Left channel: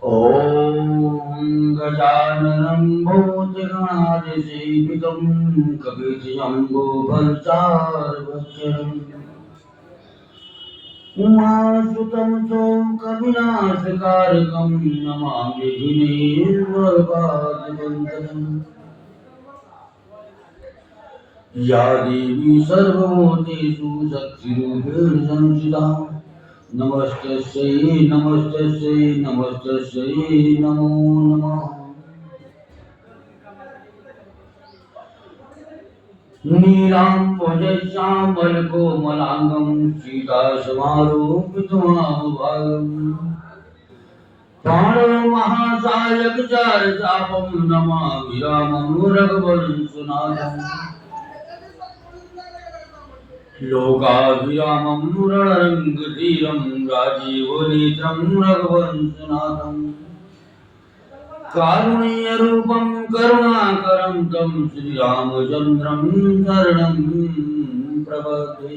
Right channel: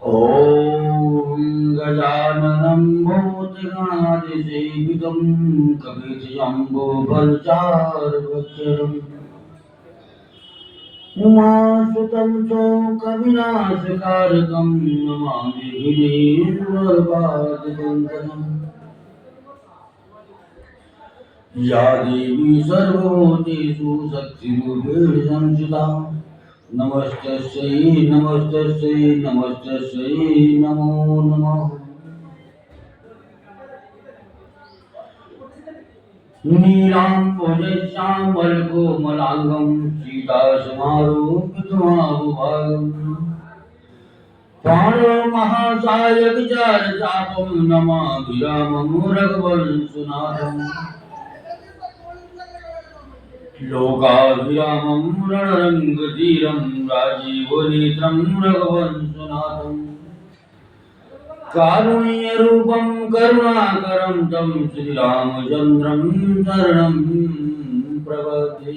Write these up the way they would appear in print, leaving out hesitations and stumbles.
ॐ गजाननं भूतगणादिसेवितं कपितजम्बूफलचारुभक्षणम् उमासुतं शोकविनाशकारकं नमामि गिरिवरपादवन्दनम् या देवी सर्वभूतेषु शक्तिरूपेण संस्थिता नमस्तस्यै नमस्तस्यै नमस्तस्यै नमो नमः। नीलाम्बुजश्यामलकोमलाङ्गं सीतासमारोपितमारुभागम् प्राणमहासायकचारचापं नमामि रामं रघुवंशनाथम् लोकाभिरामं रणरङ्गधीरं राजीवनेत्रं रघुवंशनाथम् कारुण्यरूपं करुणाकरं तं श्रीरामचन्द्रं शरणं प्रपद्ये।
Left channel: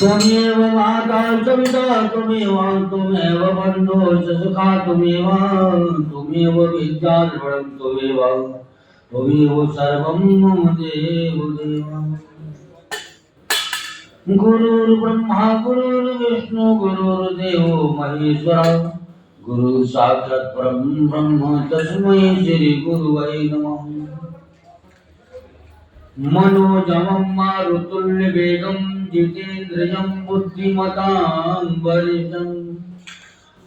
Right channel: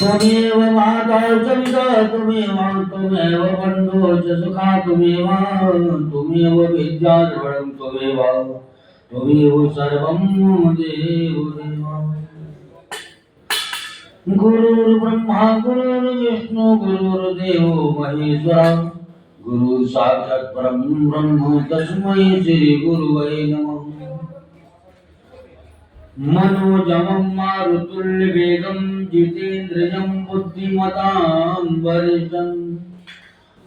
त्वमेव माता च पिता त्वमेव बन्धो च सखा त्वमेव विद्या द्रविणं त्वमेव सर्वं मम देव देव। गुरुर्ब्रह्मा गुरुर्विष्णु गुरुर्देवो महेश्वरा गुरु साक्षात् परं ब्रह्म तस्मै श्री गुरुवे नमः। मनोजमं मारुतुल्यवेगं जितेन्द्रियं बुद्धिमतां वरिष्ठं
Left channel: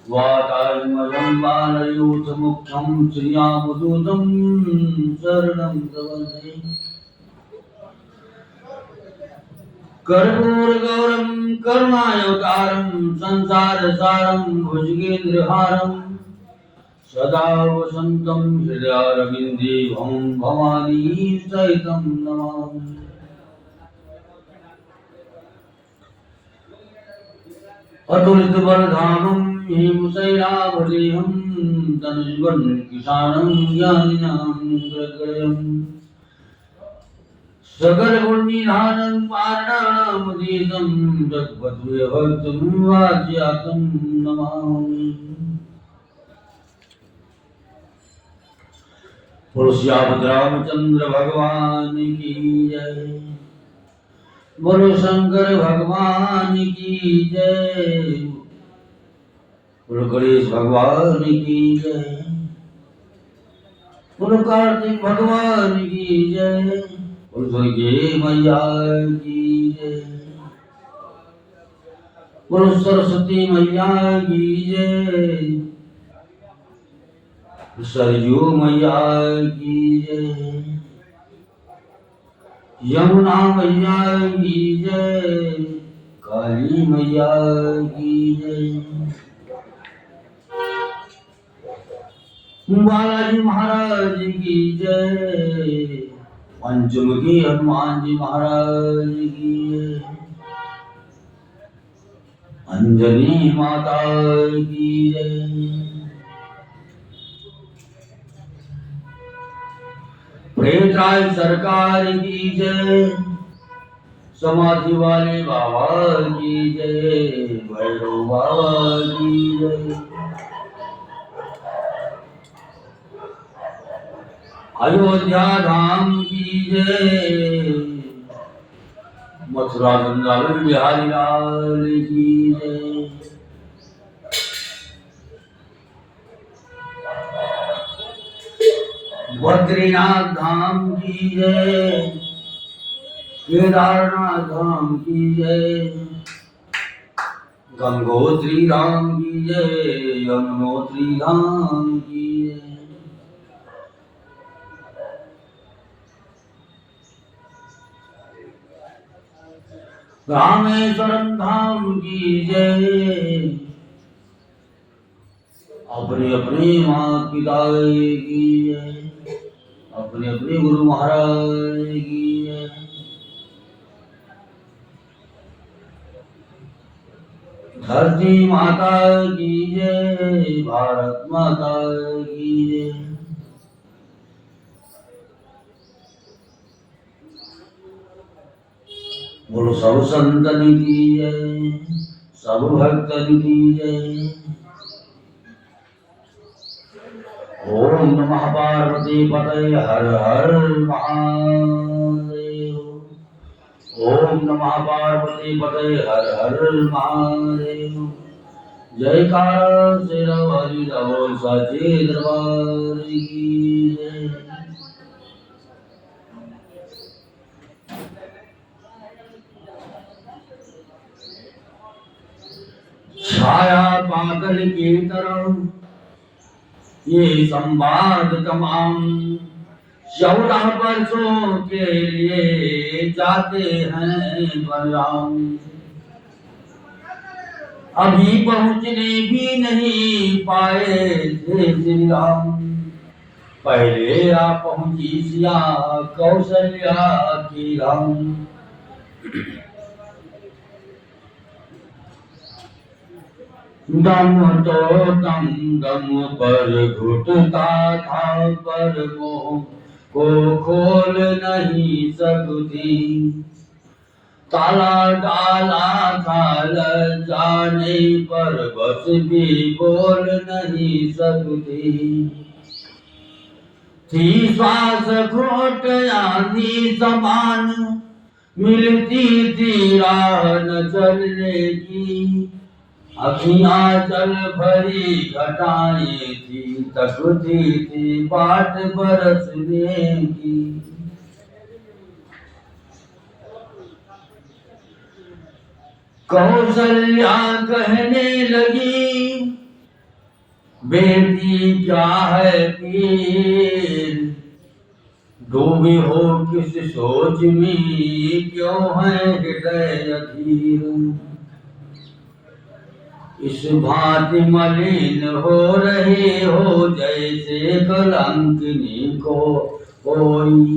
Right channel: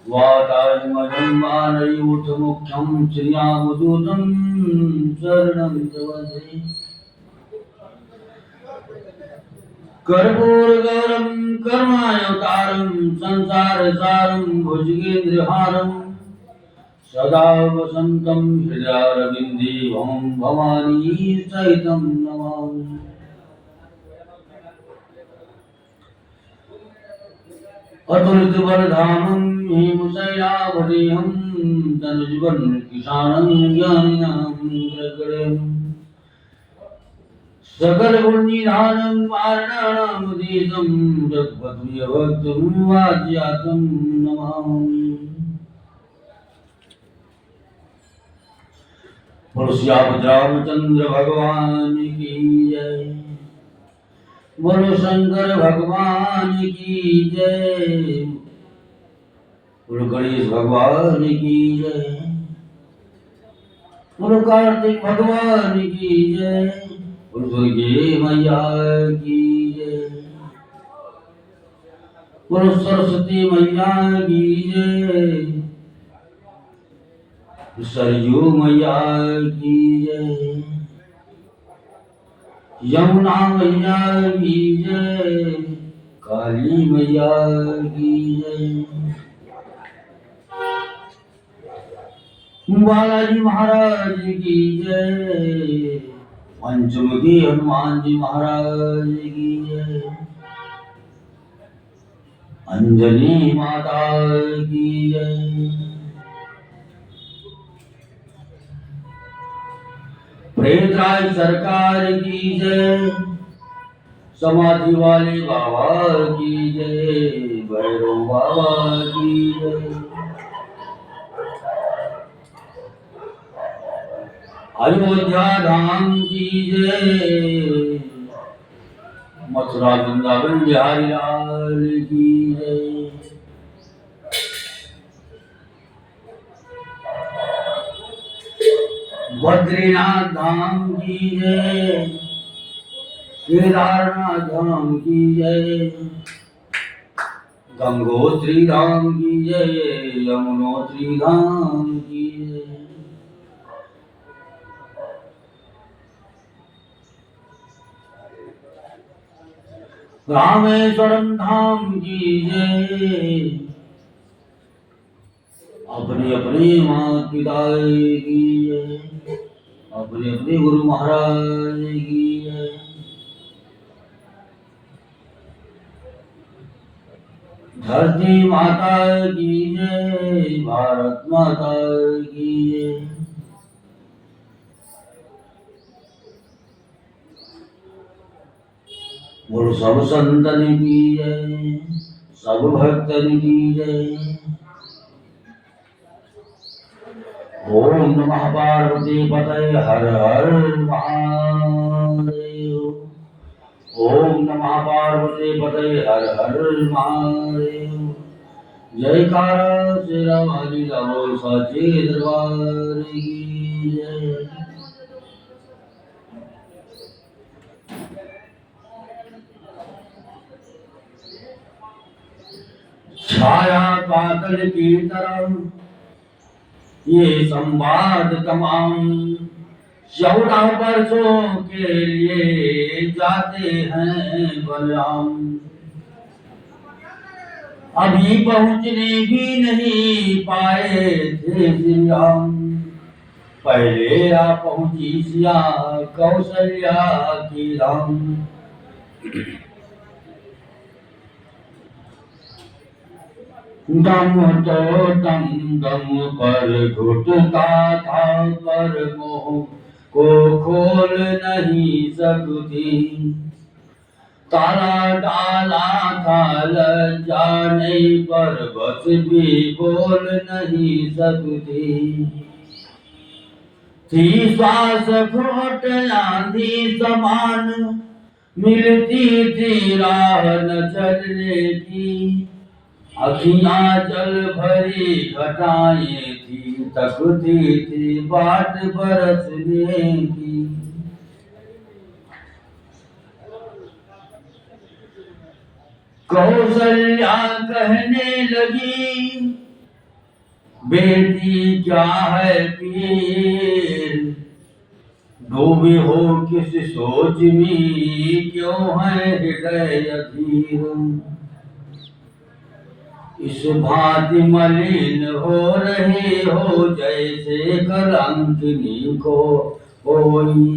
वातात्मजं बालयूथमुख्यं श्रियामदूतं शरणं प्रपद्ये। कर्पूरगौरं करुणावतारं संसारसारं भुजगेन्द्रहारं सदा वसन्तं हृदयारविन्दे भवानी सहितं नमामि। अतुलितबलधामं हेमशैलावदेहं तनुजवनकिशानं ज्ञानिनां ग्रगणयम् सकलगुणनिधानं वारणानामधीतं जगद्भक्तं वाज्यातं नमामि। बोलो श्याम रामचंद्र भगवान की जय। बोलो शंकर भगवान की जय। बोलो गणेश भगवान की जय। बोलो कार्तिक भगवान की जय। बोलो दुर्गे मैया की जय। बोलो सरस्वती मैया की जय। सरयू मैया की जय। यमुना मैया की जय। काली मैया की जय। बालाजी महाराज की जय। पंचमुखी हनुमान जी महाराज की जय। अंजनी माता की जय। प्रेमराज सरकार की जय। समाधि वाले बाबा की जय। भैरव बाबा की जय। अयोध्या धाम की जय। मथुरा वृंदावन बिहारी लाल की जय। बद्रीनाथ धाम की जय। केदारनाथ धाम की जय। गंगोत्री धाम की जय। यमुनोत्री धाम की जय। रामेश्वरम धाम की जय। अपने अपने माता पिता की जय। अपने अपने गुरु महाराज की जय। धरती माता की जय, भारत माता की जय। बोलो सब संतन की जय, सब भक्तन की जय। ओम नमः पार्वती पतये हर हर महादेव। ओम नमः पार्वती पतये हर हर महादेव। जयकारा शेरा वाली लाओ साचे दरबार की जय। छाया बादल की तरह ये संवाद तमाम 14 वर्षों के लिए जाते हैं बलराम। अभी पहुंचने भी नहीं पाए थे श्री राम। पहले आ पहुंची सिया कौशल्या की राम। दम तो दम दम पर घुटता था, पर मोह को खोल नहीं सकती। ताला डाला था लज्जा नहीं, पर बस भी बोल नहीं सकती। थी श्वास घोट आंधी समान, मिलती थी राह न चलने की। अखियां जल भरी घटाएं थी, तकती थी बाट बरसने की। कौशल्या कहने लगी, बेटी क्या है पीर। डूबे हो किस सोच में, क्यों है हृदय अधीर। इस भांति मलिन हो रहे हो, जैसे कलंकिनी को कोई।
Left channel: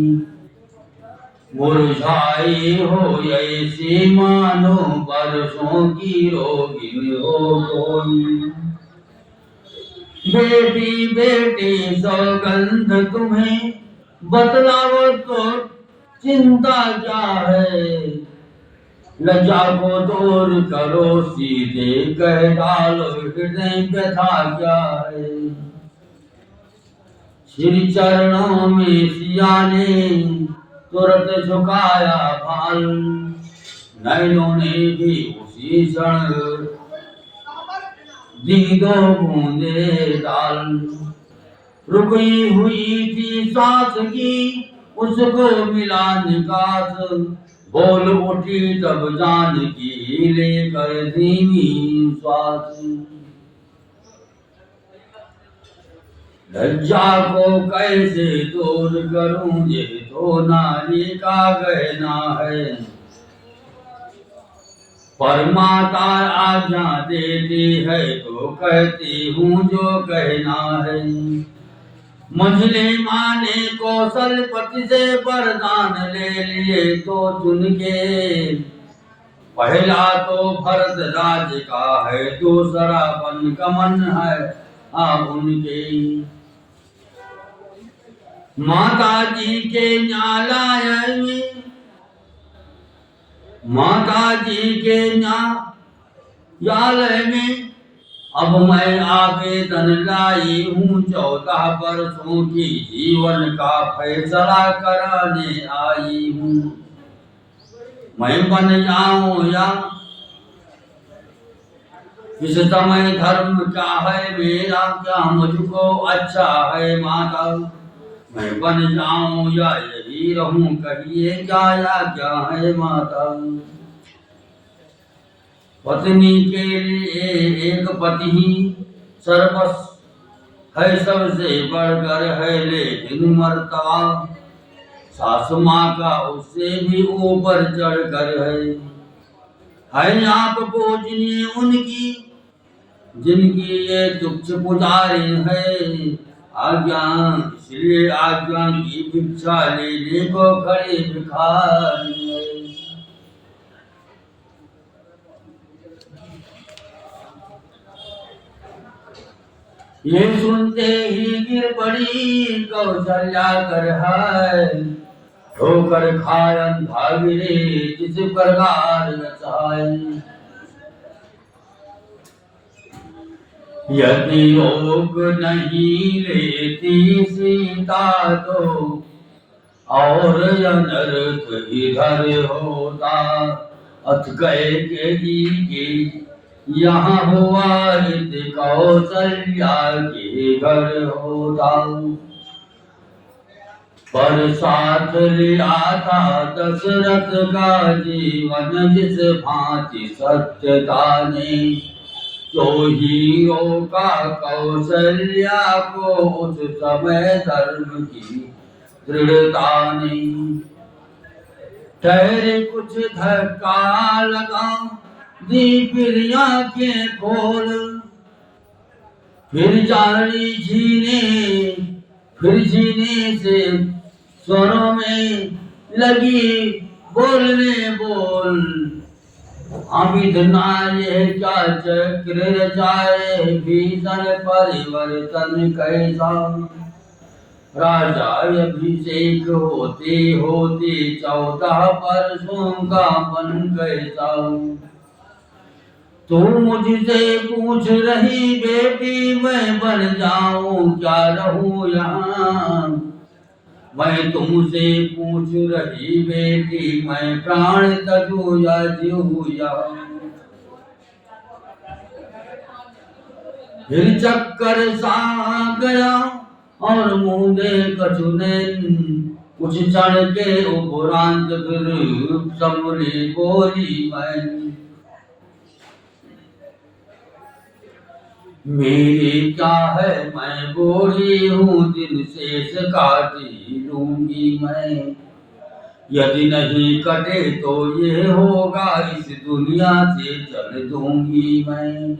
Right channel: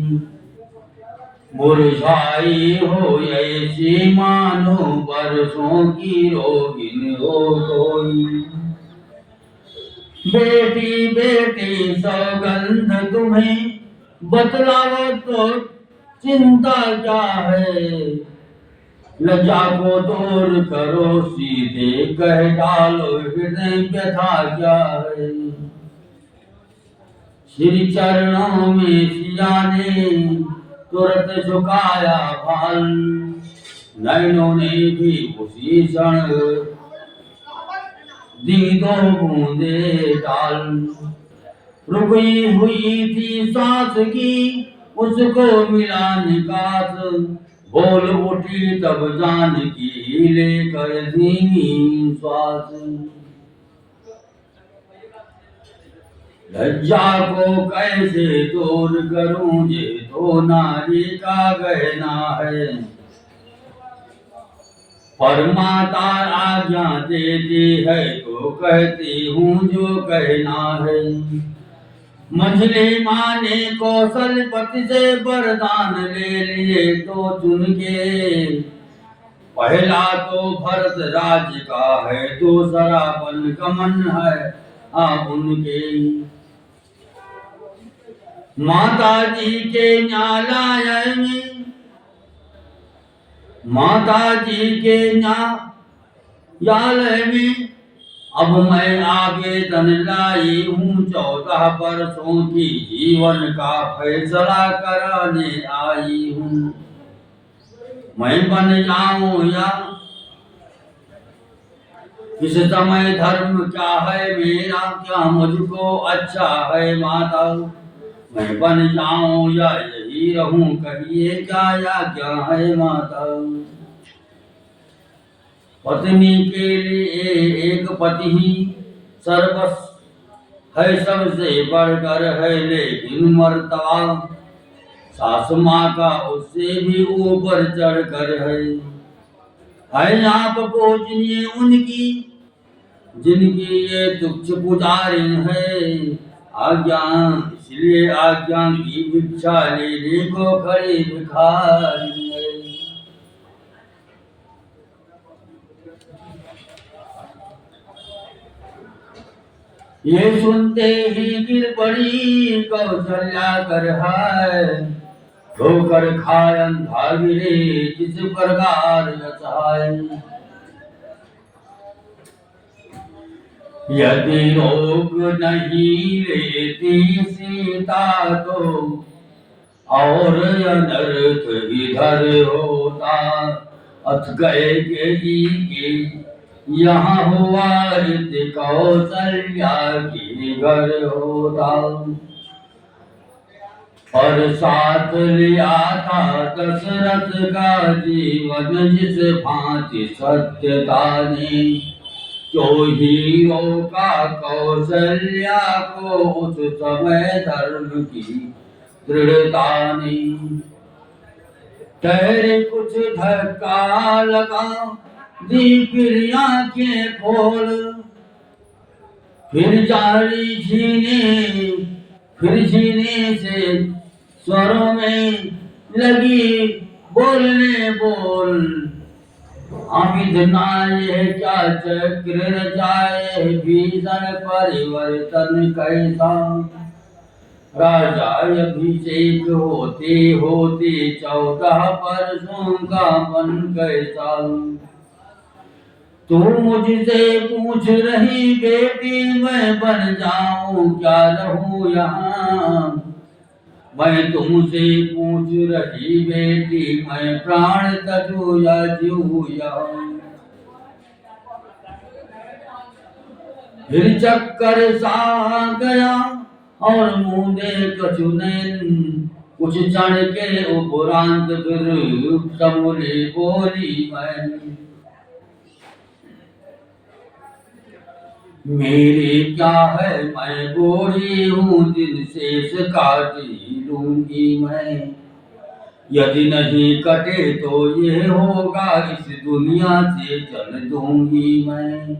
मुरझाई हो ऐसी मानो, बरसों की रोगिन हो कोई। बेटी बेटी सौगंध तुम्हें, बतलाओ तो चिंता क्या है। लज्जा को दूर करो, सीधे कह डालो हृदय व्यथा क्या है। श्री चरणों में सिया ने तुरंत झुकाया भाल, नैनों ने भी उसी क्षण दी 2 बूंदे डाल। रुकी हुई थी सांस की, उसको मिला निकास। बोल उठी तब जानकी, लेकर धीमी श्वास। लज्जा को कैसे दूर करूं, ये तो नारी का गहना है। पर माता आज्ञा देती है, तो कहती हूँ जो कहना है। मझली माँ ने कौशलपति से वरदान ले लिए तो चुन के। पहला तो भरत राज का है, दूसरा वन गमन है उनके। माता जी के न्यायालय में, माता जी के न्यायालय में अब मैं आवेदन लाई हूँ। 14 वर्षों की जीवन का फैसला कराने आई हूँ। मैं बन जाऊं या किस समय, धर्म क्या है मेरा, क्या मुझको अच्छा है माता। मैं बन जाऊं या यही रहूं, कहिए क्या या क्या है माता। पत्नी के लिए एक पति ही सर्वस्व है, सबसे बढ़कर है लेकिन मर्तबा। सास माँ का उससे भी ऊपर चढ़कर है आप पूजनीय उनकी, जिनकी ये तुच्छ पुजारी है। आज्ञा इसलिए आज्ञा की भिक्षा लेने को खड़ी भिखारी है। ये सुनते ही गिर पड़ी कौशल्या कर है, ठोकर खाय अंधा गिरे जिस प्रकार यचाय। यदि रोग नहीं लेती सीता तो और अनर्थ इधर होता। अथ गए के यहाँ हुआ हित कौशल्या के घर होता। पर साथ लिया था दशरथ का जीवन जिस भांति सत्यता ने, जो हीरो का कौशल्या को उस समय धर्म की दृढ़ता ने। ठहरे कुछ धक्का लगा दी फिर आंखें खोल, फिर जारी झीने से स्वरों में लगी बोलने बोल। अमित नाये क्या चक्र रचाए, भीषण परिवर्तन कैसा। राजा अभिषेक होते होते 14 वर्षों का बन कैसा। तू मुझसे पूछ रही बेटी मैं बन जाऊं क्या रहूं यहाँ। मैं तुमसे पूछ रही बेटी मैं प्राण तजू या जीऊं यहाँ। फिर चक्कर सा गया और मुंदे कछुनैन, कुछ क्षण के उपरांत फिर समूली बोली मैं। मेरी क्या है मैं बूढ़ी हूँ दिन शेष काटी लूंगी मैं। यदि नहीं कटे तो ये होगा इस दुनिया से चल दूंगी मैं।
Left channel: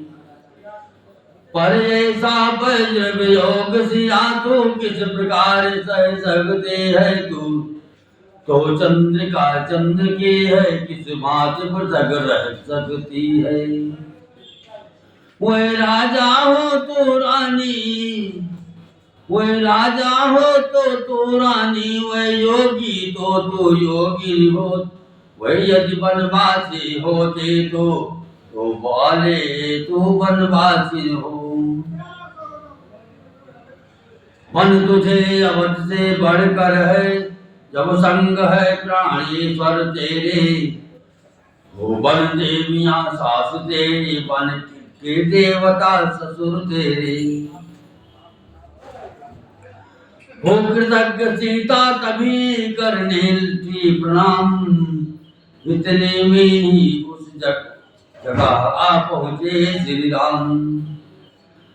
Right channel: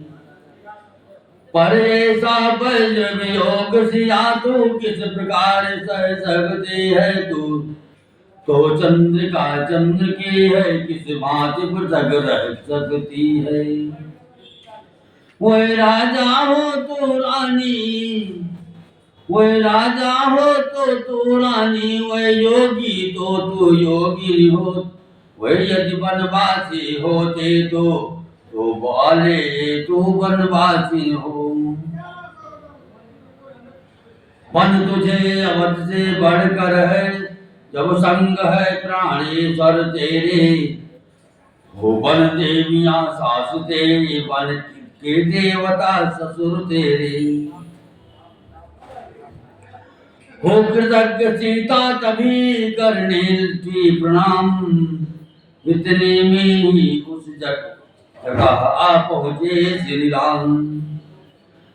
पर ऐसा वज्र वियोग सिया तू किस प्रकार सह सकते है तू। तो चंद्रिका चंद्र की है किस भांति पृथक रह सकती है। वह राजा हो तो रानी, वह राजा हो तो तू रानी, वह योगी तो तू योगी हो। वह यदि वनवासी होते तो बोले तू वनवासी हो। मन तुझे अवध से बढ़कर है, जब संग है प्राणेश्वर तेरे। हो वन देवियां सास तेरी, वन के देवता ससुर तेरे। हो कृतज्ञ सीता तभी करने थी प्रणाम, इतने में ही उस जगह आ पहुंचे श्री राम।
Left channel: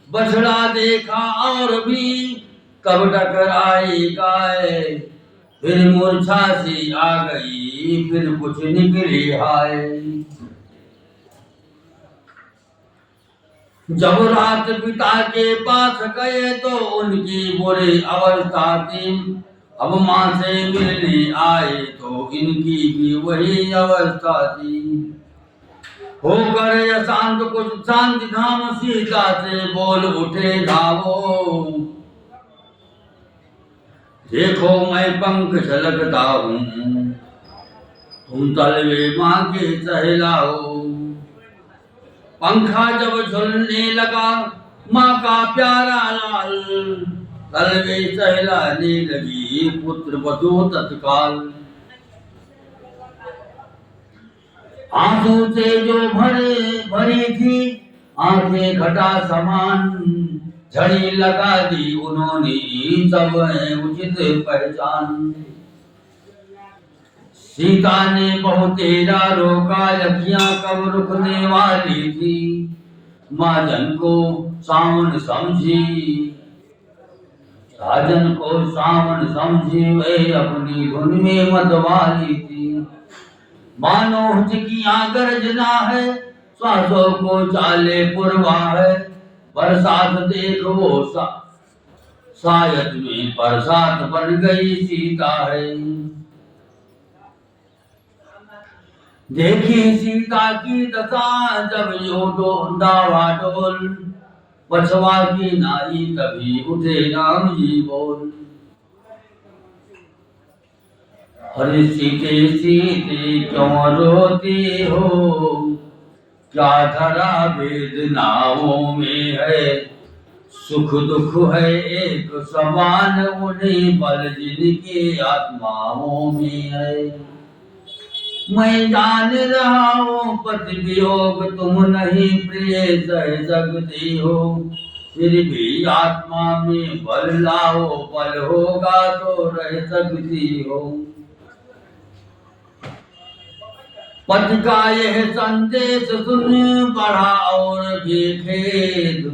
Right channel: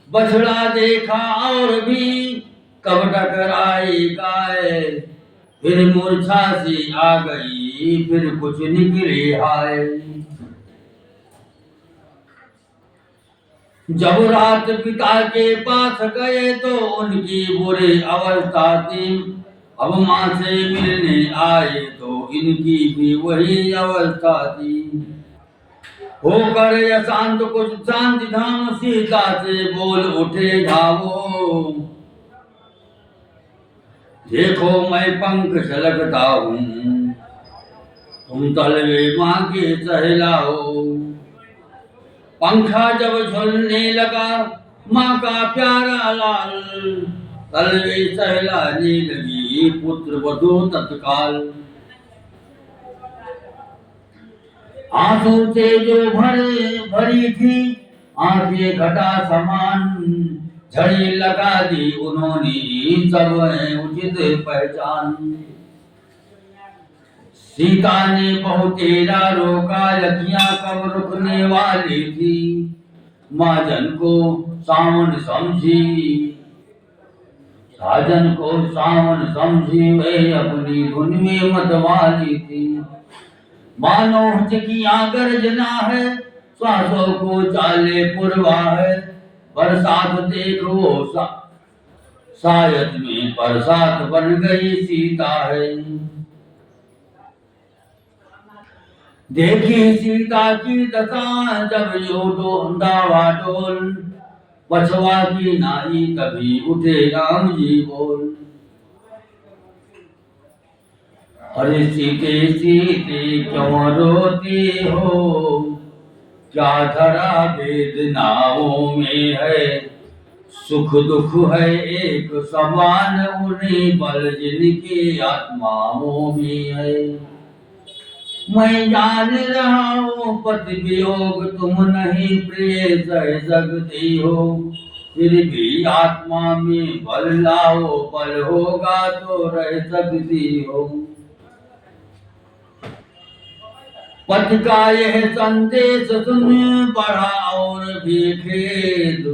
बछड़ा देखा और भी तब टकराई गाय, फिर मूर्छा सी आ गई फिर कुछ निकली हाय। जब रात पिता के पास गए तो उनकी बुरी अवस्था थी। अब माँ से मिलने आए तो इनकी भी वही अवस्था थी। होकर अशांत कुछ शांति धाम सीता से बोल उठे धावो। देखो मैं पंख झलकता हूँ, तुम तलवे माँ के सहलाओ। पंखा जब झुलने लगा माँ का प्यारा लाल, तलवे सहलाने लगी पुत्र वधू तत्काल। आंसू से जो भरी थी आंखें घटा समान, झड़ी लगा दी उन्होंने सब उचित पहचान। सीता ने बहुतेरा रोका लखियां कब रुकने वाली थी। महाजन को सावन समझी, साजन को सावन समझी वे अपनी धुन में मतवाली थी। मानो हिचकियां गर्जना है, श्वासों को चाले पुरवा है। बरसात देख वो शायद में बरसात बन गई सीता है। देखी सीता की दशा जब यो डावाडोल, पछवा की नाई तभी उठे राम जी बोल। अरे सीते सीते क्यों रोती हो, क्या धरा वेदनाओं में है, सुख दुख है एक समान उन्हीं बल जिनकी आत्माओं में है। मैं जान रहा हूँ पति वियोग तुम नहीं प्रिय सह सकती हो, फिर भी आत्मा में बल लाओ, बल होगा तो रह सकती हो। पति का यह संदेश सुन बढ़ा और भी खेद,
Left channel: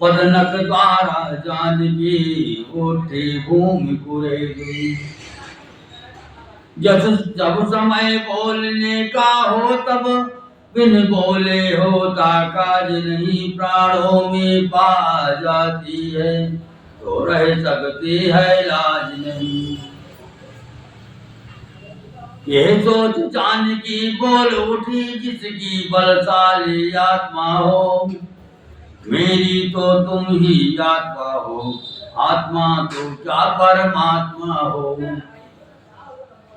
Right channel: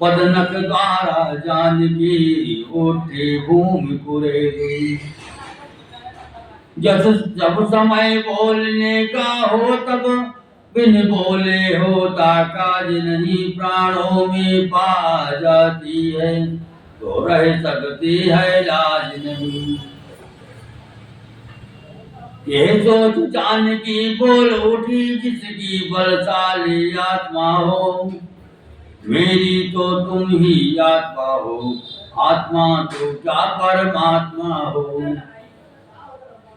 पदनक द्वारा जानकी उठी भूमि कुरेद। जब समय बोलने का हो तब बिन बोले होता काज नहीं, प्राणों में पा जाती है तो रह सकती है लाज नहीं। ये सोच जानकी बोल उठी, जिसकी बलशाली आत्मा हो, मेरी तो तुम ही आत्मा हो, आत्मा तो क्या परमात्मा हो।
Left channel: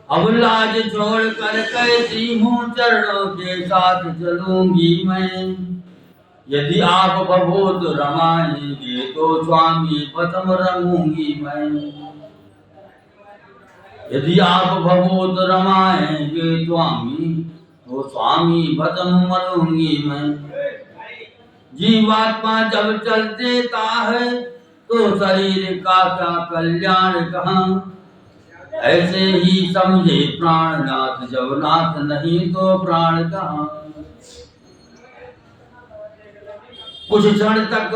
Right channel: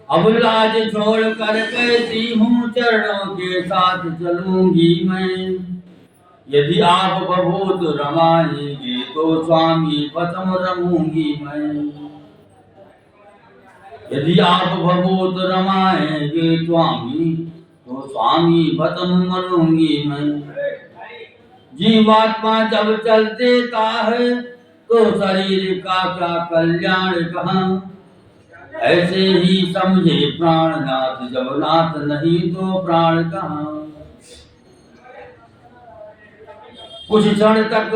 अब लाज छोड़ कर कैसी हूँ चरणों के साथ चलूंगी मैं, यदि आप भभूत रमाएंगे तो स्वामी पदम रमूंगी मैं। यदि आप भभूत रमाएंगे स्वामी तो स्वामी पदम मरूंगी मैं। जीवात्मा जब चल देता है तो शरीर का क्या कल्याण कहाँ, ऐसे ही समझे प्राणनाथ, जब नाथ नहीं तो प्राण कहाँ। कुछ क्षण तक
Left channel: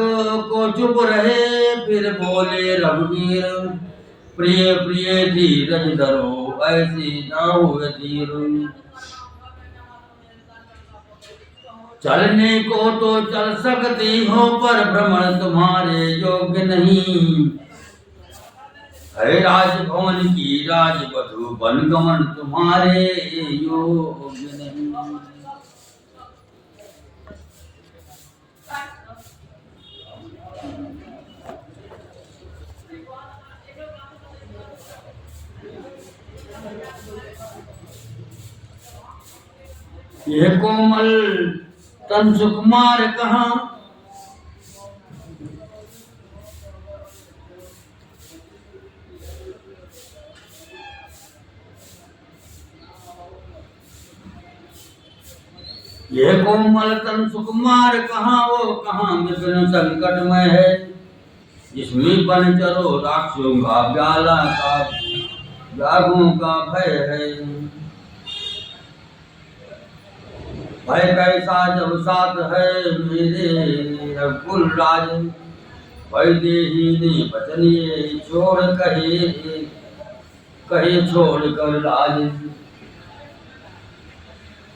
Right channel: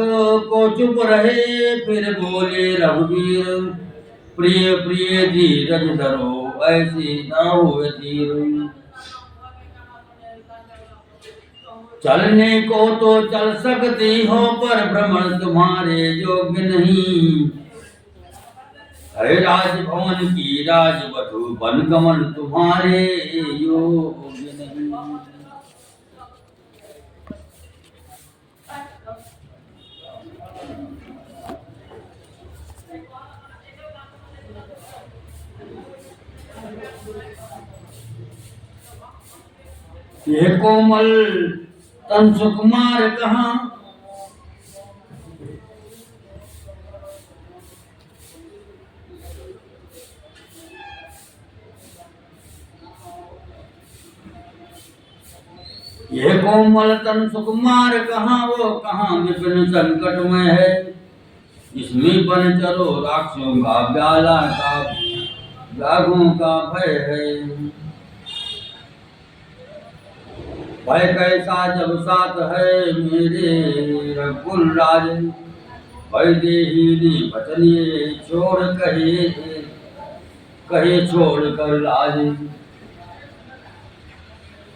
को चुप रहे फिर बोले रघुवीर, प्रिय प्रिय धीरज धरो ऐसी न हुए धीर। चलने को तो चल सकती हो पर भ्रमण तुम्हारे योग्य नहीं, है राजभवन की राजवधु वनगमन तुम्हारे योग्य नहीं। ये कोमल तन सुकुमार कहाँ, ये कोमल तन सुकुमार कहाँ, वो कहाँ विपिन संकट में है, जिसमें बन चलो राक्षसों का ब्याला का व्यागों का भय है। भय कैसा जब साथ है मेरे रघुकुल राज, भय देही बचनिए छोड़ कहे छोड़ कर लाज।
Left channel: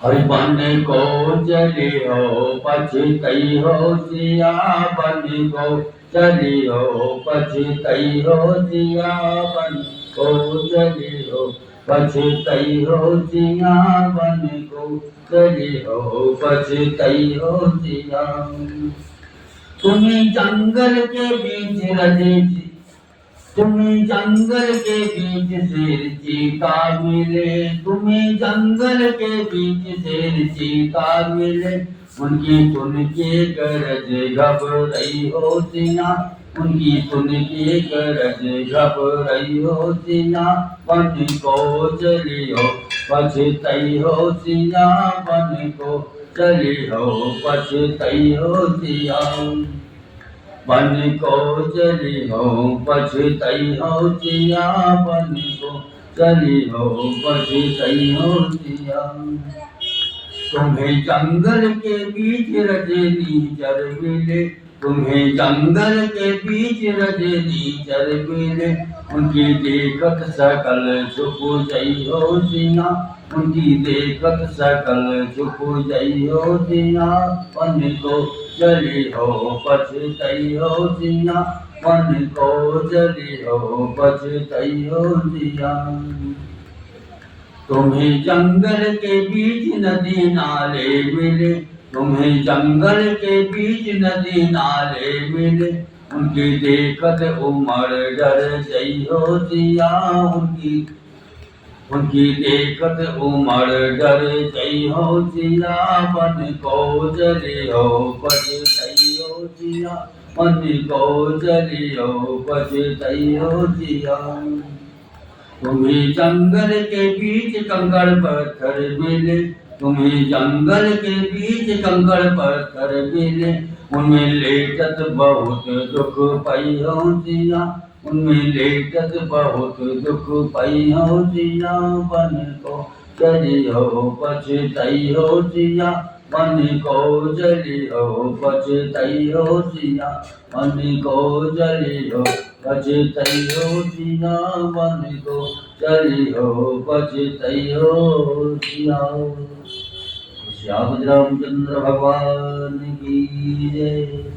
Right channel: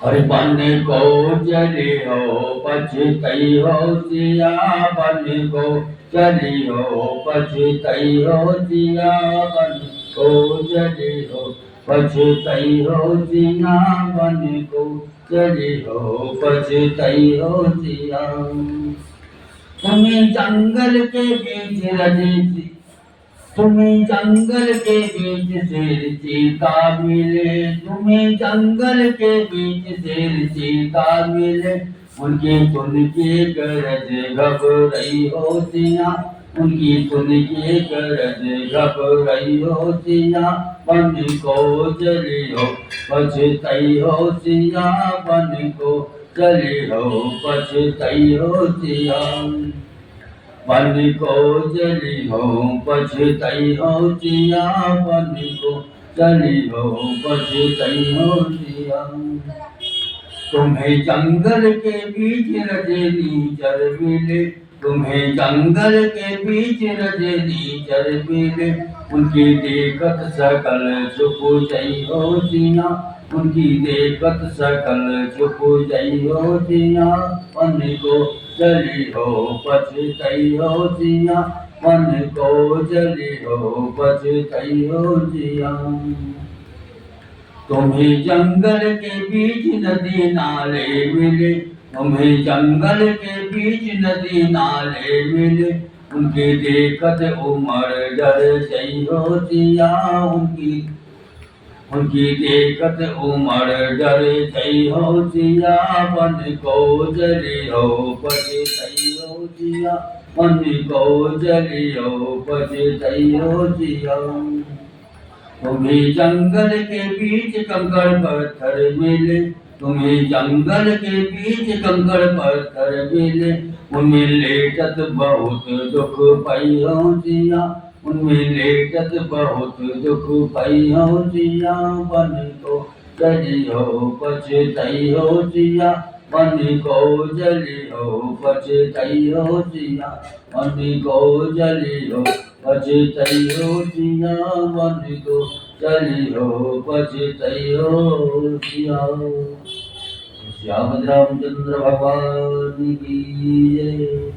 हरि बन को चली हो पछतई हो सिया, बन को चली हो पछतई हो सिया, बन को चली हो पछतई हो सिया, बन को चली हो पछतई हो सिया। तुम्हें जंगल के बीच रजी, तुम्हें जंगल के बीच शेर चीता मिले, तुम्हें जंगल के बीच शेर चीता मिले, उनकी सुन के गरज घबराई हो सिया, उनकी सुन के गरज घबराई हो सिया, बन को चली हो पछतई हो सिया, बन को चली हो पछतई हो सिया। बन को चली हो पछतई हो सिया, बन को चली हो पछतई हो सिया। तुम्हें जंगल के बीच रजनी चर मिले, तुम्हें जंगल के बीच रजनी चर मिले, उनकी देखत सकल चुप जई हो सिया, उनकी देखत सकल चुप जई हो सिया, बन को चली हो पछतई हो सिया, मन को चली हो पछतई हो सिया। तुम्हें जंगल के बीच नदी नाले मिले, तुम्हें जंगल के बीच नदी नाले मिले, उनकी देखत उमड़ डर गई हो जिया, उनकी देखत उमड़ डर गई हो जिया, मन को जली हो पछतई हो जिया, मन को जली हो पछतई हो जिया। तुम्हें जंगल के बीच कंकड़ पत्थर मिले, तुम्हें जंगल के बीच कंकड़ पत्थर मिले, उनमें लेटत बहुत दुख पई हो जिया, उनमें लेटत बहुत दुख पई हो जिया, मन को जली हो पछतई हो जिया, मन को जली हो पछतई हो जिया, मन को जली हो पछतई हो जिया, मन को जली हो पछतई हो जिया। श्याम रामचंद्र भगवान की जय।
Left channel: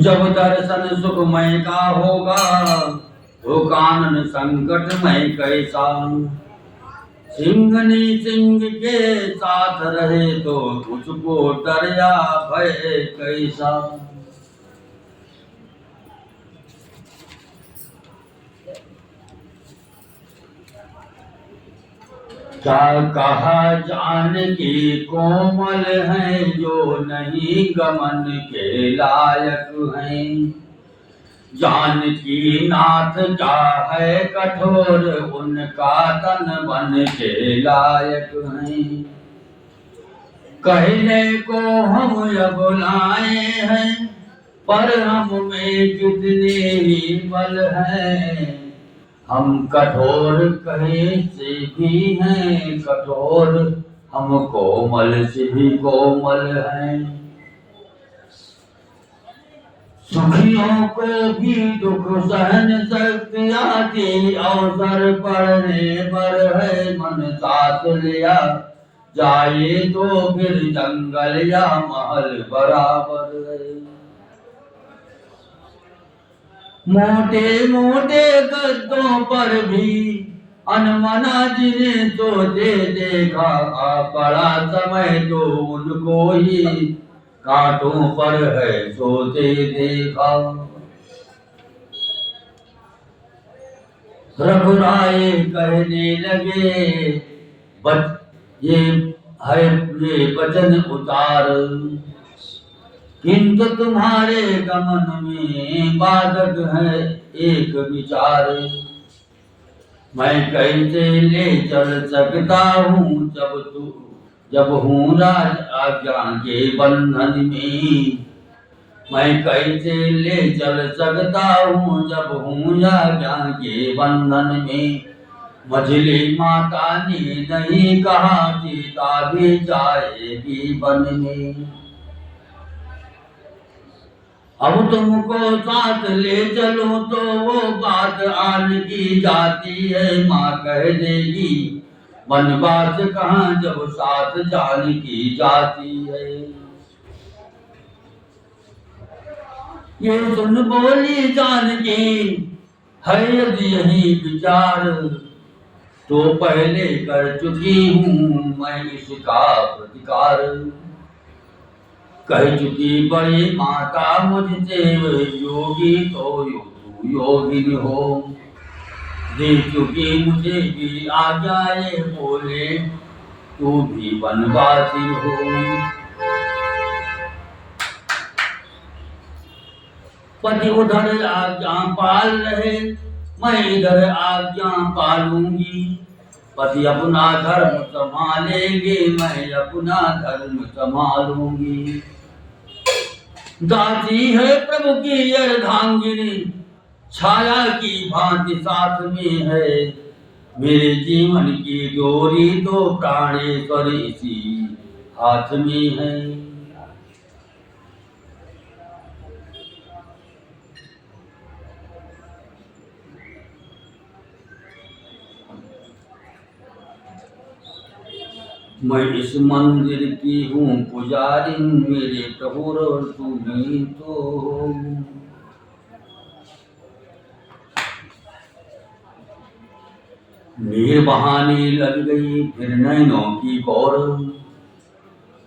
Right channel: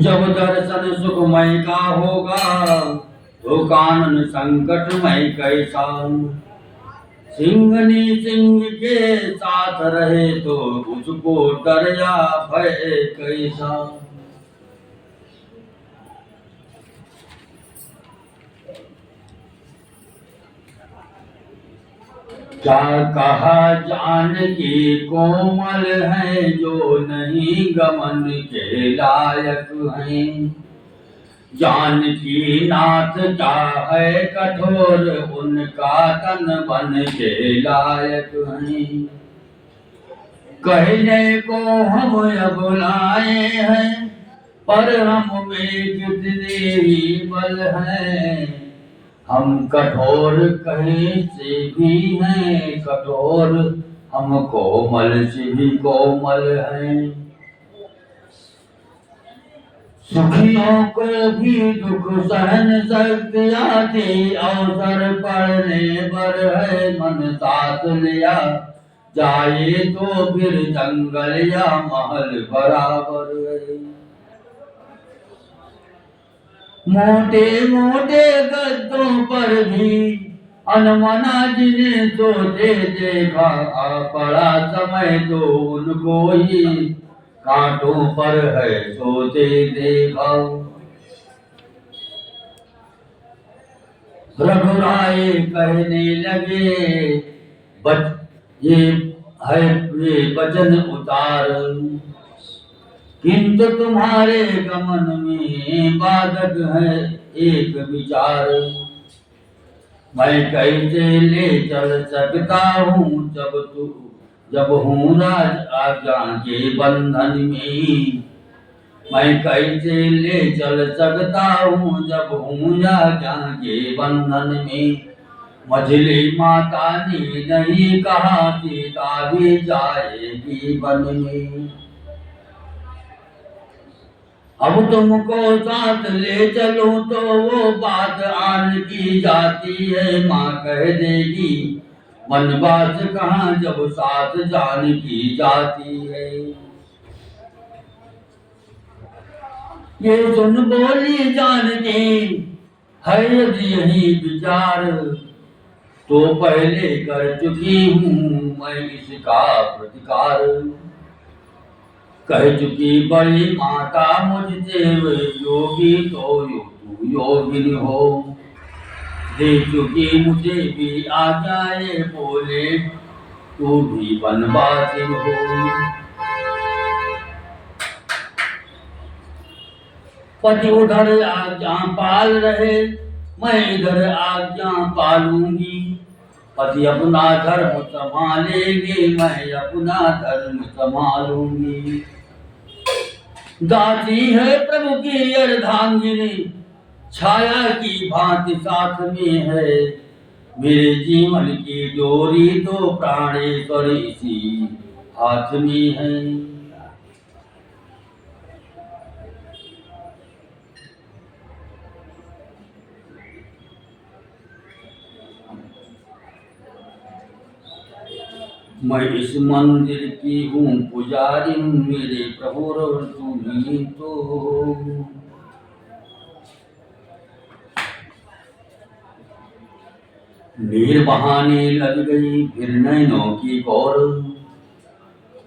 जब दर्शन सुखमय का होगा, तो कानन संकटमय कैसा। सिंहनी सिंह के साथ रहे, तो उसको डर या भय कैसा। क्या कहा जानकी कोमल है, जो नहीं गमन के लायक हैं। जानकी नाथ क्या है कठोर, उनका तन बन के लायक हैं। कहने को हम बुलाए हैं, पर हम में कितने ही बल है। हम कठोर कहीं से भी हैं कठोर, हम कोमल से भी कोमल हैं। सुखियों को भी दुख सहन शक्ति आती, अवसर पड़ने पर है मन साथ लिया जाए, तो फिर जंगल या महल बराबर है। मोटे मोटे गद्दों पर भी अनमना जिन्हें तो दे देखा, पड़ा समय तो उनको ही कांटों पर है सोते देखा। रघुराय कहने लगे, ये है ये वचन उतार, किंतु तुम्हारे गमन में बाधक है एक विचार। मैं कैसे ले चल सकता हूँ जब हूँ राज आज्ञा के बंधन में। मैं कैसे ले चल सकता हूँ जब हूँ आज्ञा के बंधन में। मझली माता ने नहीं कहा सीता भी जाएगी वन में। अब तुमको साथ ले चलो तो वो बात आन की जाती है, माँ कह देगी वनवास कहाँ जब साथ जान की जाती है। ये सुन बोली जानकी, है यदि यही विचार, तो पहले कर चुकी हूँ मैं इसका प्रतिकार। कह चुकी बड़ी माता मुझसे योगी तो तू योगिनी हो। दे चुकी मुझे भी आज्ञाएं बोले, तू भी वनवासी हो। पति उधर आज्ञा पाल रहे, मैं इधर आज्ञा पालूंगी। पति अपना धर्म संभालेंगे, मैं अपना धर्म संभालूंगी। दासी है प्रभु की अर्धांगिनी, छाया की भांति साथ में है। मेरे जीवन की डोरी तो प्राणेश्वर इसी हाथ में है। मैं इस मंदिर की हूँ पुजारी, मेरे प्रभु और तुम ही तो हो। नीर बहाने लग गई फिर नैनों की गौर,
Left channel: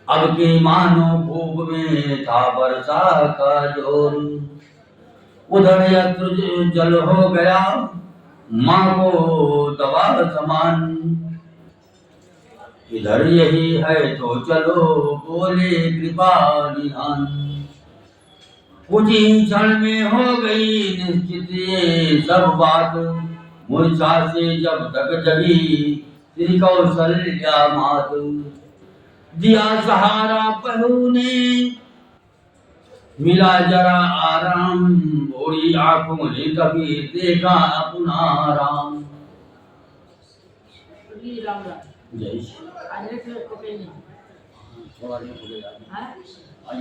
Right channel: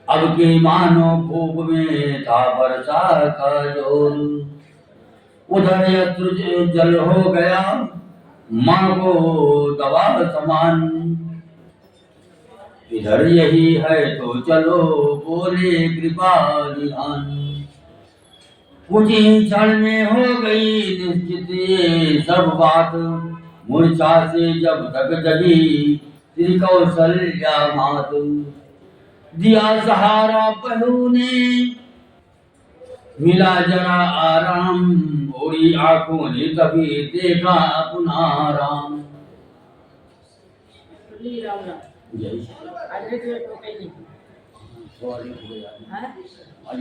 अब की मानो भूख में था वर्षा का जोर। उधर यत्र जल हो गया माँ को दवा समान, इधर यही है तो चलो बोले कृपा निधान। कुछ ही क्षण में हो गई निश्चित ये सब बात, मूर्छा से जब तक जगी श्री कौशल्या मात। दिया सहारा बहू ने मिला जरा आराम, भोरी आंखों ने तभी देखा अपना राम। राम राम जय आज लेट हो गई नहीं थोड़ा लेट हो गया है आज।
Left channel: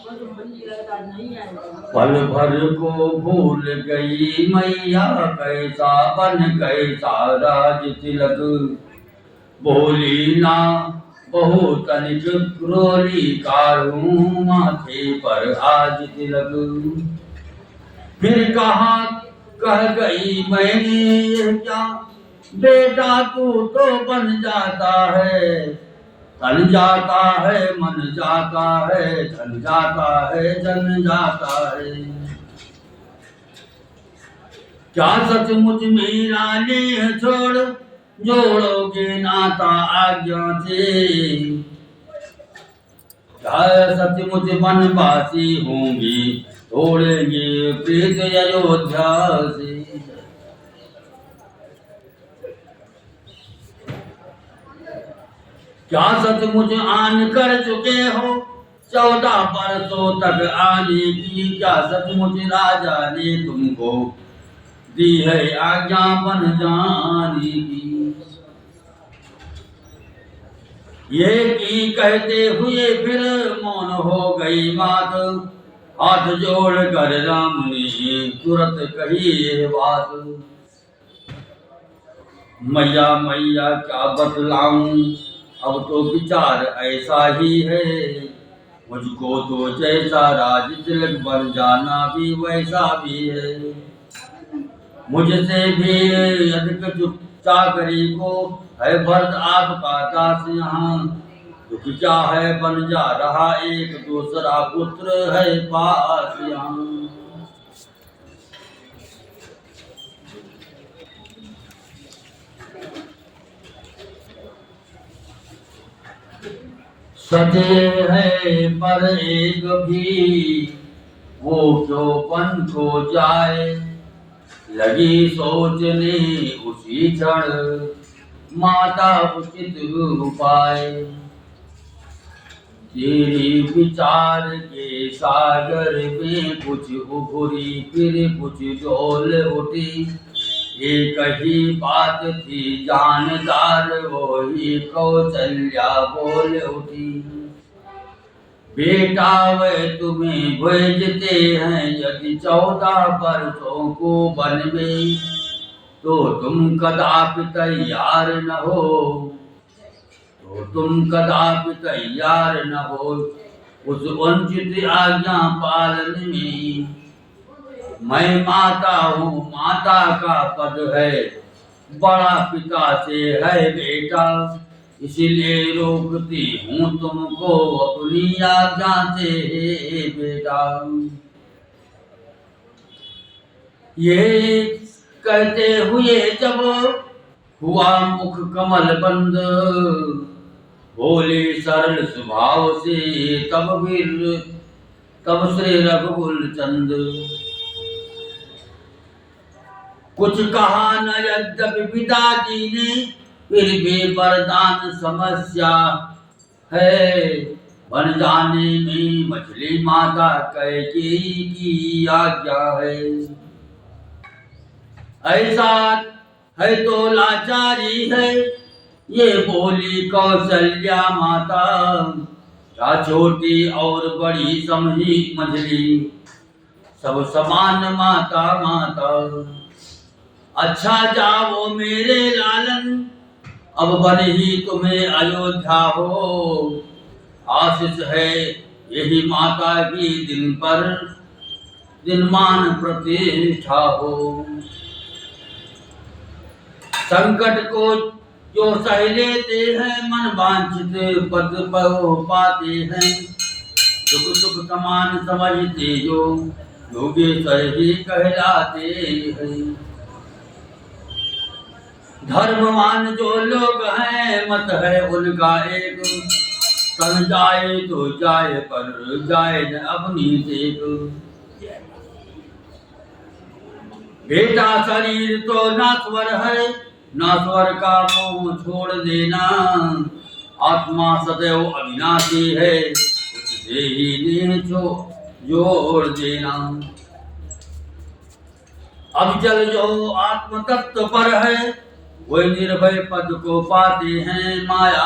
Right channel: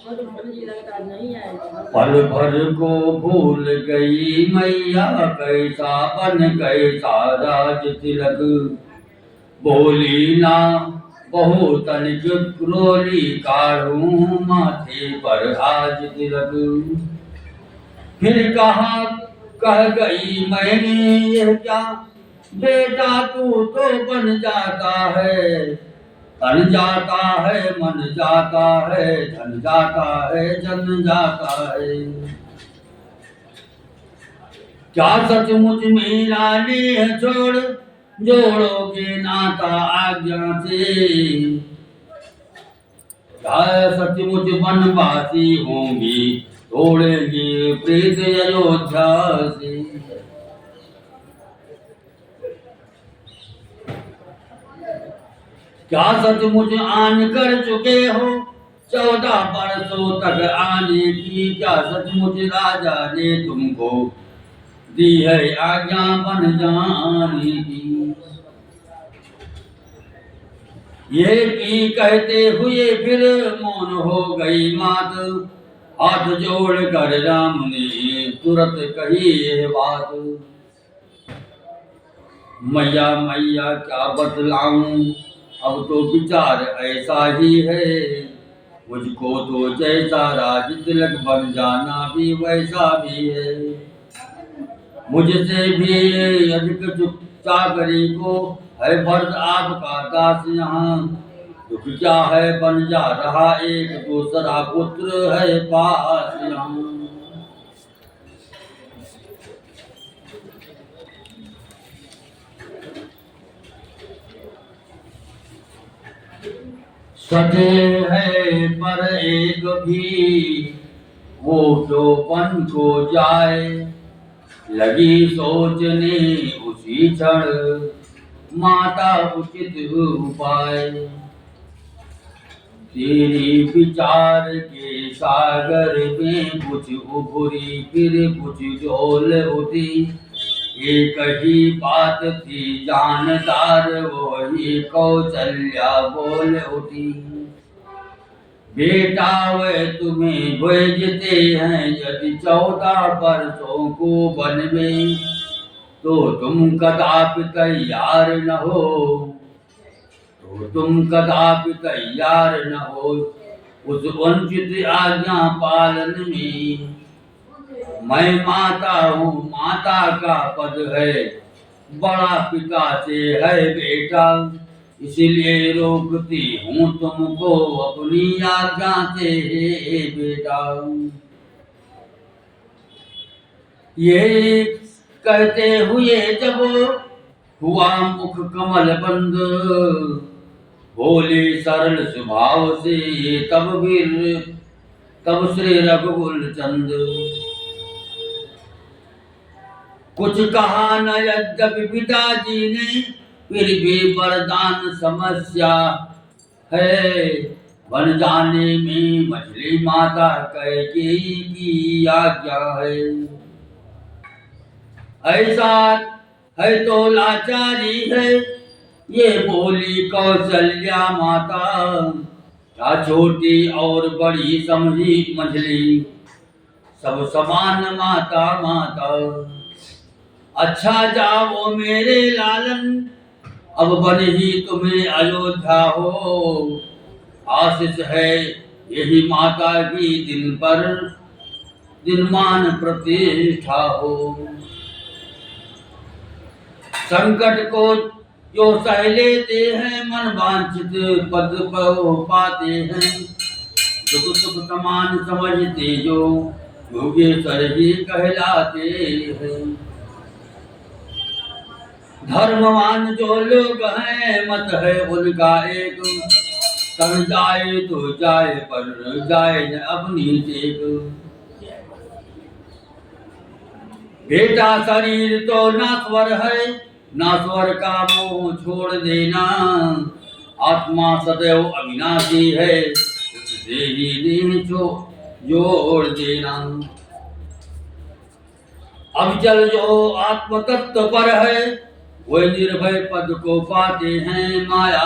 वो तो भूल ही लगा आज नहीं आए पल भर को भूल गई मैया कैसा बन कैसा राज तिलक। बोली ना बहु तनिक क्रोली काढ़ू माथे पर आज तिलक। फिर कहा कह गई मैंने यह क्या, बेटा तू तो बन जाता है, तन जाता है मन जाता है, धन जाता है जन जाता है। क्या सचमुच मेरा नेह छोड़ जोड़ोगे नाता आज्ञा से, क्या सचमुच वनवासी होंगी तोड़ेंगे प्रीत अयोध्या से। क्या सचमुच आन कर चुके हो 14 बरसों तक आने की, क्या सचमुच राजा ने तुमको दी है आज्ञा बन जाने की। ये की कहते हुए फिर मौन हो गई मात, हाथ जोड़ कर राम ने तुरंत कही ये बात। मैया मैया क्या बतलाऊं अब तो विचार ऐसा ही है, मुझको तो जैसा राज तिलक बन जाना भी वैसा भी है। मुझसे भी अधिक चुप चाकरी को है भरत आपका दास यहाँ, दुख क्या है बन जा रहा एक दूसरा पुत्र है पास यहाँ। सजे है पर एक भी वो क्यों पन को जाए, लगी सोचने उसी क्षण माता उचित उपाय। तेरी विचार के सागर में कुछ उभरी फिर कुछ डोल उठी, एक ही बात थी जानदार वही कौशल्या बोल उठी। बेटा वे तुम्हें भेजते हैं यदि 14 वर्षों को वन में, तो तुम कदापि तैयार न हो, तो तुम कदापि तैयार न हो उस वंचित आज्ञा पालन में। मैं माता हूँ माता का पद है बड़ा पिता से है बेटा, इसलिए रोकती हूँ तुमको अपनी आज्ञा से हे बेटा। ये कहते हुए जब हुआ मुख कमल बंद, बोले सरल स्वभाव से तब श्री रघुकुल चंद। कुछ कहा न यद्यपि पिताजी ने, फिर भी वरदान समस्या है, बन जाने में मछली माता कैकेयी की आज्ञा है। ऐसा है तो लाचारी है ये बोली कौशल्या माता, क्या छोटी और बड़ी समझी मछली सब समान माता माता। अच्छा जाओ मेरे लालन अब बन ही तुम्हें अयोध्या हो, आशीष है यही माता की दिन पर दिनमान प्रतिष्ठा हो। संकट को जो सह लेते हैं, मन वांछित पद पाते हैं। दुख सुख समान समझते जो योगेश्वर ही कहलाते हैं। धर्मवान जो लोग हैं, मत है उनका एक, तन जाए तो जाए पर जाए न अपनी टेक। बेटा शरीर तो नाश्वर है, नाश्वर का मोह छोड़ देना। आत्मा सदैव अविनाशी है, उससे ही ने जोड़ देना। अब चल जो आत्म तत्व पर है, वे निर्भय पद को पाते हैं। माया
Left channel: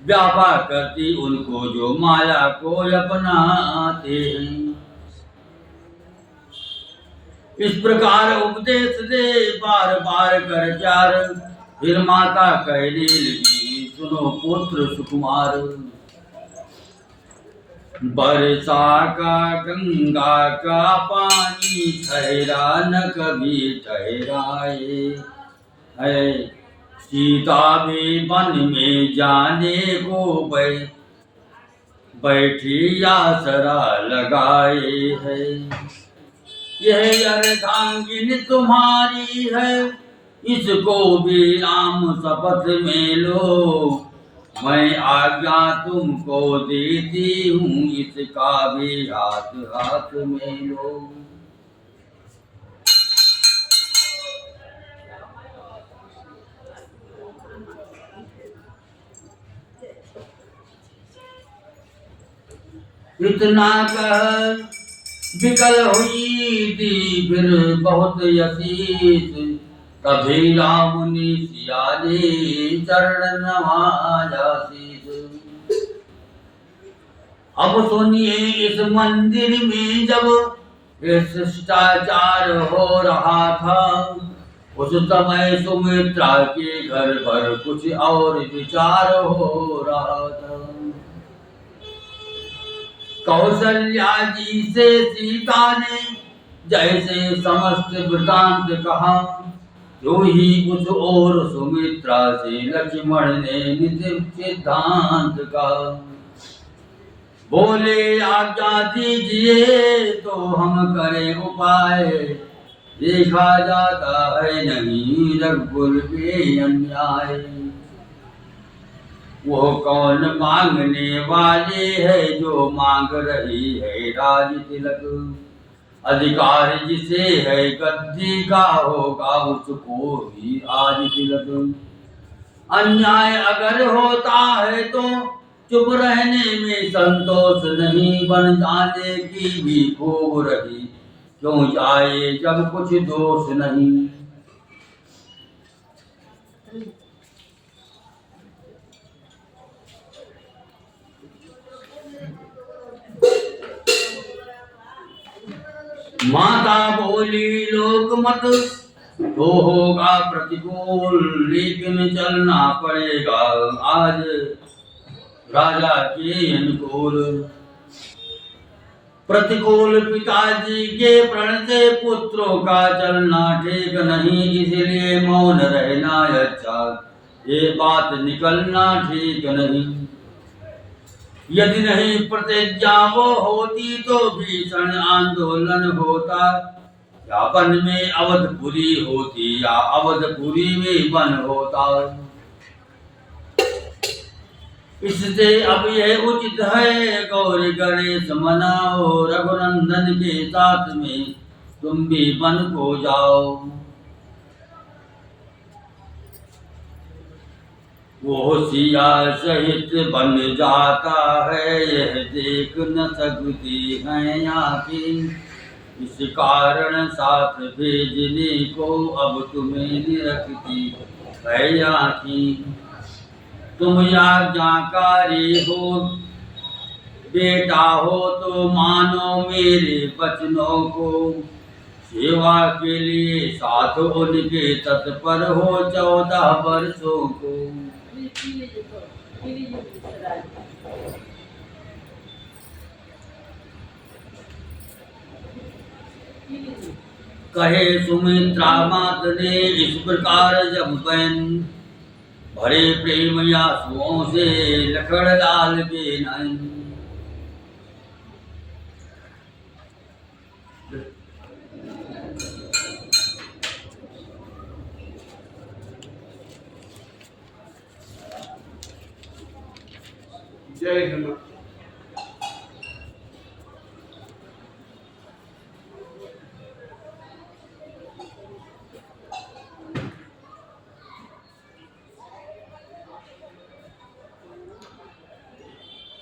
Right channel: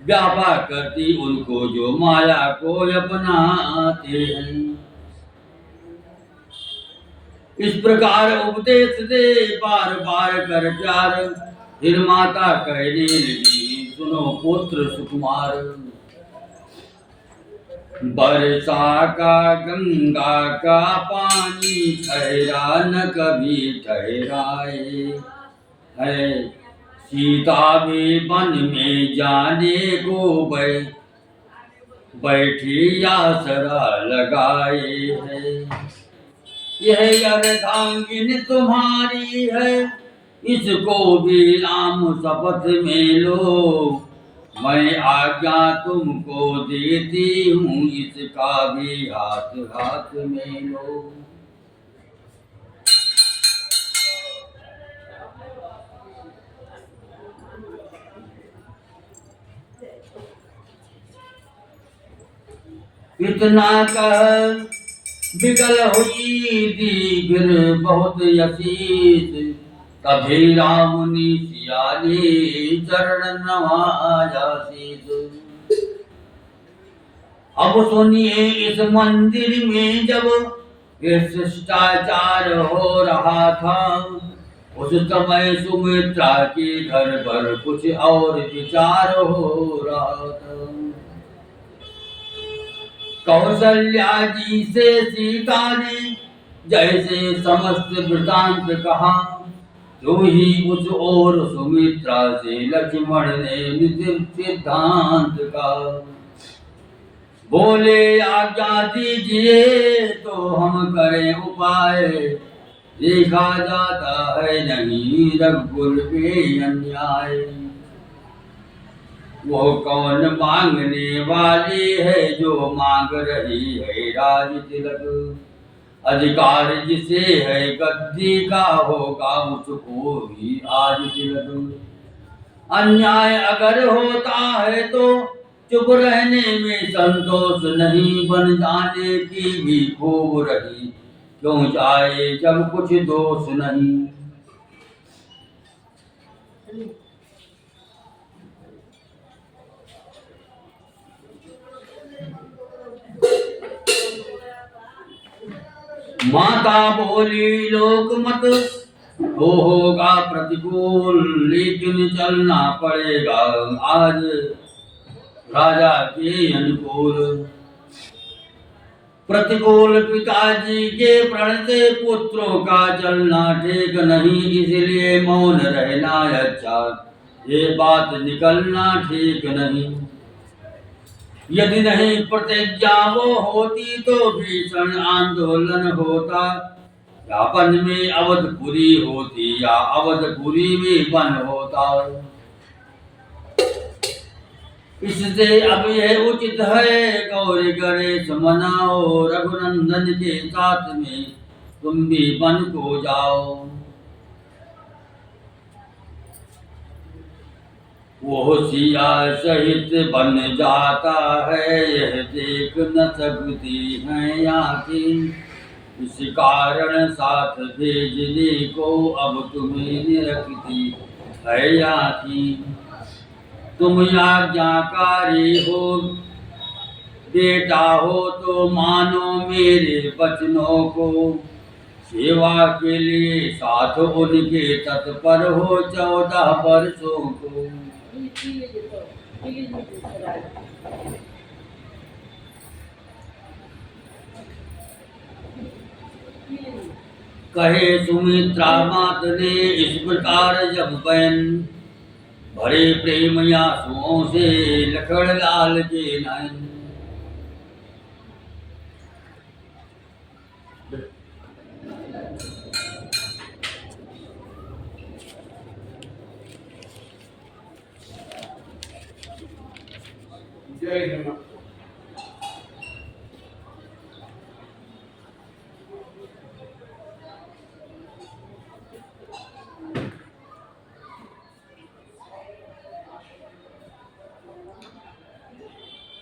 व्यापार करती उनको जो माया को अपनाते हैं। इस प्रकार उपदेश दे बार बार कर प्यार, फिर माता कहने लगी सुनो पुत्र सुकुमार। वर्षा का गंगा का पानी ठहरा न कभी ठहराए है। सीता भी वन में जाने को बैठी आसरा लगाए है। यह अर्धांगिनी तुम्हारी है, इसको भी राम शपथ में लो। मैं आज्ञा तुमको देती हूँ, इसका भी हाथ हाथ में लो। इतना कह बिगल हुई थी फिर बहुत यसीस। तभी राम ने सियाने चरण नवाया शीस। अब सुनिए इस मंदिर में जब शिष्टाचार हो रहा था, उस समय सुमित्रा के घर पर कुछ और विचार हो रहा था। कौशल्या जी से सीता ने जैसे समस्त वृतांत कहा, तो ही उस ओर सुमित्रा से लक्ष्मण ने नित्य सिद्धांत कहा। बोले आज्ञा दीजिए तो हम करें उपाय, देखा जाता है नहीं रघुकुल के अन्याय। वो कौन मांगने वाली है जो मांग रही है राज तिलक। अधिकार जिसे है गद्दी का होगा उसको भी आज तिलक। अन्याय अगर होता है तो चुप रहने में संतोष नहीं, बन जाने की भी खूब रही क्यों जाए जब कुछ दोष नहीं। माता बोली लोक मत तो होगा प्रतिकूल, लेकिन चलना पड़ेगा आज राजा के अनुकूल। प्रतिकूल पिताजी के प्रण से पुत्रों का चलना ठीक नहीं, इसलिए मौन रहना अच्छा, ये बात निकलना ठीक नहीं। यदि नहीं प्रतिज्ञा वो होती तो भीषण आंदोलन होता, या वन में अवधपुरी होती या अवधपुरी में वन होता। इससे अब यह उचित है गौरी गणेश मनाओ, रघुनंदन के साथ में तुम भी वन को जाओ। वो सिया सहित बन जाता है, यह देख न सकती है आँखें। इस कारण साथ भेजने को अब तुम्हें निरखती है आँखें। तुम आज्ञाकारी हो बेटा हो तो मानो मेरे वचनों को, सेवा के लिए साथ उनके तत्पर हो 14 वर्षों को। कहे सुमित्रा मात ने इस प्रकार जब बहन, भरे प्रेम आंसुओं से लखन लाल के नयन। जय हिंद।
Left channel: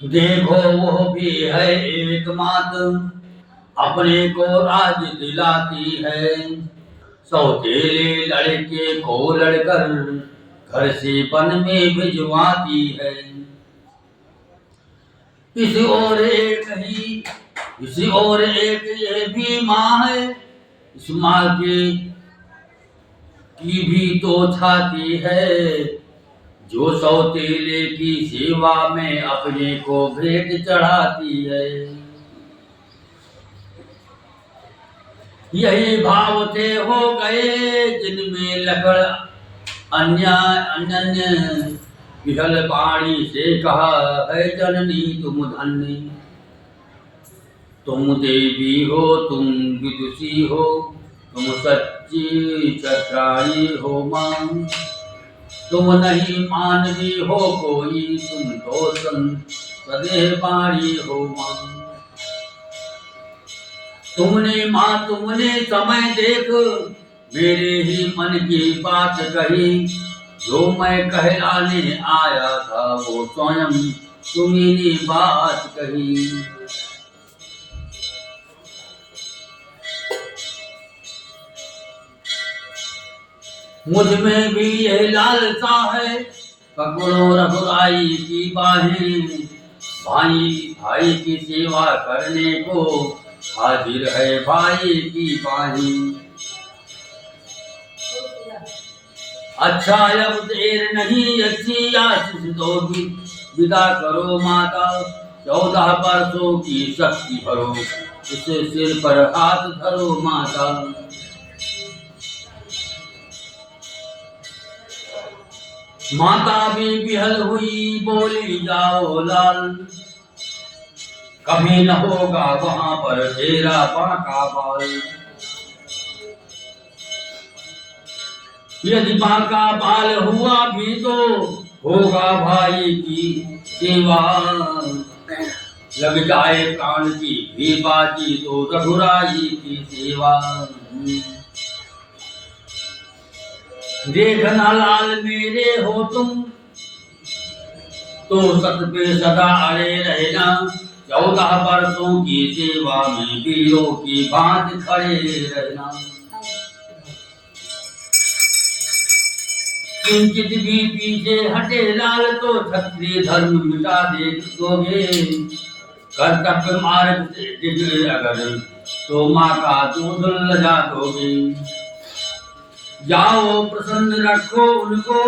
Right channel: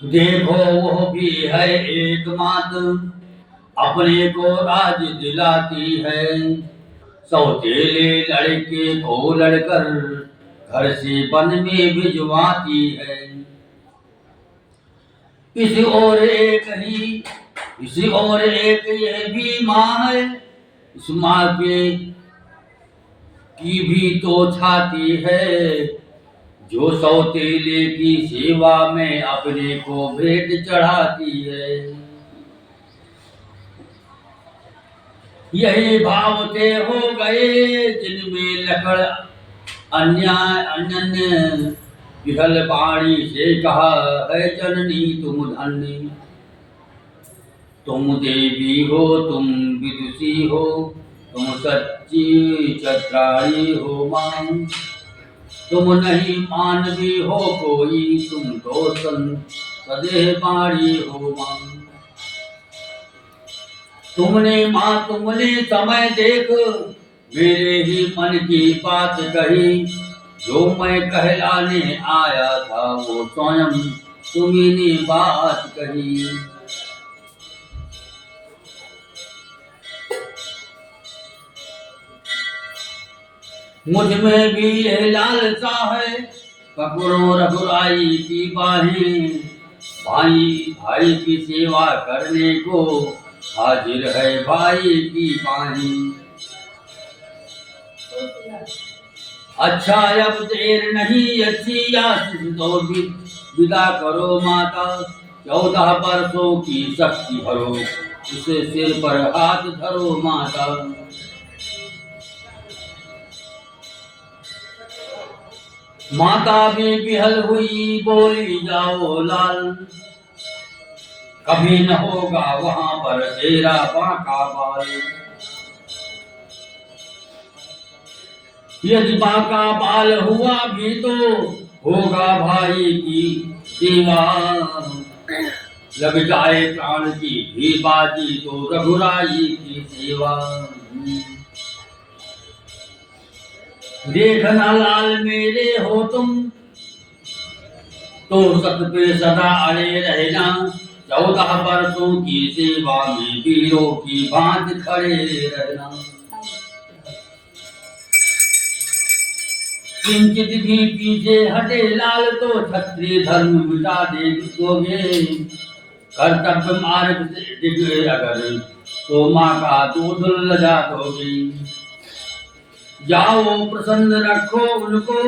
देखो वो भी है एक मात, अपने को राज दिलाती है। सौतेले लड़के को लड़कर घर से वन में भिजवाती है। इसी और एक ये भी माँ है। इस माँ के की भी तो छाती है, जो सौतेले की सेवा में अपने को भेंट चढ़ाती है। यही भाव थे हो गए जिनमें लकड़ अन्य विहल बाणी से कहा है जननी तुम धन्य। तुम देवी हो, तुम विदुषी हो, तुम सच्ची छत्राणी हो मां। तुम नहीं मानवी हो कोई, तुम तो सदैव बाणी हो मां। तुमने समय देख मेरे ही मन की बात कही। जो मैं कहलाने आया था वो स्वयं तुम्ही ने बात कही। मुझ में भी यह लालसा है, पकड़ो रघुराई की बाहें। भाई की सेवा करने को हाजिर है भाई की बाहें। अच्छा अब देर नहीं, अच्छी आशीष दो विदा करो माता। 14 वर्षों की शक्ति भरो, उसे सिर पर हाथ धरो माता। माता भी विहल हुई बोली जाओ लाल, कभी न होगा वहां पर तेरा बांका बाल। यदि बांका बाल हुआ भी तो होगा भाई की सेवा। लग जाए प्राण की भी बाजी तो रघुराई की सेवा। देखना लाल मेरे हो तुम तो सत पे सदा अड़े रहना। 14 वर्षों की सेवा में वीरों की भांति खड़े रहना। किंचित भी पीछे हटे लाल तो क्षत्रिय धर्म मिटा दोगे। कर्तव्य मार्ग से डिगे अगर तो माँ का दूध लजा दोगे। जाओ प्रसन्न रखो उनको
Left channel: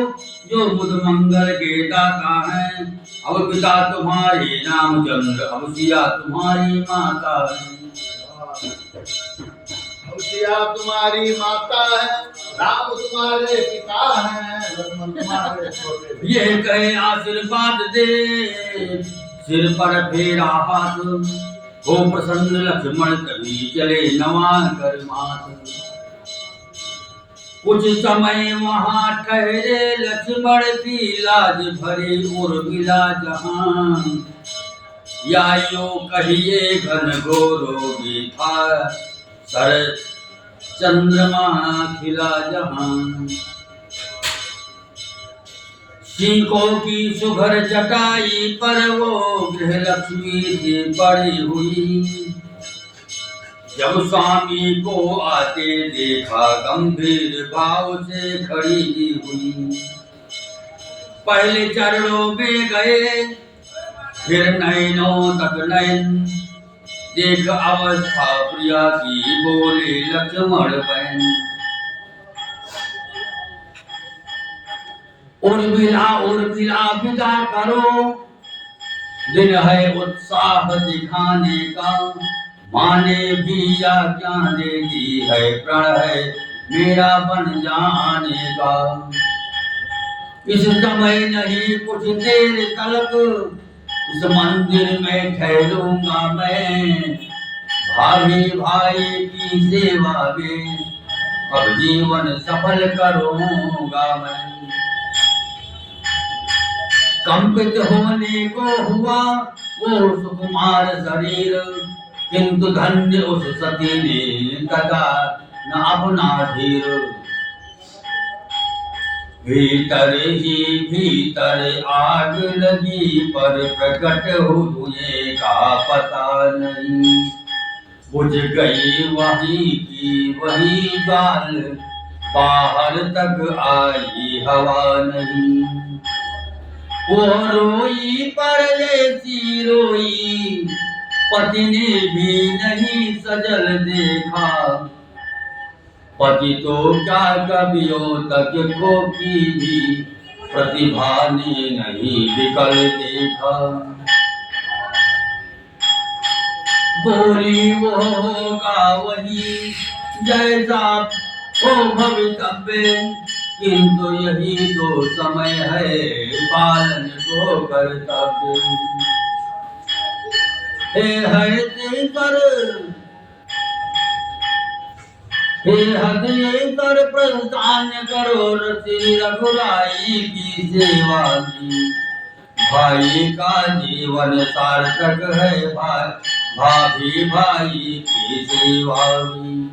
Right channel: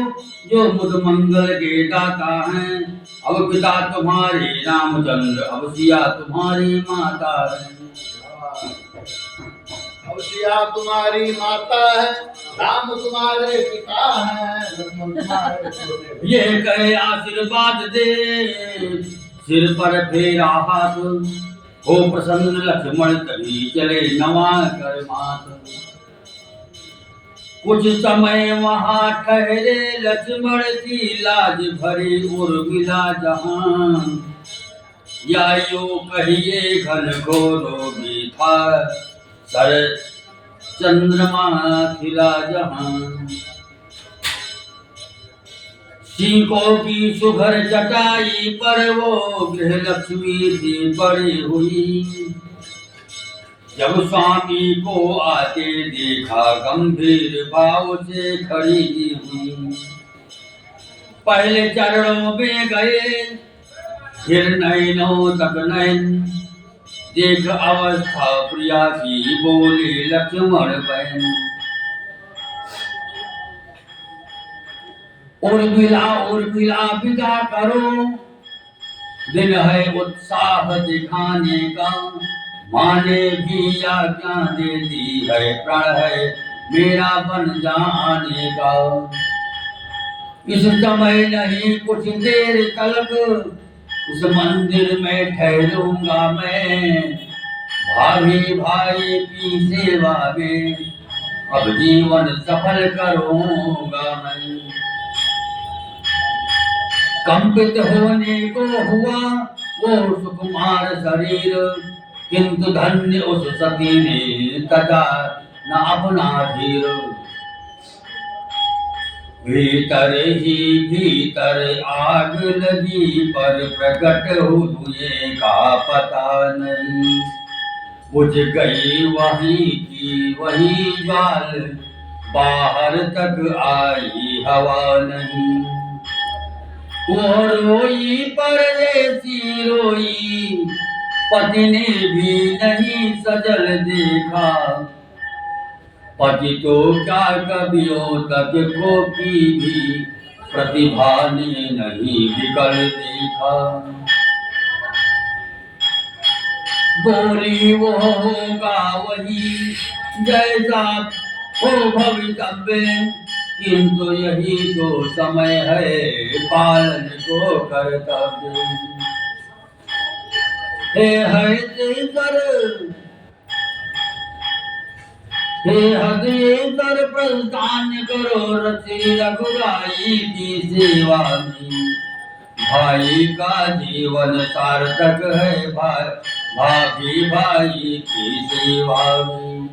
जो मुद मंगल के दाता हैं। अब पिता तुम्हारे रामचंद्र, अब सिया तुम्हारी माता है। अब सिया तुम्हारी माता है, राम तुम्हारे पिता हैं, लक्ष्मण तुम्हारे छोटे। ये कहे आशीर्वाद दे सिर पर फेरा हाथ। हो प्रसन्न लक्ष्मण तभी चले नवा कर मात। कुछ समय वहां ठहरे लक्ष्मण की लाज भरी उर्मिला जहां। या यो कहिए घन घोरोगी था सर चंद्रमा खिला जहां। सीकों की सुघर चटाई पर वो गृह लक्ष्मी थी पड़ी हुई। जब स्वामी को आते देखा गंभीर भाव से खड़ी हुई। पहले चरणों में गए फिर नैनों तक नैन। देख अवस्था प्रिया की बोले लक्ष्मण बहन। उर्मिला विदा करो, दिन है उत्साह दिखाने का। माँ ने भी आज्ञा दे दी है, प्रण है मेरा बन जाने का। इस समय नहीं कुछ देर तक इस मंदिर में ठहरूंगा मैं, भाभी भाई की सेवा में अब जीवन सफल करूंगा मैं। कंपित होने को हुआ वो सुकुमार शरीर, किंतु धन्य उस सती ने तजा न अपना धीर। भीतर ही भीतर आग लगी पर प्रकट हुए का पता नहीं, बुझ गई वहीं की वहीं ज्वाल, बाहर तक आई हवा नहीं। वो रोई परदेसी रोई, पति ने भी नहीं सजल देखा, पति तो क्या कवियों तक को की भी प्रतिभा ने नहीं विकल देखा। बोली वो होगा वही जैसा हो भवितव्य, किंतु यही तो समय है पालन को कर्तव्य। हे हरिश्वर हे हरिश्वर प्रस्थान करो रति रघुराई की सेवा की, भाई का जीवन सार्थक है भाभी भाई की सेवा में।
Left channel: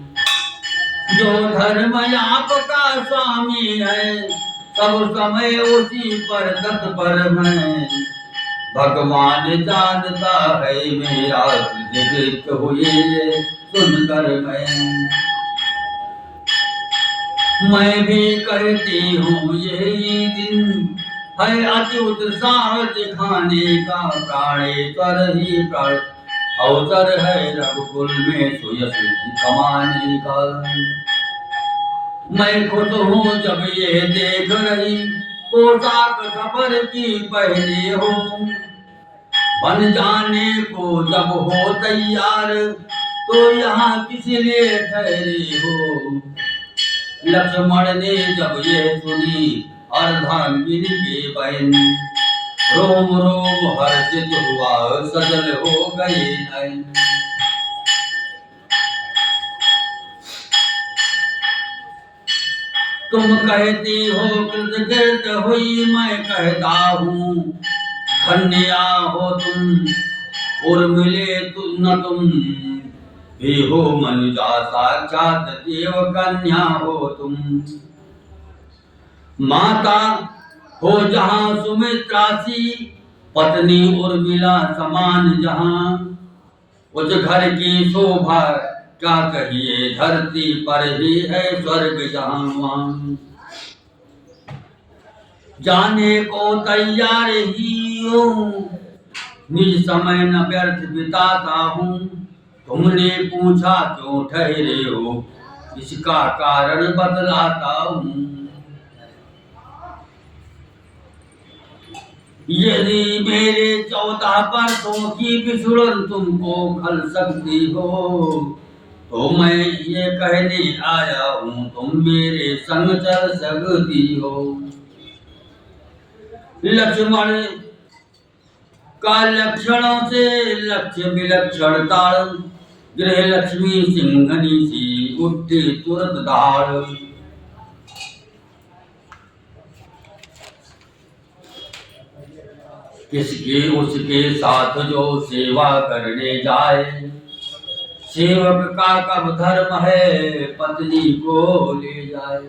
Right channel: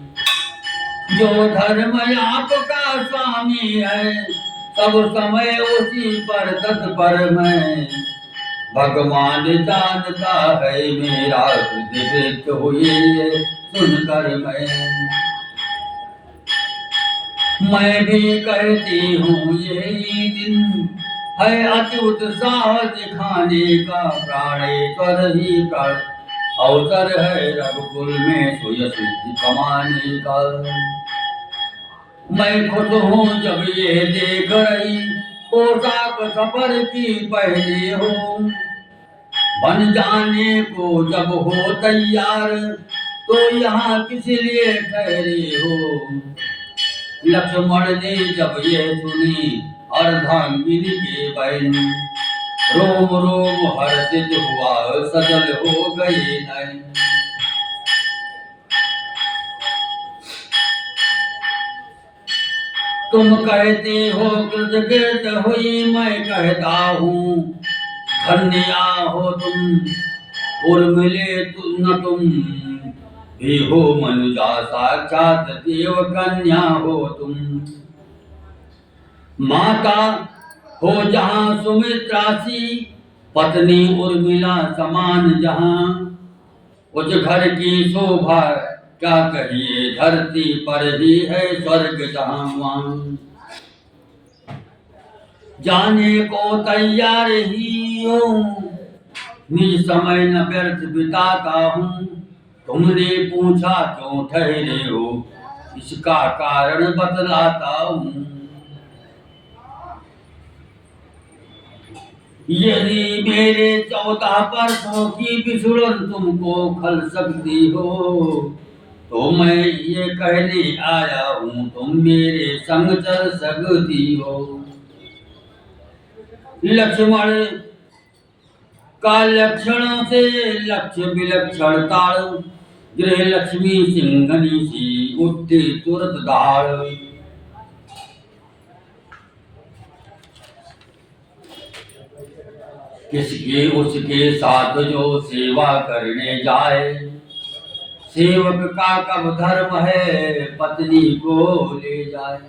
जो धर्म आपका स्वामी है सब समय उसी पर तत्पर मैं, भगवान जानता है मेरा तुझे हुए सुनकर मैं भी कहती हूँ यही दिन है अति उत्साह दिखाने का, प्राणेश्वर ही प्राण अवसर है रघुकुल में सुयश कमाने का। मैं खुश हूँ जब ये देख रही पोशाक सफर की पहने हो, बन जाने को जब हो तैयार तो यहाँ किस लिए ठहरे हो। लक्ष्मण ने जब ये सुनी अर्धांगिनी के बहन, रोम रोम हर्षित हुआ सजल हो गए नयन। तुम कहती हो कृतकृत हुई, मैं कहता हूँ धन्या हो तुम, उर्मिले न तुम भी हो मनुजा, साक्षात देव कन्या हो तुम। माता हो जहाँ सुमित्रा सी, पत्नी उर्मिला समान जहाँ, उस घर की शोभा क्या कहिए धरती पर ही है स्वर्ग जहाँ वहाँ। जाने को तैयार ही हूँ निज समय न व्यर्थ बिताता हूँ, तुमने पूछा क्यों ठहरे हो इसका कारण बतलाता हूँ। यदि मेरे 14 परसों की बिछुड़न तुमको खल सकती हो तो मैं ये कहने आया हूँ तुम मेरे संग चल सकती हो। लक्ष्मण का लक्षणों से लक्ष्य विलक्षण ताड़, गृह लक्ष्मी सिंहनी सी उठी तुरंत दाड़। किसके उसके साथ जो सेवा करने जाए, सेवक का कब धर्म है पत्नी को ले जाए।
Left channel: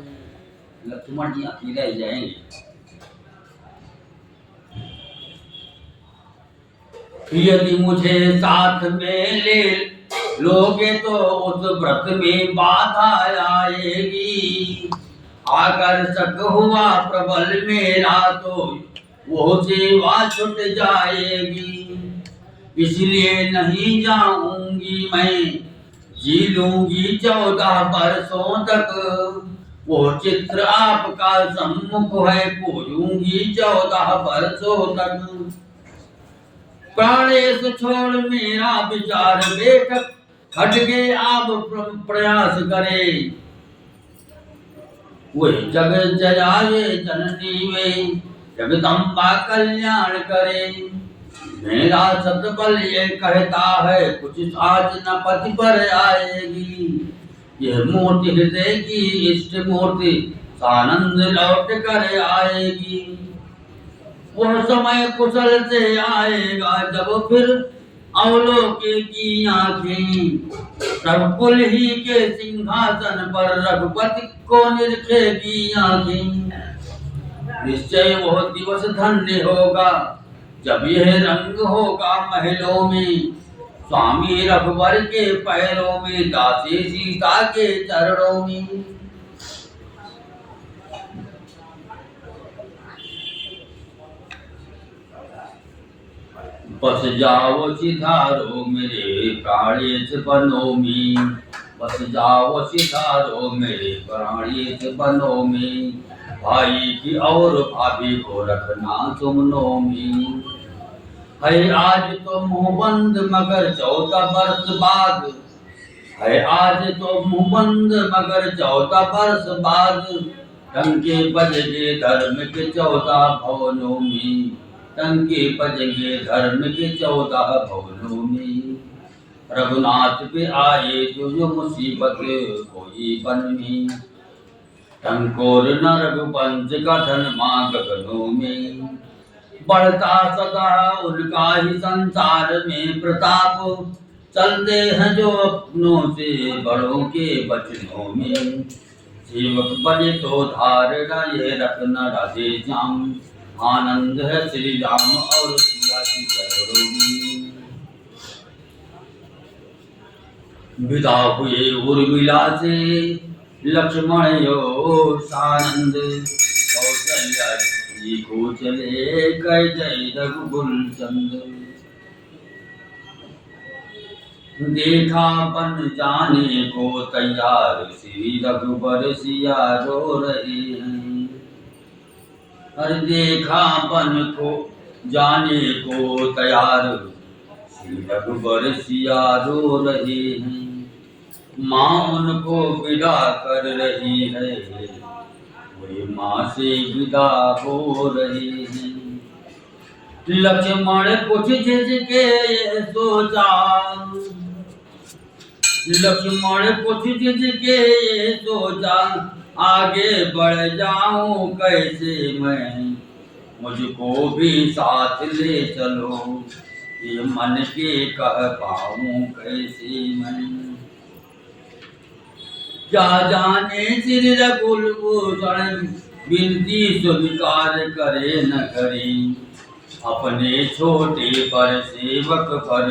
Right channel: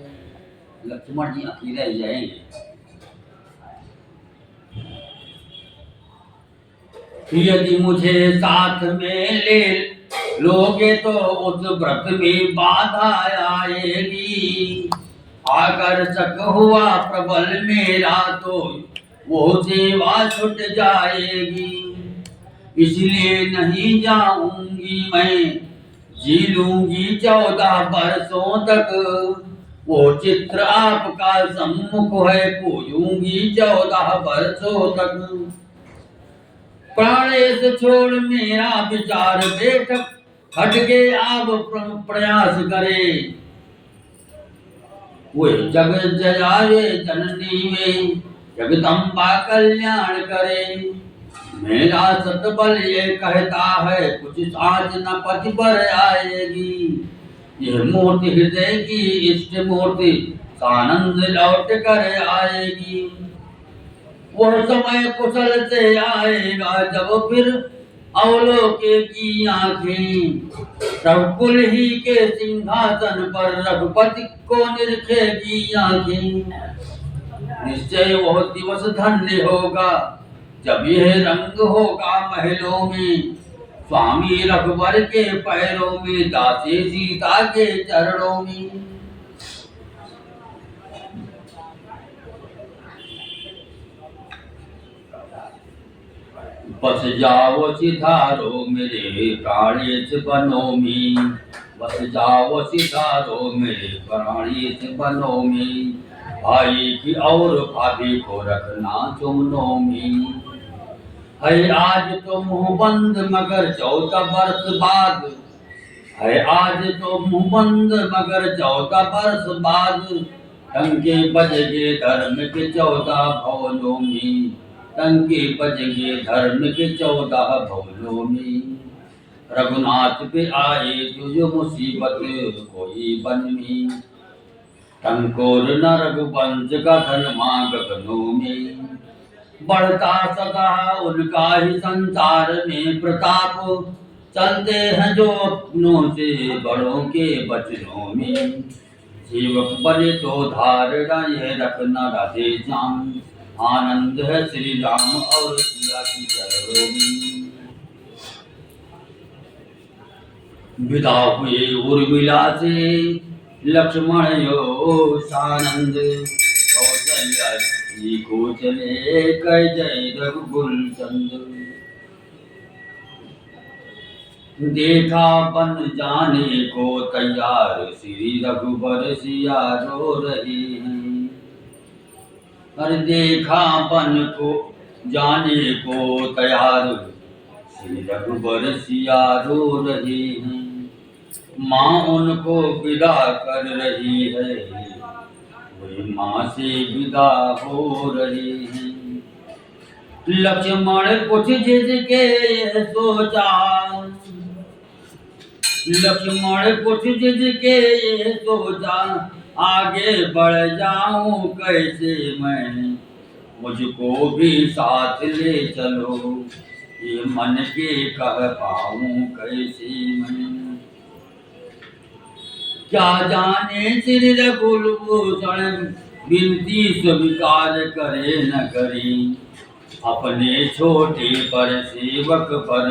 लक्ष्मण जी अकेले जाएंगे। यदि मुझे साथ में ले लोगे तो उस व्रत में बाधा आएगी, आकर्षक हुआ प्रबल मेरा तो वो सेवा छूट जाएगी। इसलिए नहीं जाऊंगी मैं, जी लूंगी 14 वर्षों तक, वो चित्र आपका सम्मुख है पूजूंगी 14 वर्षों तक। प्राणेश छोड़ मेरा विचार बैठक, खटके आप प्रयास करे, वे जग जयावे जननी वे, जगदम्बा कल्याण करे। मेरा सतबल ये कहता है, कुछ साज न पति पर आएगी। ये मूर्ति हृदय की इष्ट मूर्ति, सानंद लौट कर आएगी। वह समय कुशल से आएगा, जब फिर अवलोके की आंखें सब कुल ही के सिंहासन पर रघुपति को निरखेगी आंखें। निश्चय वह दिवस धन्य होगा, जब यह रंग होगा महलों में, स्वामी रघुवर के पैरों में, दासी सीता के चरणों में। बस जाओ सिधारो मेरे प्राणेश बनों में, बस जाओ सिधारो मेरे प्राणेश बनों में। भाई की और भाभी को रखना चुमनों में। है आज तो मुंह बंद मगर 14 वर्ष बाद, है आज तो मुंह बंद मगर 14 वर्ष बाद। टंके बजेंगे धर्म के 14 भवनों में, टंके बजेंगे धर्म के 14 भवनों में। रघुनाथ पे आए जो मुसीबत कोई बन में, टंकोर न रघुवंश का धर्मा गगनों में। बढ़ता सदा उनका ही संसार में प्रताप, चलते हैं जो अपनों से बड़ों के वचनों में। सेवक बने तो धारणा ये रखना राधे श्याम, आनंद है श्री राम और सिया की चरणों में। विदा हुए उर्मिला से लक्ष्मण यो सानंद, कौशल्या जी को चले कह जय रघुकुल चंद। देखा बन जाने को तैयार, श्री रघुबर सिया रो रहे हैं। अरे देखा बन को जाने को तैयार, श्री रघुबर सिया रो रहे हैं। माँ उनको विदा कर रही है, वे माँ से विदा हो रहे हैं। लक्ष्मण कुछ झिझके ये सोचा, लक्ष्मण कुछ झिझके ये सोचा, आगे बढ़ जाऊं कैसे मैं, मुझको भी साथ ले चलो, ये मन के कह पाऊं कैसे मैं। क्या जाने श्री रघुकुलभूषण विनती स्वीकार करे न करे, अपने छोटे पर सेवक पर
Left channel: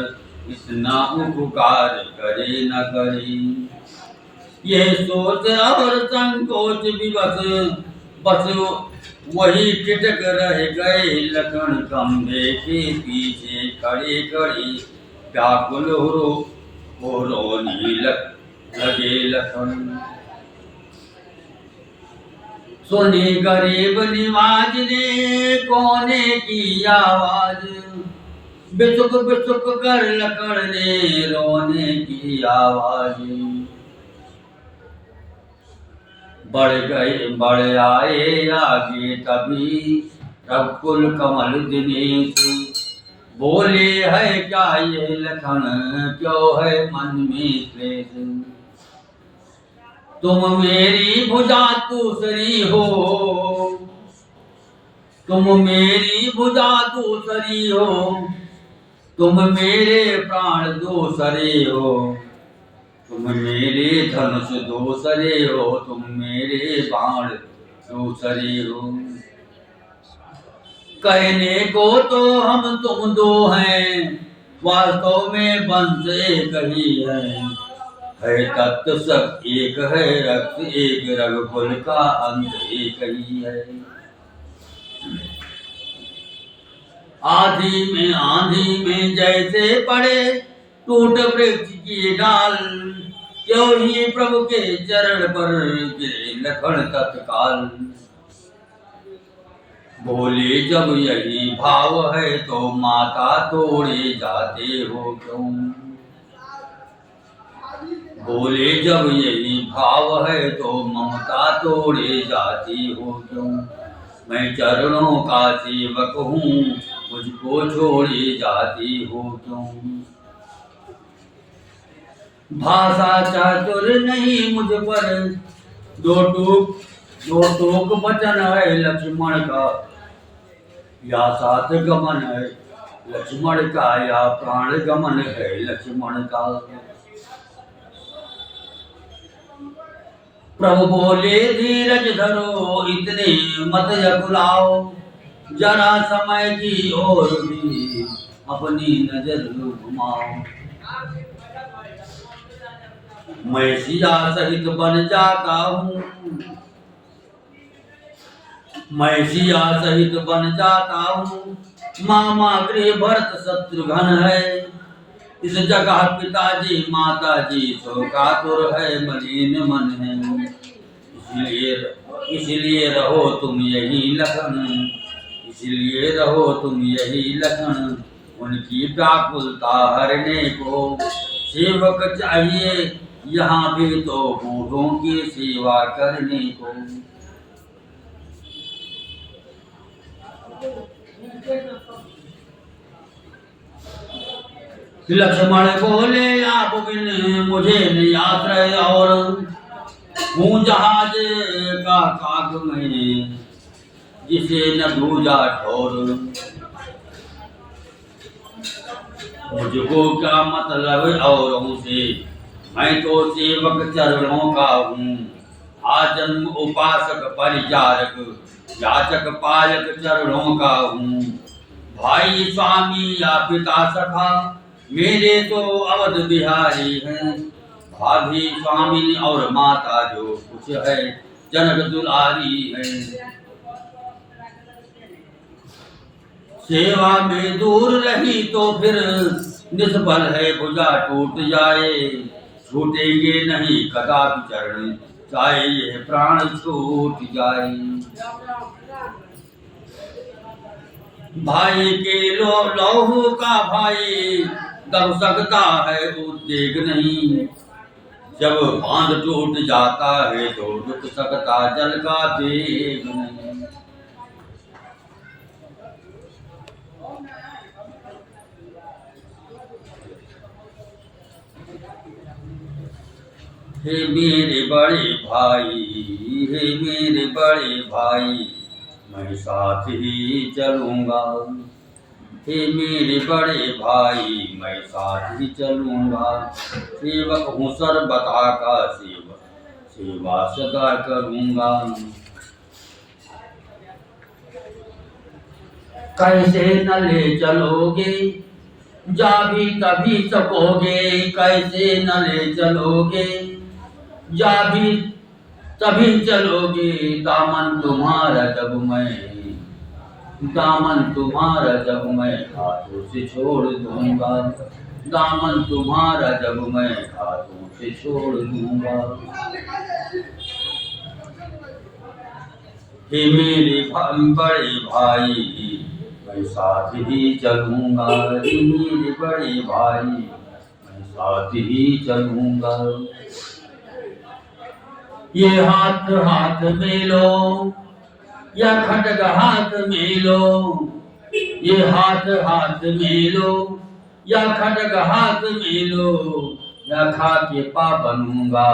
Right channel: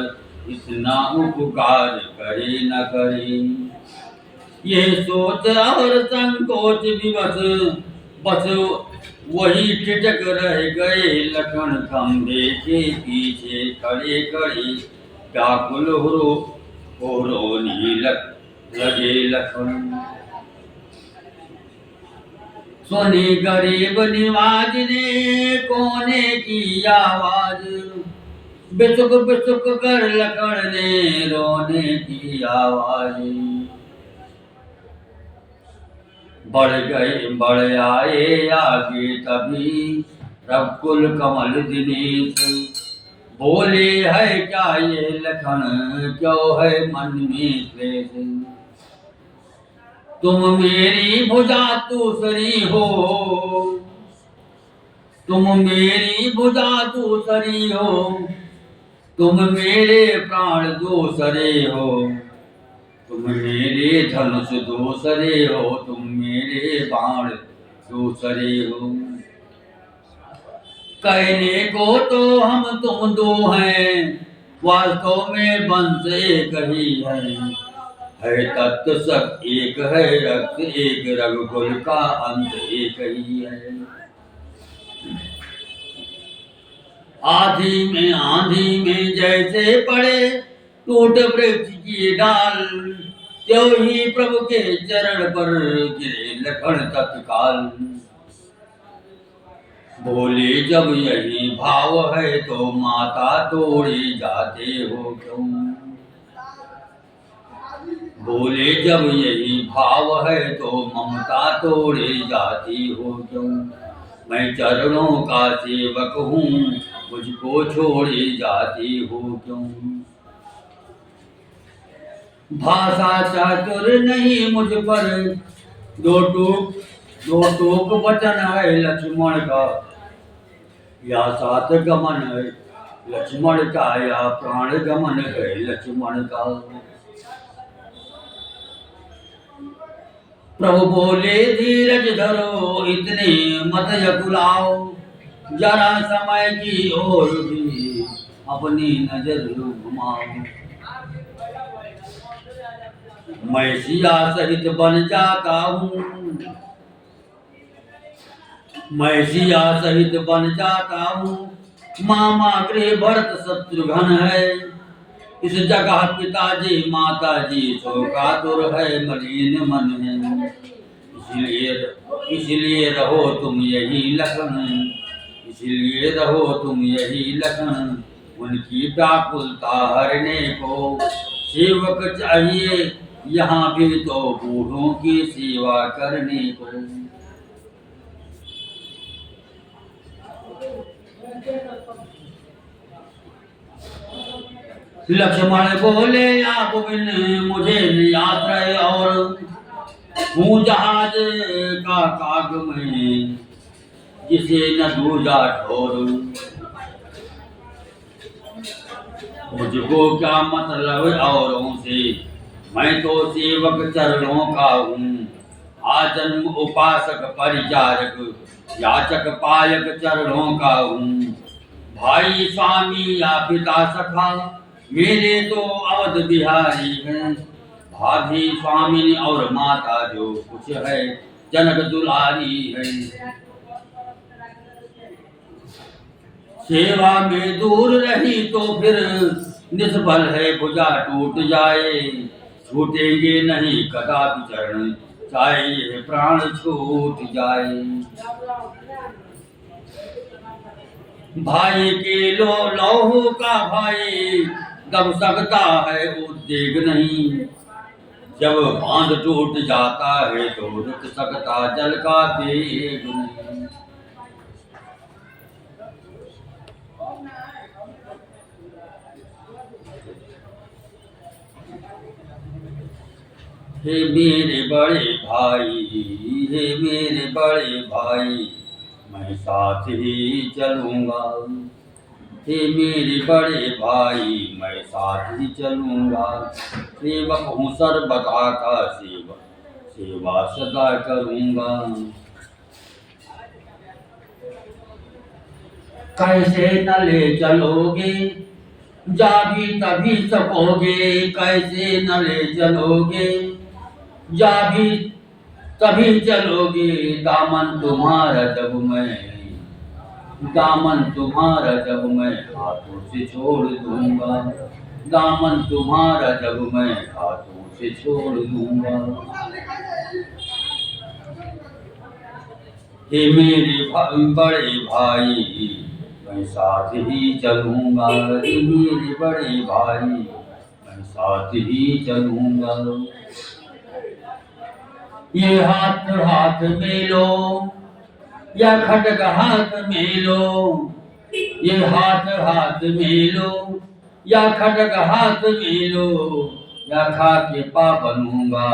इतना उपकार करे न करे। ये सोच और संकोच विवश बस वही ठिठक रह गए लखन, कम देखे पीछे खड़े खड़े व्याकुल हो रोने लगे लखन। सुनी गरीब निवाज ने कोने की आवाज, बिसुक बिसुक कर लखन ने रोने की आवाज। बढ़ आए आगे तभी रघुकुल कमल दिनेश, बोले है क्या ये लखन, क्यों है मन में क्लेश। तुम मेरी भुजा दूसरी हो, तुम मेरी भुजा दूसरी हो, तुम मेरे प्राण दूसरे हो, तुम मेरे धनुष दूसरे हो, तुम मेरे बाण दूसरे हो। कहने को तो हम तुम दो हैं, वास्तव में वंश एक ही है तत्व सब एक है, रक्त एक, रघुकुल का अंत एक ही है। आंधी में जैसे पड़े टूट वृक्ष की डाल, त्यों ही प्रभु के चरण पर गिरे लखन तत्काल। बोले जब यही भाव है तो माता तोड़े जाते हो क्यों। बोले जब यही भाव है तो ममता तोड़े जाती हो क्यों। मैं चरणों का सेवक हूँ, मुझको छोड़े जाती हो क्यों। भाषा चातुर नहीं मुझ पर, दो टूक वचन है लक्ष्मण का, या सात गमन है लक्ष्मण का, या प्राण गमन है लक्ष्मण का। प्रभु बोले धीरज धरो इतने मत यकुलाओ, जरा समय की ओर भी अपनी नजर घुमाओ। मैं सिया सहित बन जाता हूँ, मैं सिया सहित बन जाता हूँ। मामा गृह भरत शत्रुघ्न है, इस जगह पिताजी माताजी शोकातुर है, मलिन मन है। इसलिए रहो तुम यही लखन, इसलिए रहो तुम यही लखन। उनकी व्याकुलता हरने को सेवक चाहिए यहाँ भी तो बूढ़ों की सेवा करने को। लक्ष्मण बोले आप बिन मुझे नियाश्रय और, हूँ जहाज का काग में जिसे न दूजा ठोर। मुझको क्या मतलब औरों से, मैं तो सेवक चरणों का हूँ। आजन्म उपासक परिचारक याचक पायक चरणों का हूँ। भाई स्वामी या पिता सखा मेरे तो अवध बिहारी हैं। भाभी स्वामी और माता जो कुछ है जनक दुलारी है। सेवा में दूर रही तो फिर निष्फल है भुजा टूट जाए। छूटेंगे नहीं कदापि चरण, चाहे ये प्राण छूट जाए। भाई के लौहू का भाई दब सकता है उद्वेग नहीं। जब बांध टूट जाता है तो रुक सकता जल का वेग नहीं। हे मेरे बड़े भाई, हे मेरे बड़े भाई, मैं साथ ही चलूंगा। हे मेरे बड़े भाई मैं साथ ही चलूंगा। सेवक हूँ सर्वदा का सेवक, सेवा सदा करूंगा। कैसे न ले चलोगे जा भी तभी सकोगे। कैसे न ले चलोगे जा भी तभी चलोगे। दामन तुम्हारा जब मैं, दामन तुम्हारा जब मैं हाथों से छोड़ दूंगा। दामन तुम्हारा जब मैं हाथों से छोड़ दूंगा। हे मेरे बड़े भाई मैं साथ ही चलूंगा। हे मेरे बड़े भाई मैं साथ ही चलूंगा। ये हाथ हाथ मिलो या खटक हाथ मिलो। ये हाथ हाथ मिलो या खटक हाथ मिलो। या खा के पा बनूंगा,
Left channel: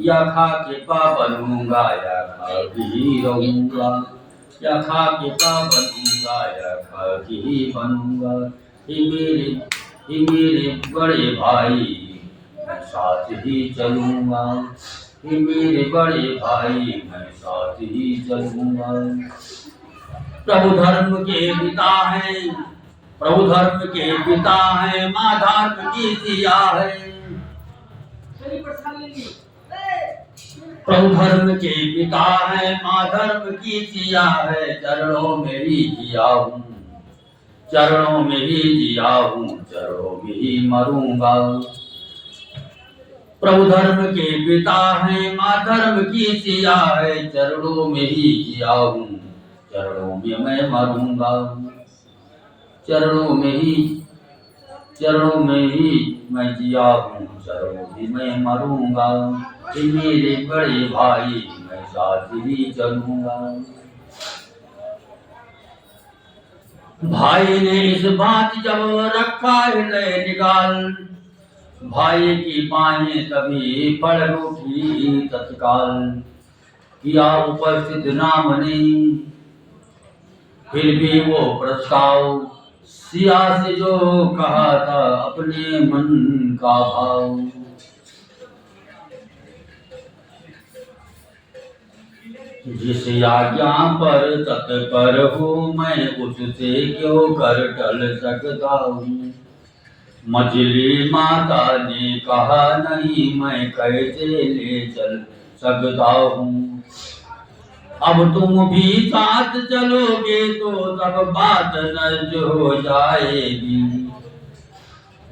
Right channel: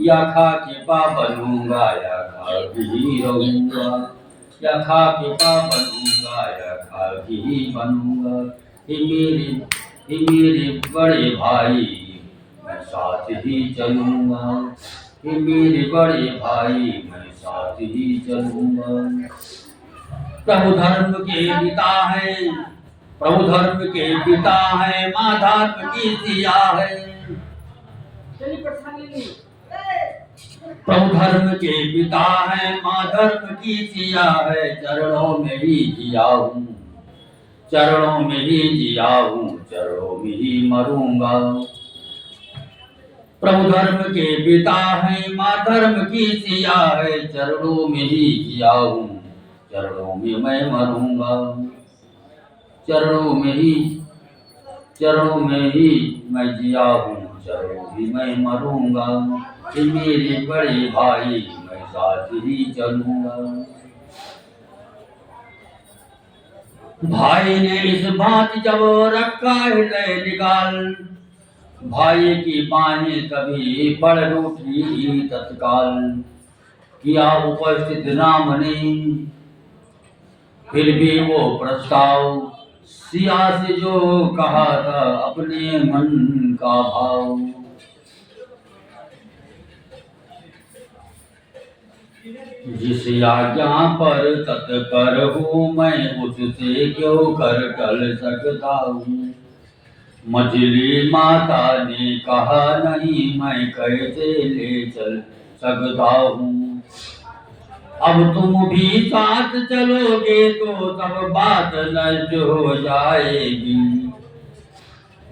या खा के पा बनूंगा, या खा के ही रहूंगा। या खा के पा बनूंगा, या खा के ही बनूंगा। हे मेरे बड़े भाई मैं साथ ही चलूंगा। हे मेरे बड़े भाई मैं साथ ही चलूंगा। प्रभु धर्म के पिता है, प्रभु धर्म के पिता है, माँ धर्म की सिया है। प्रभु धर्म के पिता है, माँ धर्म की सिया है। चरणों में ही जिया हूँ, चरणों में ही जिया हूँ, चरणों में ही मरूंगा। प्रभु धर्म के पिता है, माँ धर्म की सिया है। चरणों में ही जिया हूँ, चरणों में मैं मरूंगा। चरणों में ही चरणों में ही मैं जिया हूँ, चरणों भी मैं मरूंगा। कि मेरे बड़े भाई मैं साथ ही चलूंगा। भाई ने इस बात जब रखा हृदय निकाल, भाई की बाहें तभी पड़ उठी तत्काल। किया उपस्थित ना मनी, फिर भी वो प्रस्ताव, सिया से जो कहा था अपने मन का भाव। जिस आज्ञा पर तत्पर हूँ मैं, उससे क्यों कर टल सकता हूँ। मछली माता ने कहा नहीं, मैं कैसे ले चल सकता हूँ। अब तुम भी साथ चलोगे तो तब बात नष्ट हो जाएगी।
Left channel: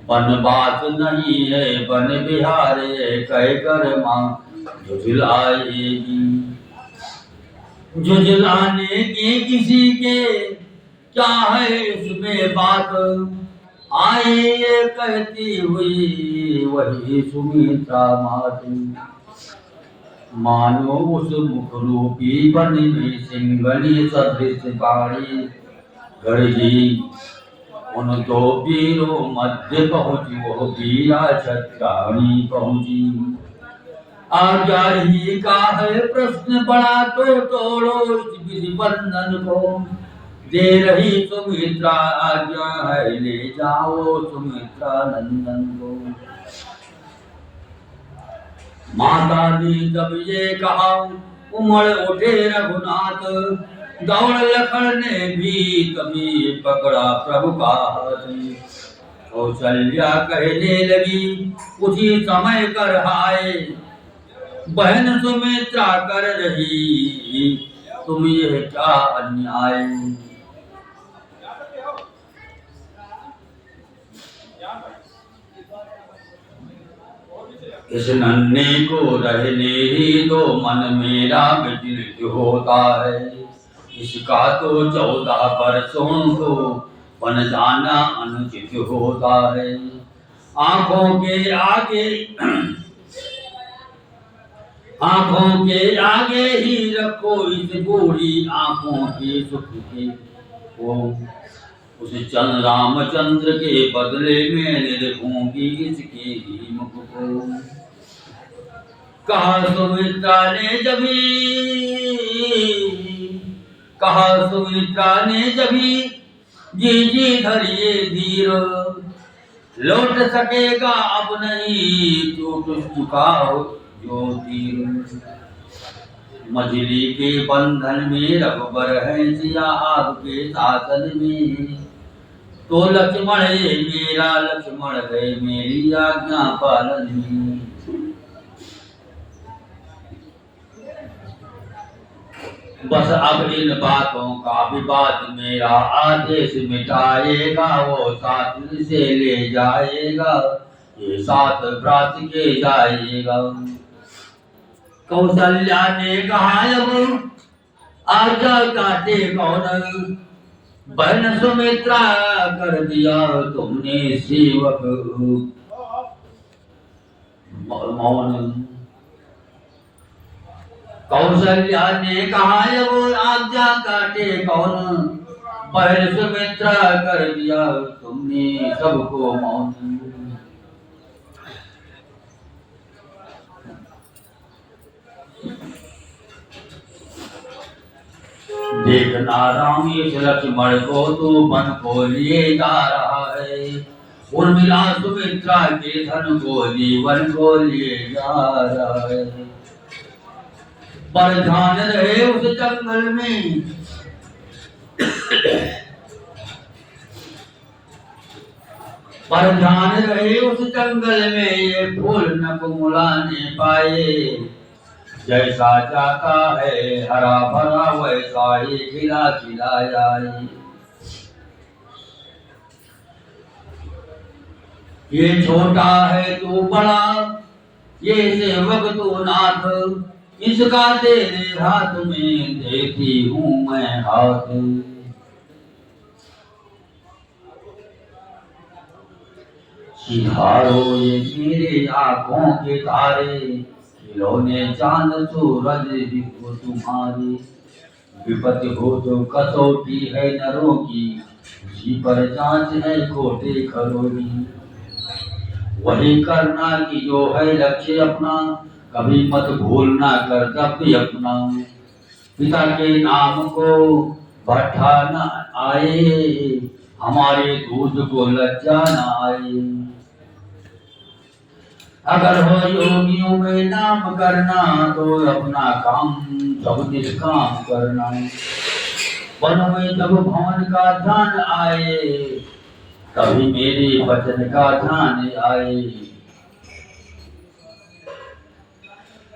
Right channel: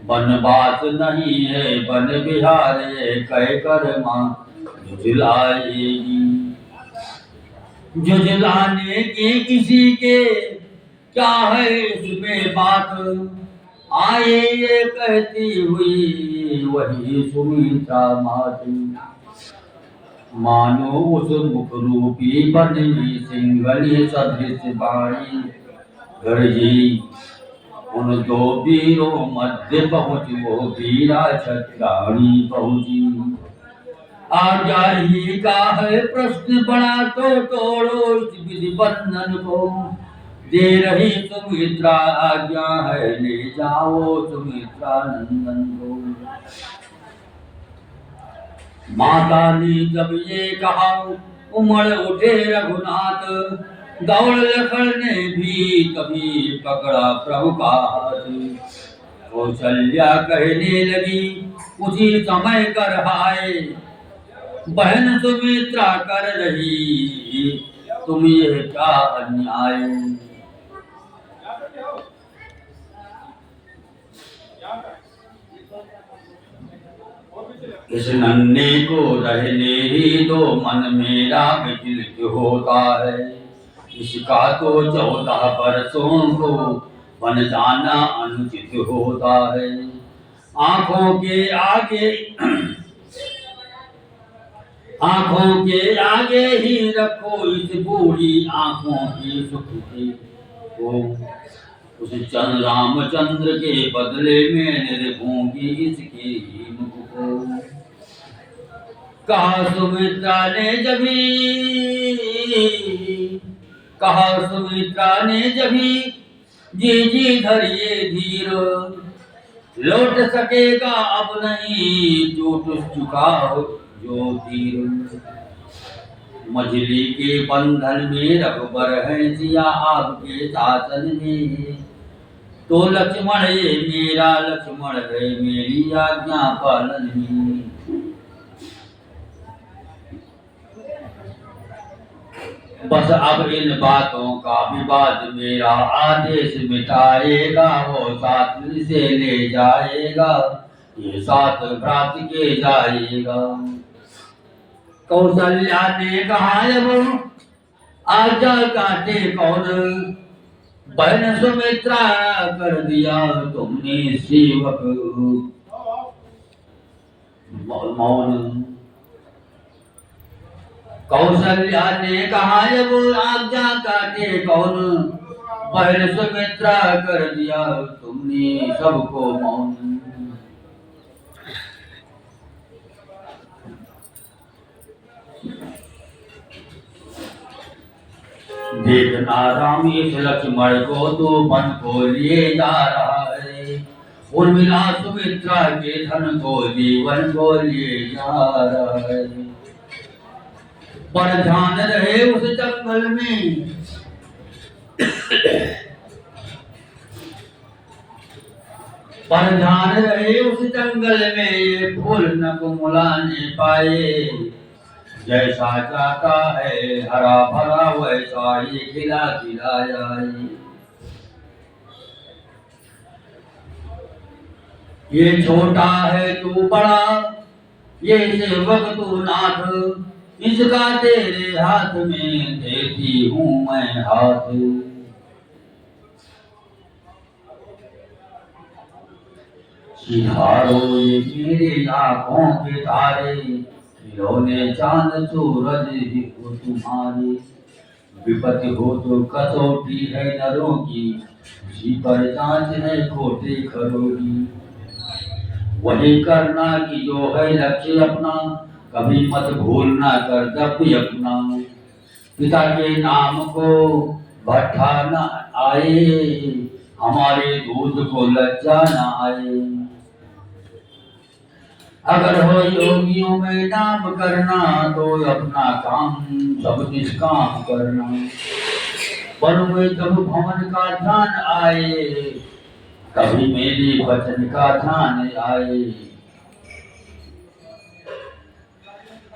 बनवास नहीं है बन बिहार है, कहकर माँ झुझलाएगी। झुझलाने की किसी के क्या है इसमें बात, आए ये कहती हुई वही सुमित्रा मातु। मानो उस मुख रूपी वन में सिंगनी सदृश बाड़ी गरजी। उन दो वीरों मध्य पहुँच वो वीरा छत्राणी पहुँची। आज्ञा ही का है प्रश्न बड़ा तो तोड़ो इस विधि बंधन को। दे रही सुमित्रा आज्ञा है, ले जाओ सुमित्रा नंदन को। माता ने जब ये कहा उमड़ उठे रघुनाथ, दौड़ लखन ने भी तभी पकड़ा प्रभु का हाथ। कौशल्या कहने लगी उसी समय कर हाय, बहन सुमित्रा कर रही तुम ये क्या अन्याय। इस नन्हे को रहने ही दो, मन मेरा विचलित होता है। इसका तो 14 वर्षों को बन जाना अनुचित होता है। आंखों के आगे ही रखो इस बूढ़ी आंखों की सुख के को। उस रामचंद्र के बदले में निरखूंगी इसके ही मुख को। कहा सुमित्रा ने जभी जी जी धरिए धीर। लौट सकेगा अब नहीं टूट चुका जो तीर। मछली के बंधन में रघुबर है जिया आपके शासन में। तो लक्ष्मण ये मेरा लक्ष्मण है मेरी आज्ञा पालन में। बस अब इन बातों का विवाद मेरा आदेश मिटाएगा। वो साथ से ले जाएगा, ये साथ भ्रात के जाएगा। कौशल्या ने कहा अब आज्ञा काटे कौन, बहन सुमित्रा कर दिया तुमने सेवक मौन। कौशल्या ने कहा अब आज्ञा काटे कौन, बहन सुमित्रा कर दिया तुमने सबको मौन। देखना राम इस लक्ष्मण को तो वन को लिए जा रहा है। उर्मिला सुमित्रा के धन को जीवन को लिए जा रहा है। पर ध्यान रहे उस जंगल में, पर ध्यान रहे उस जंगल में ये फूल न कुमुलाने पाए। जैसा जाता है हरा भरा वैसा ही खिला खिला जाए। ये छोटा है तू बड़ा, ये सेवक तू नाथ, इसका तेरे हाथ में देती हूँ मैं हाथ। सिधारो ये मेरे आंखों के तारे, खिलौने चांद सूरज ही हो तुम्हारे। विपत्ति हो तो कसौटी है नरों की, उसी पर जांच है खोटे खरोगी। वही करना कि जो है लक्ष्य अपना, कभी मत भूलना कर्तव्य अपना। पिता के नाम को भट्ठा न आए, हमारे दूध को लज्जा न आए। अगर हो योगियों में नाम करना, तो अपना काम सब निष्काम करना। वन में जब भवन का ध्यान आए, कभी मेरे वचन का ध्यान आए।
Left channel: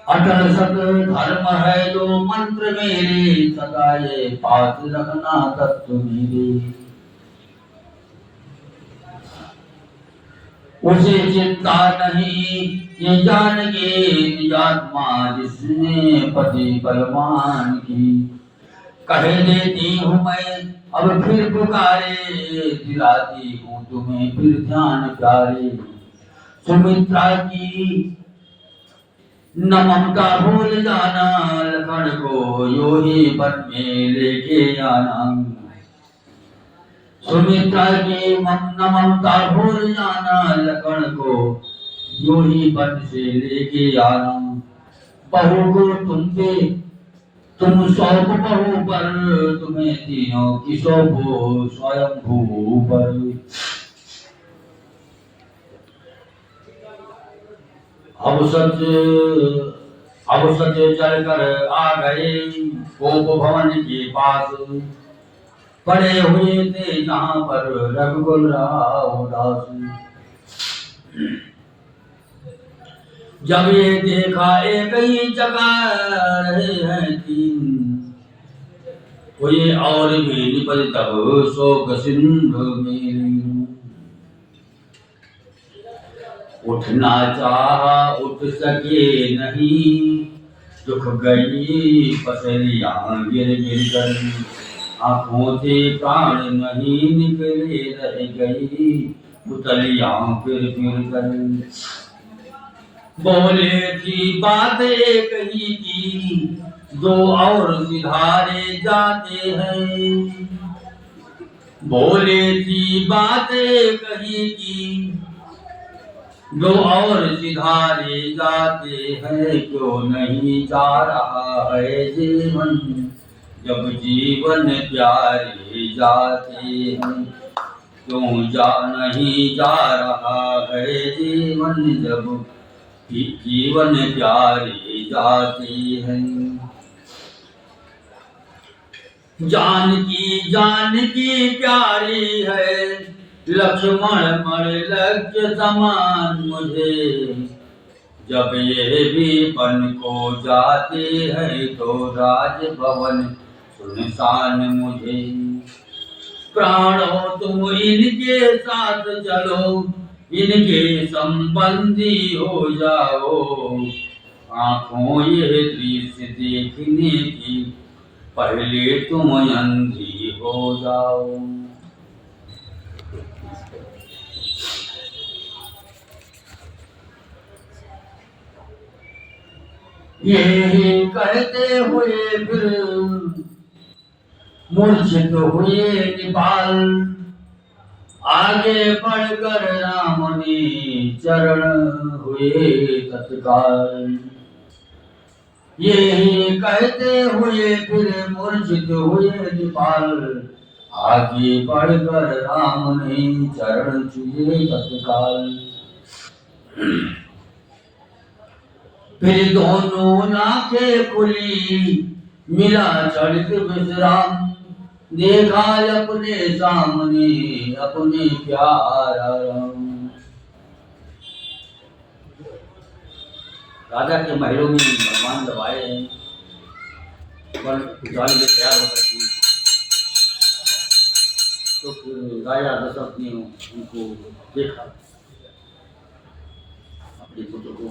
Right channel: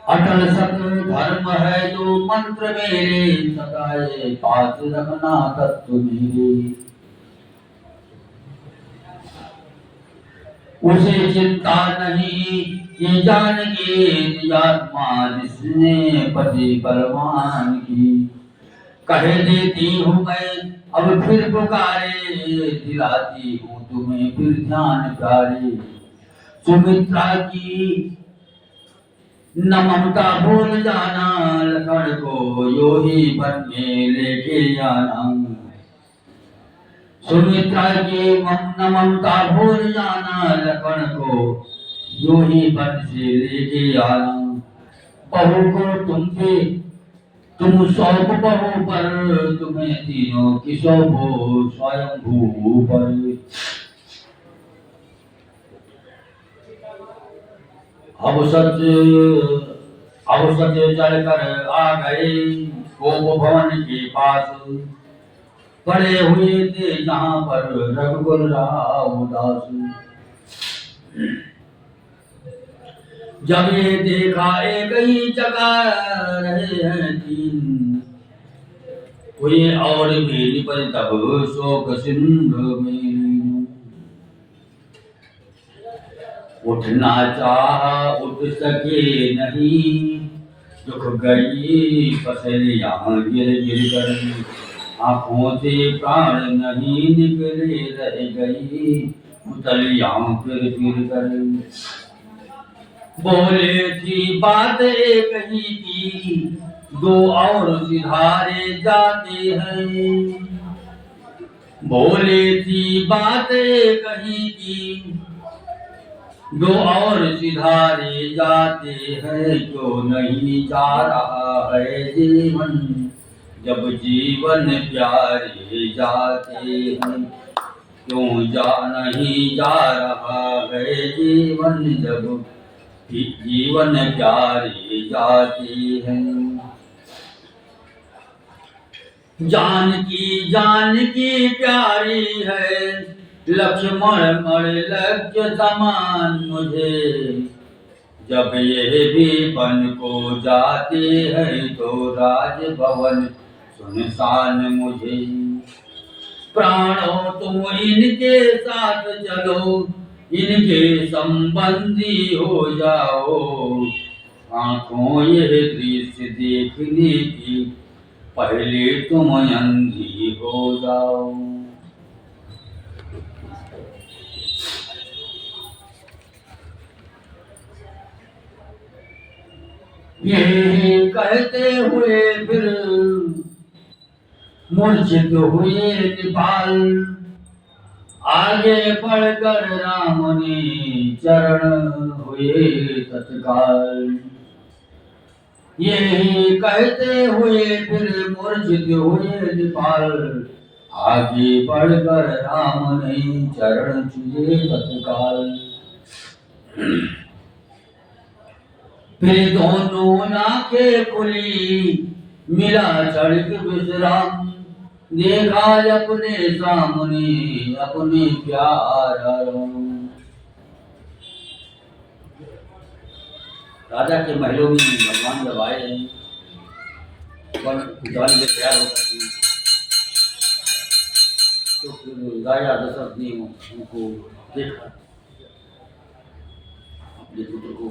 अटल सत धर्म है जो मंत्र मेरे, सदाए पास रखना तत्व मेरे। उसे चिंता नहीं ये जान के, आत्मा जिसने पति बलवान की। कह देती हूँ मैं अब फिर पुकारे, दिलाती हूँ तुम्हें फिर ध्यान प्यारे। सुमित्रा की न ममता भूल जाना, लखन को यो ही वन में लेके आना। सुमित्रा की न ममता भूल जाना, लखन को यो ही वन से लेके आना। बहू को तुम सौंप बहू पर, तुम्हें तीनों की सौंपो स्वयंभू पर। अब सच चलकर आ गए गोप भवन के पास। पड़े हुए थे जहाँ पर रघुकुल राव दास। जब ये देखा एक ही जगह रहे हैं तीन, कोई और भी निपज तब शोक सिंधु में। उठना चाहा उठ सके नहीं, दुख गई पसलियां गिर गिर कर। आंखों से प्राण नहीं निकले रह गई, पुतलियां फिर फिर कर। बोले थी बात एक ही की, दो और सिधारे जाते हैं। बोले थी बात एक ही की, दो और सिधारे जाते हैं। क्यों नहीं जा रहा है जीवन, जब जीवन प्यारे जाते हैं। क्यों नहीं जा रहा है जीवन, जब जीवन प्यारे जाते हैं। जानकी प्यारी है, लक्ष्मण मर लक्ष्य समान मुझे। जब ये भी वन को जाते हैं, तो राजभवन सुनसान मुझे। प्राणों तुम इनके साथ चलो, इनके संबंधी हो जाओ। आंखों ये दृश्य देखने की, पहले तुम अंधी हो जाओ। ये कहते हुए फिर मूर्छित हुए निपाल। आगे बढ़कर राम ने चरण हुए तत्काल। यही कहते हुए फिर मूर्छित हुए निपाल। आगे बढ़कर राम ने चरण छुए तत्काल। फिर दोनों आंखें खुली, मिला क्षणिक विश्राम। देखा अपने सामने अपने प्यारा राम। राजा के महलों में भगवान जब आए हैं, जाने के तैयार होकर थी, तो फिर राजा दशरथ ने उनको देखा, अपने पुत्र को,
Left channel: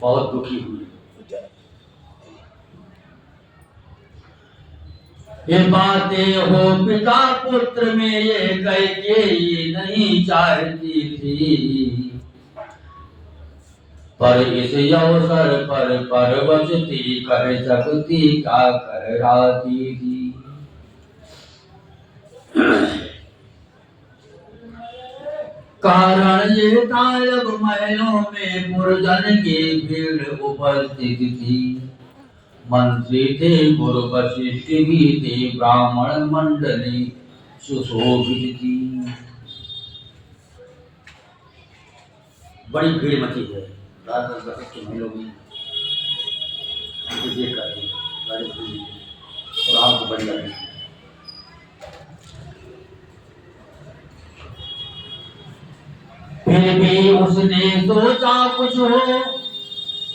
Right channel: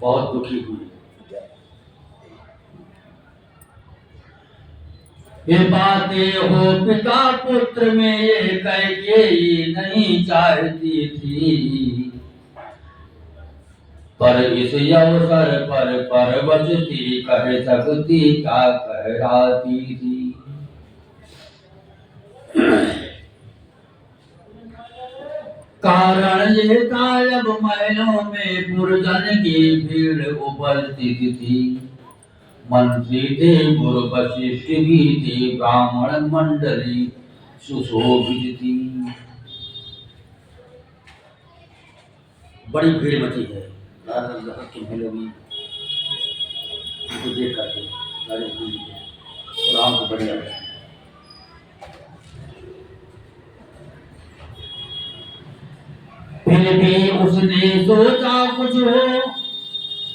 बहुत दुखी हुए। ये बातें हो पिता पुत्र में ये कैकेयी नहीं चाहती थी, पर इस अवसर पर परवशती कह सकती क्या कहराती थी। कारण ये था जब महलों में पुरजन की भीड़ उपस्थित थी, मंत्री थे, गुरु वशिष्ठ भी थे, ब्राह्मण मंडली सुशोभित थी। बड़ी भीड़ मची है राजा के महलों में, देख करके राम को बढ़िया है। फिर भी उसने सोचा कुछ हो,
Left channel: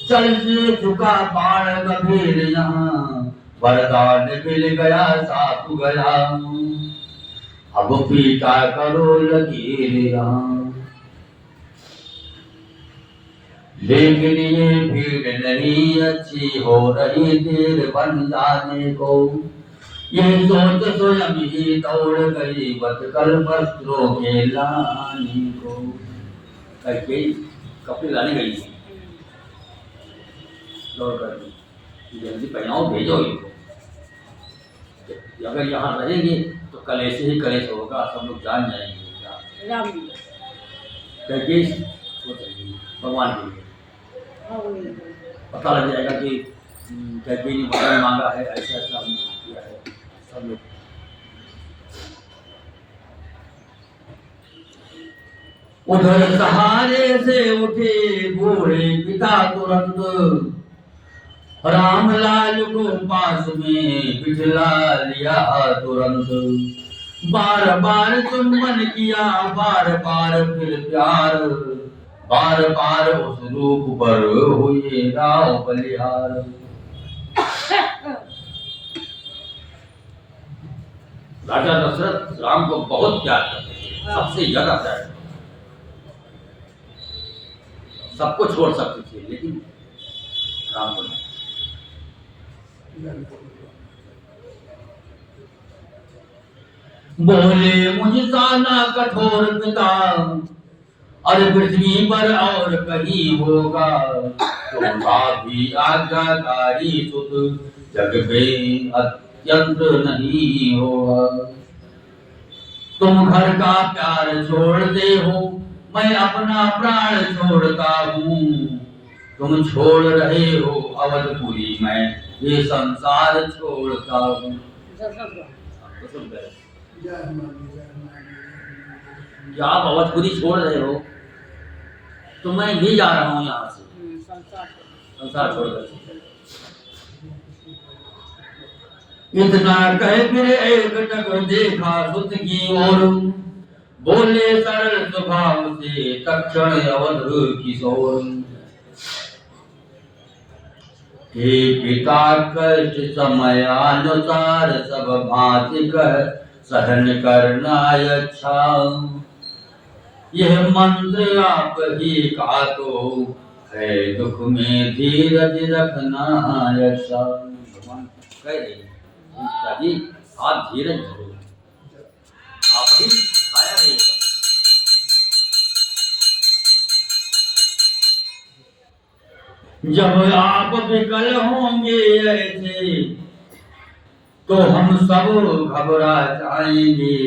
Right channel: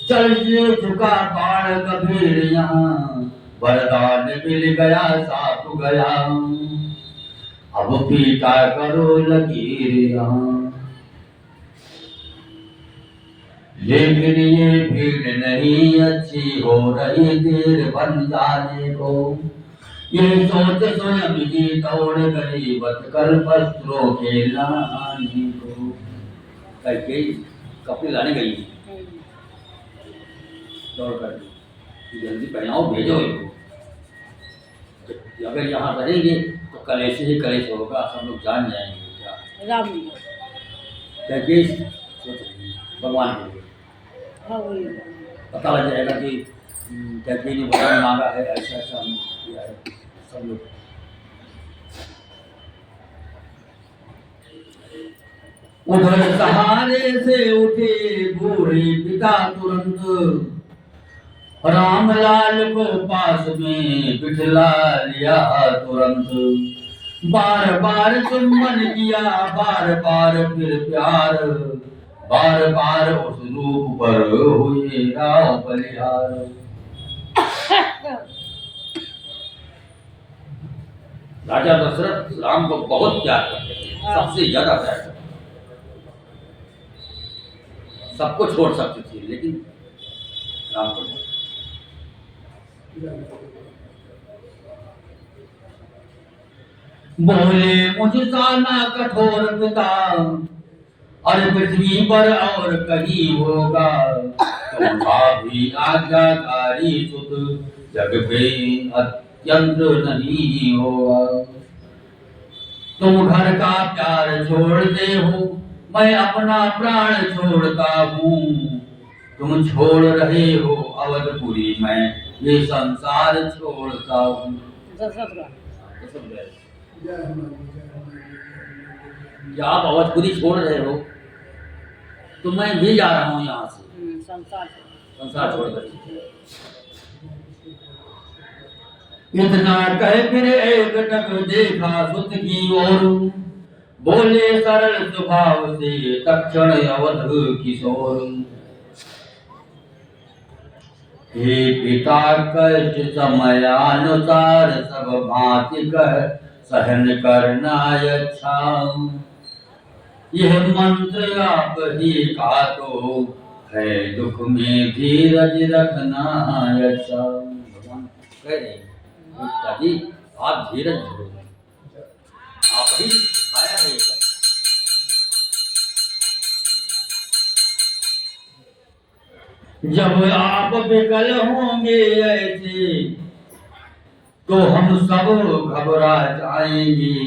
चल से झुका बाण गंभीर यहाँ, वरदान मिल गया साफ गया, अब पीटा करो लकीर यहाँ। लेकिन ये भीड़ नहीं अच्छी, हो रही देर बन जाने को, ये सोच स्वयं ही दौड़ गई बदकर वस्त्रों के लाने को। कपड़े लाने गई दौड़ कर, जल्दी पहनाओ भेजो इनको, अगर यहाँ रहेंगे तो कलेश ही कलेश होगा, सब लोग जान जाएंगे क्या राम कैकेयी सोच रही है भगवान के लिए। पता लग जाएगा कि कैकेयी ने वरदान मांगा है, ऐसा ऐसा किया है सब लोग। उधर सहारे से उठे बूढ़े पिता तुरंत, रामलाल को पास में बिठला लिया तुरंत, बार बार चुम्बन किया, बार बार फिर प्यार, बार बार उस रूप पर हुए राव बलिहार। राजा दशरथ राम को बहुत प्यार करते थे, सबसे ज्यादा प्यार करते, सबको छोड़ सकते थे लेकिन राम को नहीं। बोले मुझसा ना कठोर पिता, अरे पृथ्वी पर और कहीं होगा, तुम्हारा भी आज्ञाकारी सुत जग में अत्यंत नहीं होगा। तुम घर का प्यार छोड़ते हो, मैं अपना प्राण छोड़ता हूँ, तुम छोड़ रहे हो अवधपुरी, मैं ये संसार छोड़ता हूँ। क्या आप अवधपुरी छोड़ रहे हो तो मैं भी जा रहा हूँ यहाँ से, संसार छोड़ रहे। इतना कह फिर एक टक देखा सुत की ओर, बोले सरल स्वभाव से तक्षण अवध किशोर। हे पिता कष्ट समयानुसार सब भांति कह सहन करना अच्छा, यह मंत्र आप ही का तो है, दुख में धीरज रखना अच्छा। भगवान कह रहे हैं जी आप धीरज धरो, आप ही सिखाया है ये सब। जब आप विकल होंगे ऐसे तो हम सब घबरा जाएंगे,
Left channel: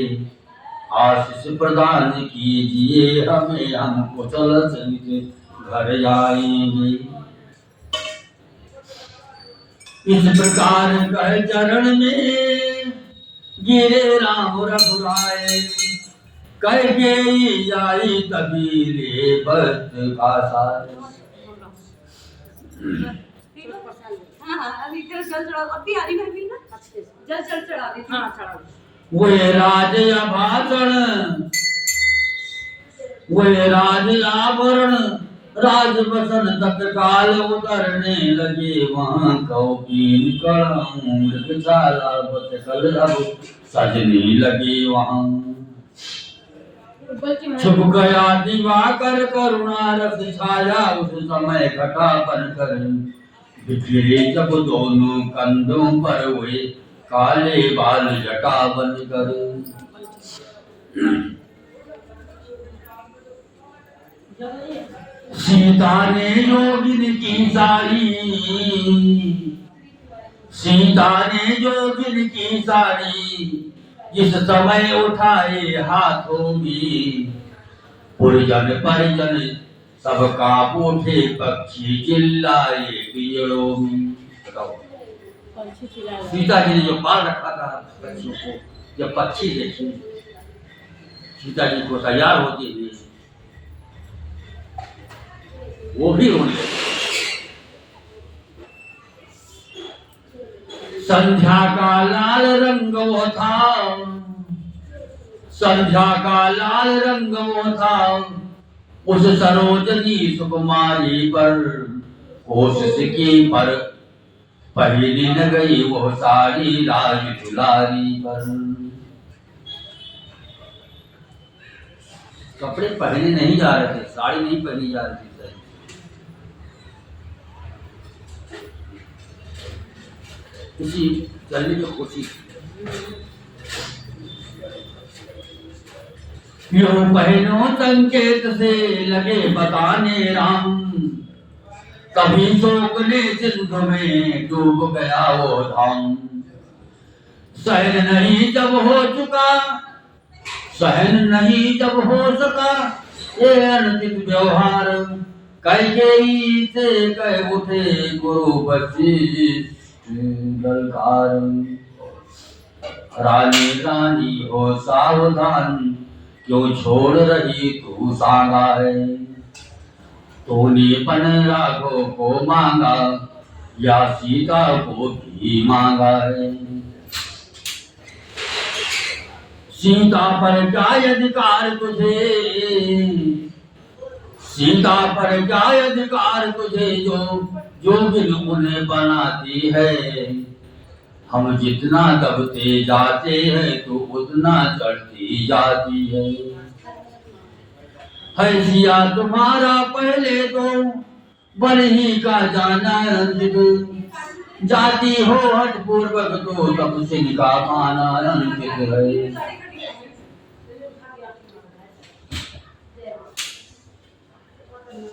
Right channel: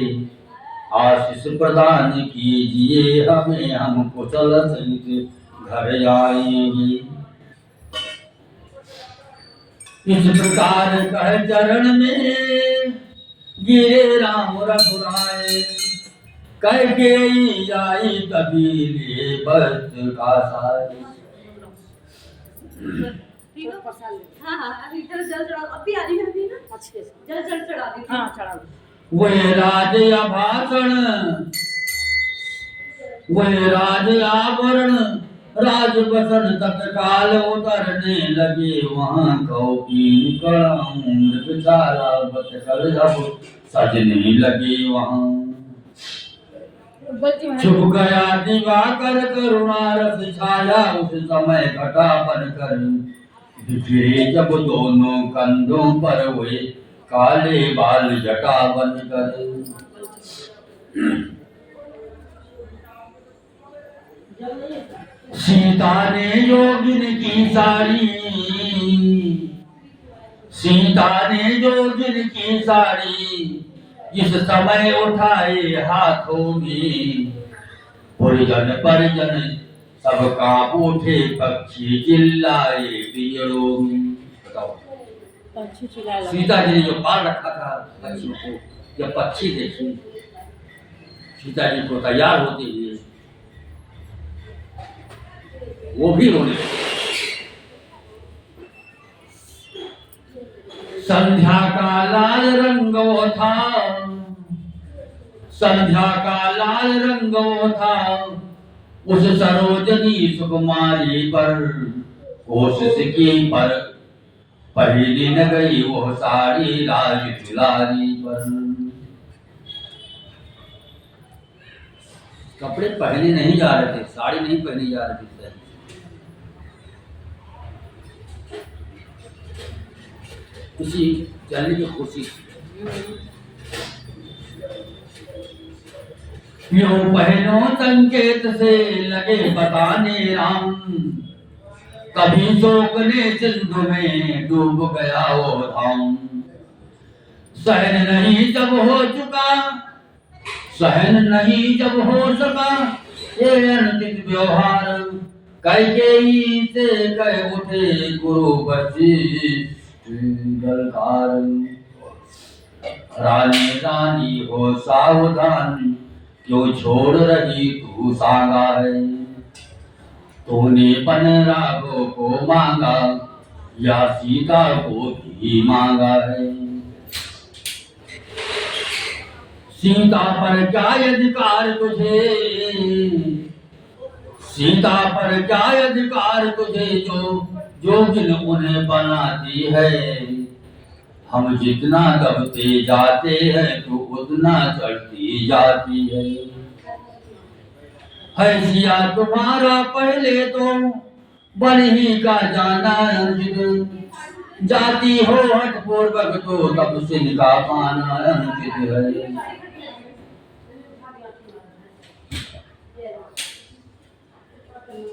आशीष प्रदान कीजिए हमें, हम कुशल सहित घर जाएंगे। इस प्रकार कह चरण में गिरे राम रघुराय, कैकेयी आई तभी ले वस्त्र का साय। अभी जल चढ़ाओ, अभी आ रही मैं ना अच्छे से जल चढ़ा दी। हाँ चढ़ा दी। वे राज आभूषण, वे राज आभरण, राजवसन तत्काल उतरने लगे वहां, कौपीन कड़म मृगशाला बतकल अब सजने लगे वहां। छुप गया दिवाकर करुणा रस छाया, उस समय घटा बनकर बिखरे जब दोनों कंधों पर हुए काले बाल जटा बन कर। सीता ने योगिन की साड़ी, सीता ने योगिन की साड़ी जिस समय उठाए हाथों में, पुरजन परिजन सबका उठे पक्षी चिल्लाए पियरों में। बताओ, सीता जी ने जो पाल रखा था पक्षियों को, जब पक्षी देखे सीता जी को तैयार होते हुए, वो भी रोने लगे। संध्या का लाल रंग वो था, संध्या का लाल रंग वो था, उस सरोजनी सुकुमारी पर कोशिश की पर पहली न गई वो सारी राज दुलारी पर। कपड़े पहने नहीं जा रहे थे, साड़ी नहीं पहनी जा रही थी, किसी चलने की कोशिश। यूं पहनो संकेत से लगे बताने राम, कभी शोक ने सिंधु में डूब गया वो धाम। सहन नहीं जब हो चुका, सहन नहीं जब हो सका ये अनंत व्यवहार, कैकेयी से कह उठे गुरु वशिष्ठ गलकार। रानी रानी हो सावधान, क्यों छोड़ रही तू सांगा है, तूने पन राघव को मांगा या सीता को भी मांगा है। सीता पर क्या अधिकार तुझे, सीता पर क्या अधिकार तुझे, जो जोगिन उन्हें बनाती है। हम जितना दबते जाते हैं तो उतना चढ़ती जाती है सिया तुम्हारा पहले तो बन ही का जाना अंकित, जाती हो हठ पूर्वक तो तब सिंह का पाना अंकित है।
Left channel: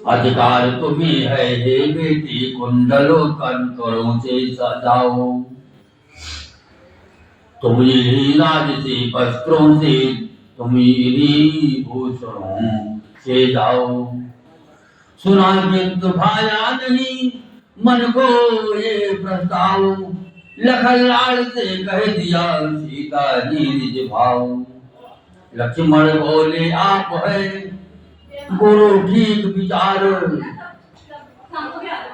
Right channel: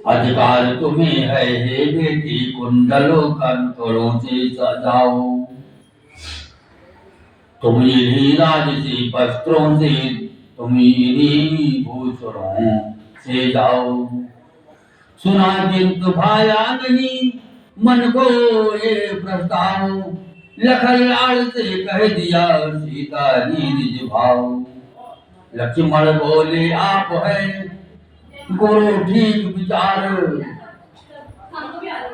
अधिकार तुम्हें है हे बेटी, कुंडलों कंकड़ों से सजाओ, तुम इन्हीं राजसी वस्त्रों से, तुम इन्हीं भूषणों से जाओ। सुना किंतु भाया नहीं मन को ये प्रस्ताव, लखन लाल से कह दिया सीता जी निज भाव। लक्ष्मण बोले आप है गुरु ठीक विचार,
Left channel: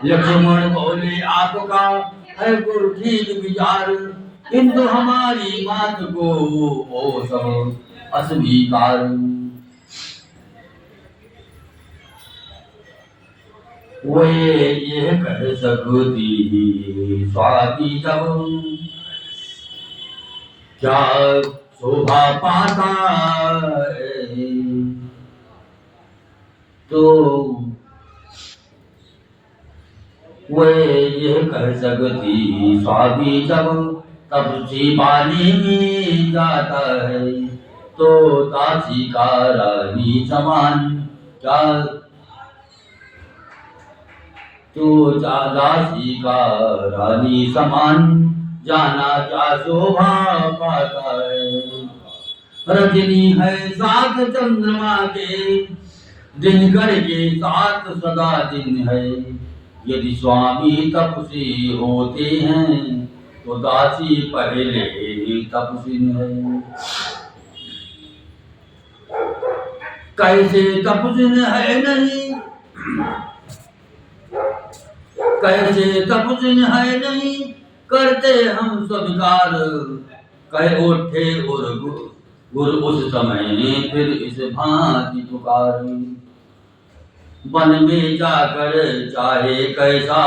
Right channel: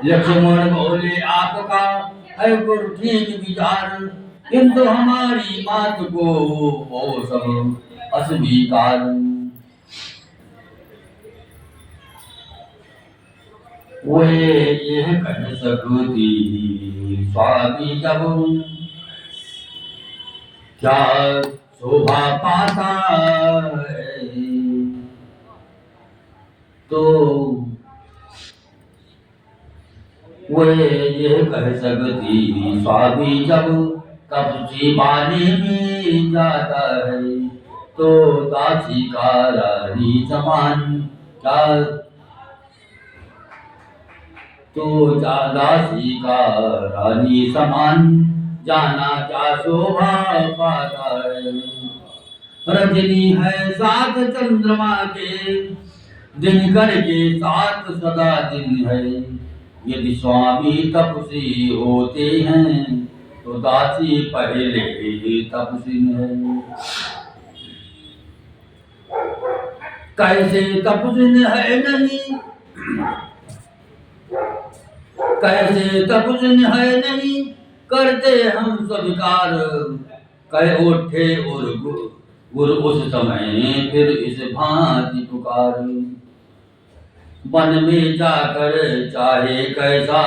लक्ष्मण बोले आपका है गुरु ठीक विचार, किंतु हमारी बात को वो सब अस्वीकार। वे ये कह सकती स्वामी जब क्या शोभा पाता है, तो वे ये कह सकती स्वामी जब तब जीवानी में जाता है, तो दासी का रानी समान क्या, तो दासी का रानी समान जाना क्या शोभा पाता है। रजनी है साथ चंद्रमा के, दिन करके साथ सदा दिन है, यदि स्वामी तपसी होते हैं तो दासी पहले तपस्विन है। कैसे तपस्विन है नहीं, कैसे तपस्विन है नहीं, करते हम स्वीकार, कह उठे और गुरु उस समय फिर इस भांति पुकार। वन में जाकर चाहे कैसा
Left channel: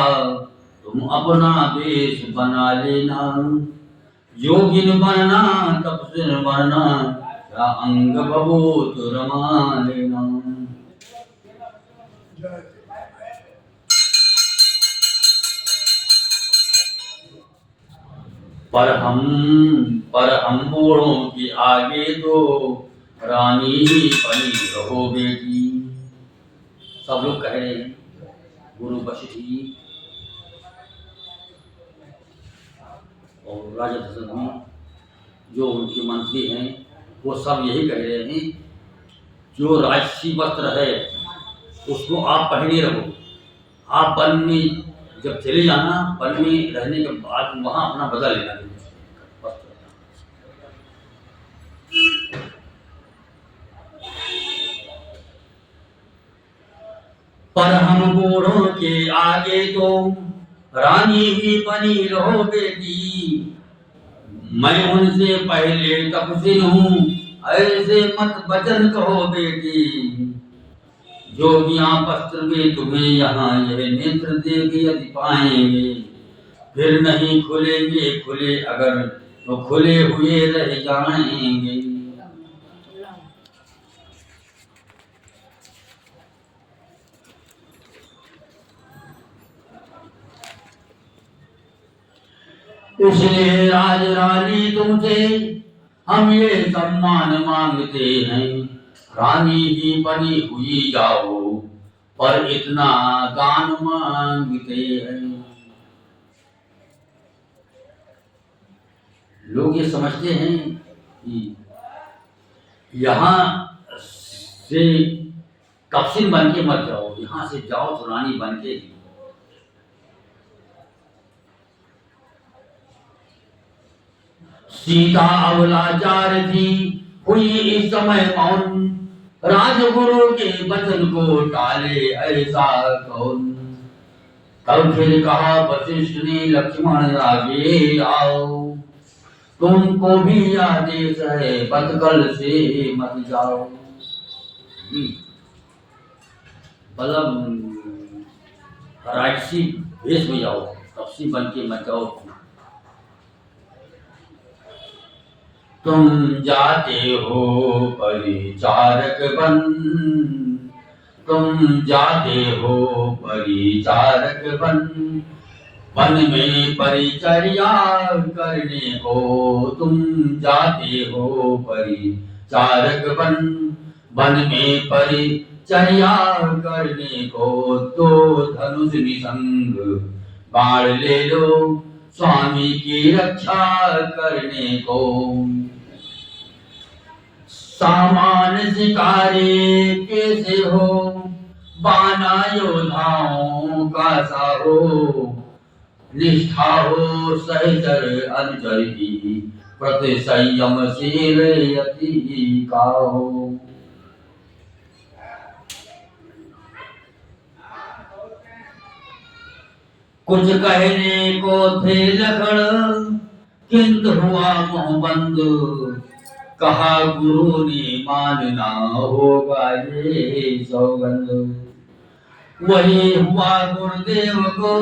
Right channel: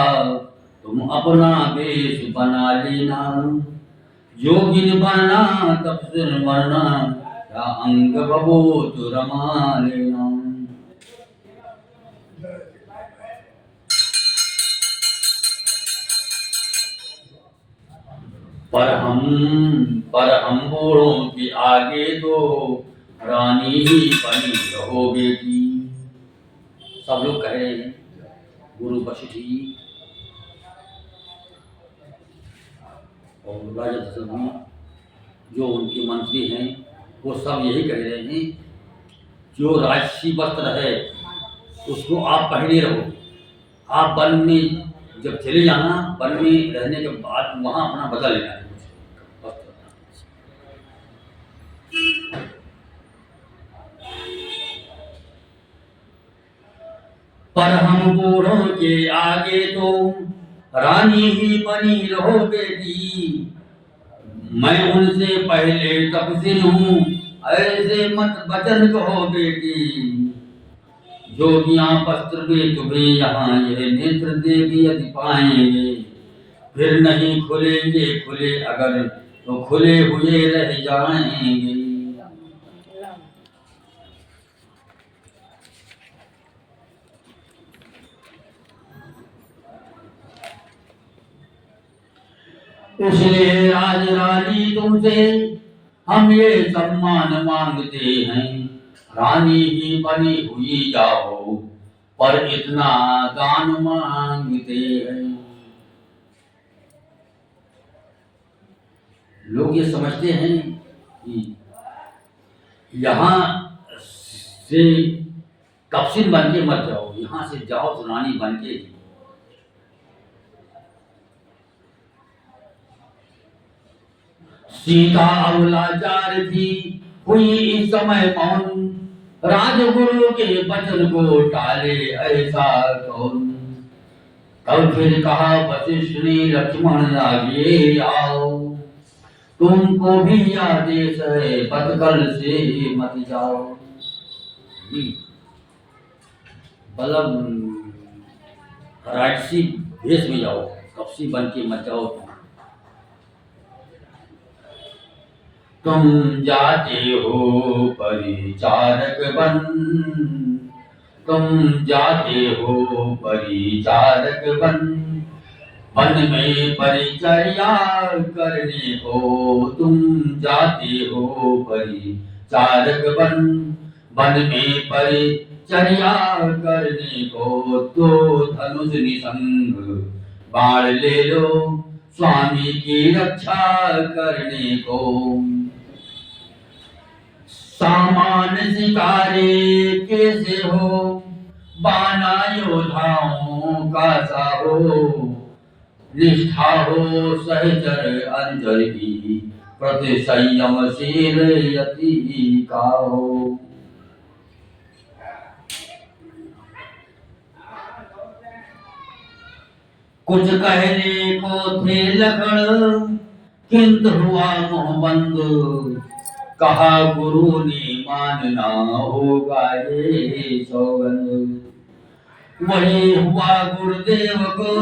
तुम अपना वेश बना लेना, योगिन बनना तपस्विन बनना, क्या अंग बबूत रमा लेना। पर हम बूढ़ों के आगे तो रानी ही बनी रहो बेटी। सब लोग कह रहे हैं गुरु वशिष्ठ जी और राजा दशरथ जी जो उनके मंत्री हैं वो सब यही कह रहे हैं जो राजसी वस्त्र है उसको आप पहने रहो। आप वन में जब चले जाना, वन में रहने के बाद वहाँ अपना बदल लेना वस्त्र। पर हम बूढ़ों के आगे तो रानी ही बनी रहो बेटी। मैं उनसे पहले तपस्वी हूँ, ऐसे मत वचन कहो बेटी। जोगियां वस्त्र वे तुम्हें यहाँ यह नेत्र देगी यदि पाएंगे, फिर नहीं खुलेंगे, खुले अगर तो खुले हुए रह जाएंगे। इसलिए राज रानी तुमसे हम ये सम्मान मांगते हैं, रानी ही बनी हुई जाओ, पर इतना दान मांगते हैं। लोग ये समझते हैं कि यहाँ से कप्सिन बन के मत जाओ, यहाँ से जाओ तो रानी बन के। सीता अवलाचार थी हुई इस समय मौन, राजगुरु के वचन को टाले ऐसा कौन। तब फिर कहा वशिष्ठ ने लक्ष्मण आगे आओ, तुमको भी आदेश है बदकल से मत जाओ। मतलब राजसी भेष में जाओ, कपसी बन के मत जाओ। तुम जाते हो परिचारक बन, तुम जाते हो परिचारक बन, वन में परिचर्या करने को। तुम जाते हो परिचारक बन, वन में परिचर्या करने को। तो धनुष निसंग बाण ले लो, स्वामी की रक्षा करने को। सामान शिकारी कैसे हो, बाना योद्धाओं का सा हो। निष्ठा हो सहचर अनुचर की, प्रति संयमशील यति का हो। कुछ कहने को थे लखन, किंतु हुआ मुँह बंद। कहा गुरु ने मानना होगा ये सौगंध। वही हुआ गुरुदेव को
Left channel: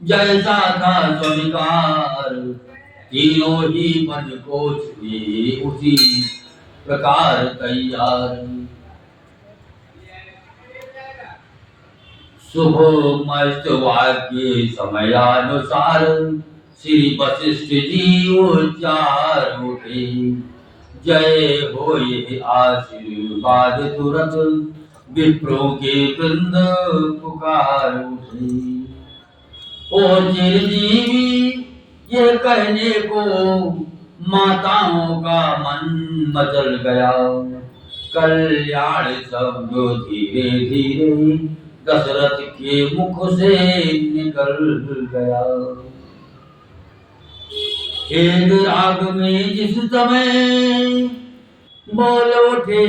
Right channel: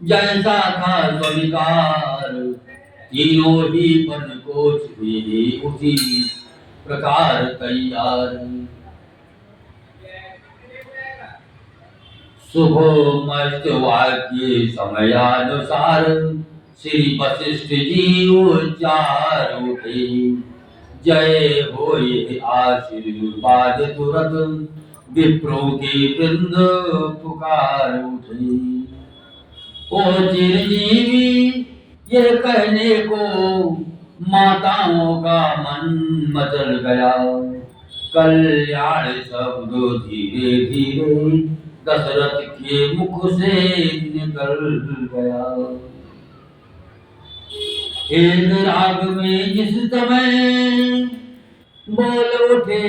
जैसा था स्वीकार, तीनों ही पंचकोश हुए उसी प्रकार तैयार। शुभ मस्त वाक्य समयानुसार, श्री वशिष्ठ जी उच्चार उठे। जय हो ये आशीर्वाद तुरंत, विप्रों के वृंद पुकार उठे। ओ चिरंजीवी ये कहने को माताओं का मन मचल गया। कल्याण शब्द धीरे धीरे दशरथ के मुख से निकल गया। एक राग में जिस समय बोल उठे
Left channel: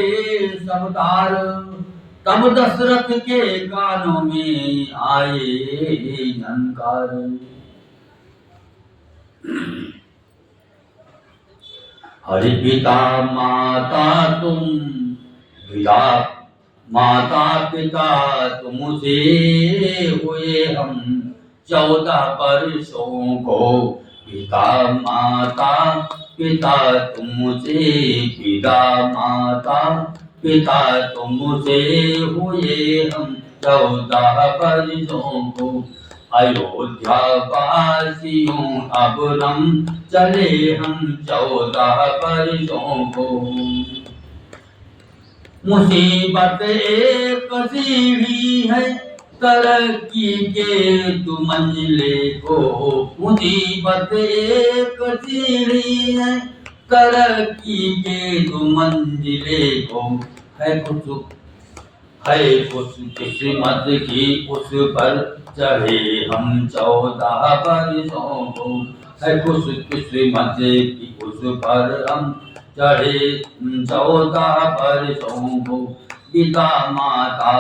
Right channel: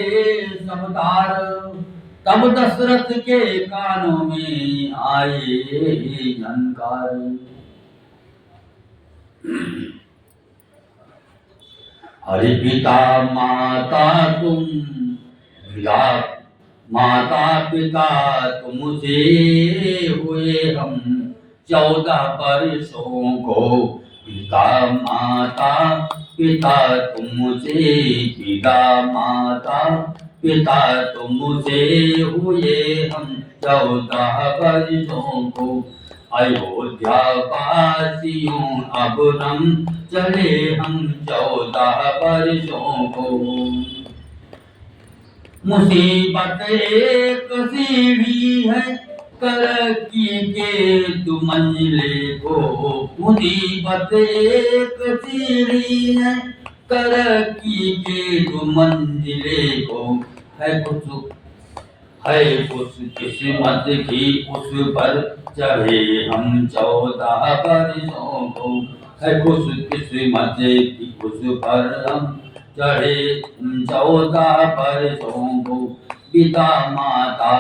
समतार, तब दशरथ के कानों में आए झनकार। हरि पिता माता तुम विदा, माता पिता तुमसे हुए हम 14 वर्षों को। पिता माता पिता तुमसे, पिता माता पिता तुमसे हुए हम 14 वर्षों को। अयोध्या वासियों अब हम चले हम 14 वर्षों को। मुसीबत एक सीढ़ी है तरक्की के तू मंजिले को। मुसीबत एक सीढ़ी है तरक्की के तू मंजिले को। है कुछ किस्मत की उस पर चढ़े हम 14 वर्षों को। है कुछ किस्मत की उस पर हम चढ़े 14 वर्षों को। पिता माता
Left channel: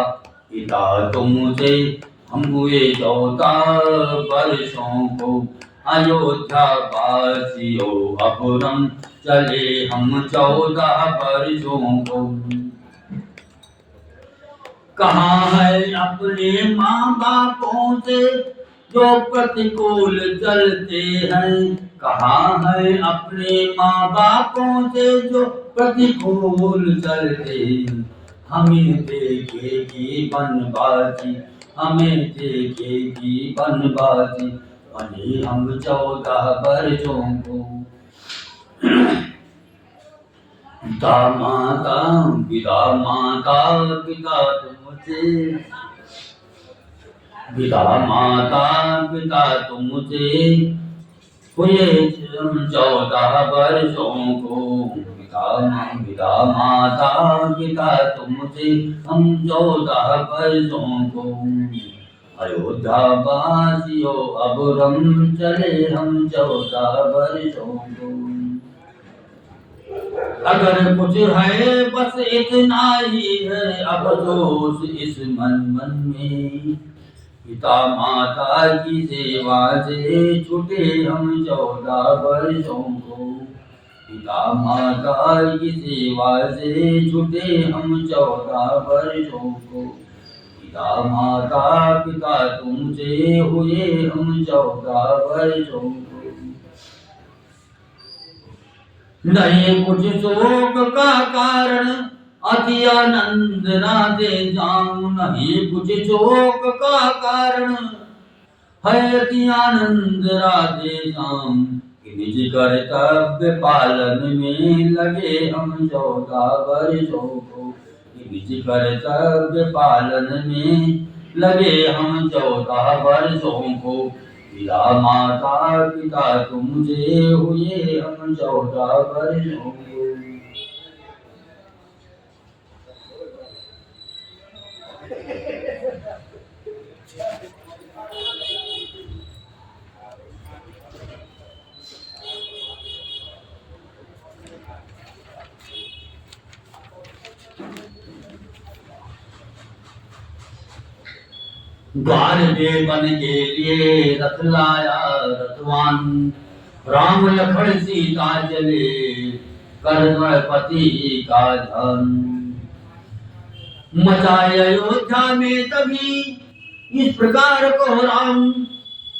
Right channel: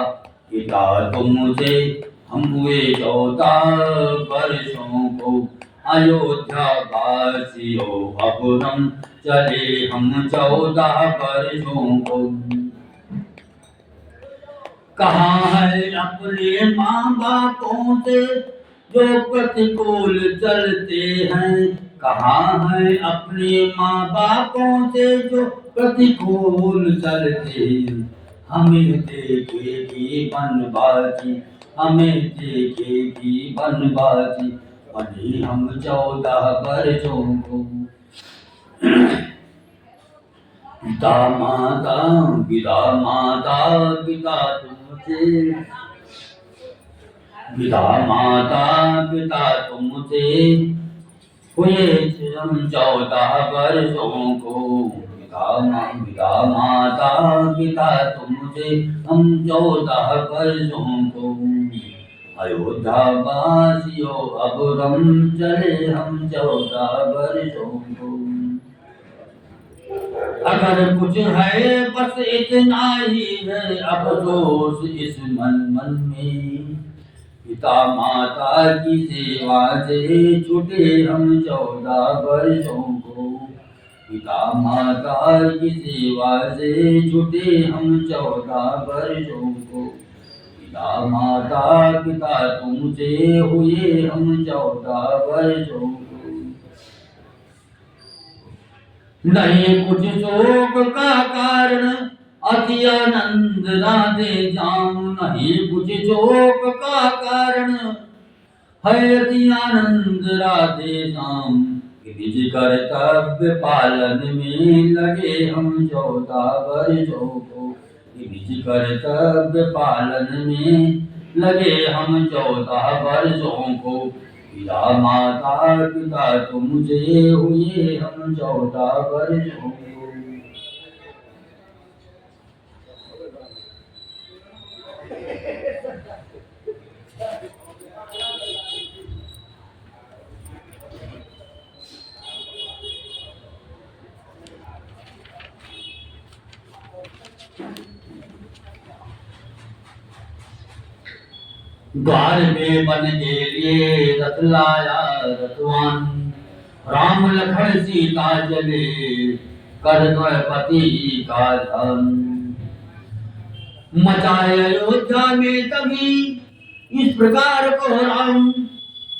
पिता तुमसे हम हुए 14 वर्षों को। अयोध्या वासियों अब हम चले हम 14 वर्षों को। कहाँ है अपने माँ बापों से जो प्रतिकूल चलते हैं। कहाँ है अपने माँ बापों से जो प्रतिकूल चलते हैं। हमें देखेगी बनबाजी हमें देखेगी बनबाजी बने हम 14 वर्षों को। पिता माता पिता माता पिता तुमसे पिता माता पिता तुमसे हुए हम 14 वर्षों को। पिता माता पिता तुमसे हम 14 वर्षों को। अयोध्या वासियों अब हम चले हम 14 वर्षों को। अगर कुछ है बस इतना ही है अफसोस इस मन में। पिता माता की सेवा से छूटे हम 14 वर्षों को। पिता माता की सेवा से छूटे हम 14 वर्षों को। पिता माता पिता तुमसे हुए हम 14 वर्षों को। नहीं कुछ शोक का कारण अति आनंद ना दे जाऊं। नहीं कुछ शोक का कारण है अति आनंद राधे जाऊं। निज कर्तव्य पालन में लगे हम 14 वर्षों को। निज कर्तव्य पालन में लगे हम 14 वर्षों को। पिता माता पिता तुमसे हुए हम 14 वर्षों को। द्वार में बन के लिए रथ लाया रथवान। राम लखन सीता चले कर द्रौपदी का धन। मचाए अयोध्या में तभी इस प्रकार को राम।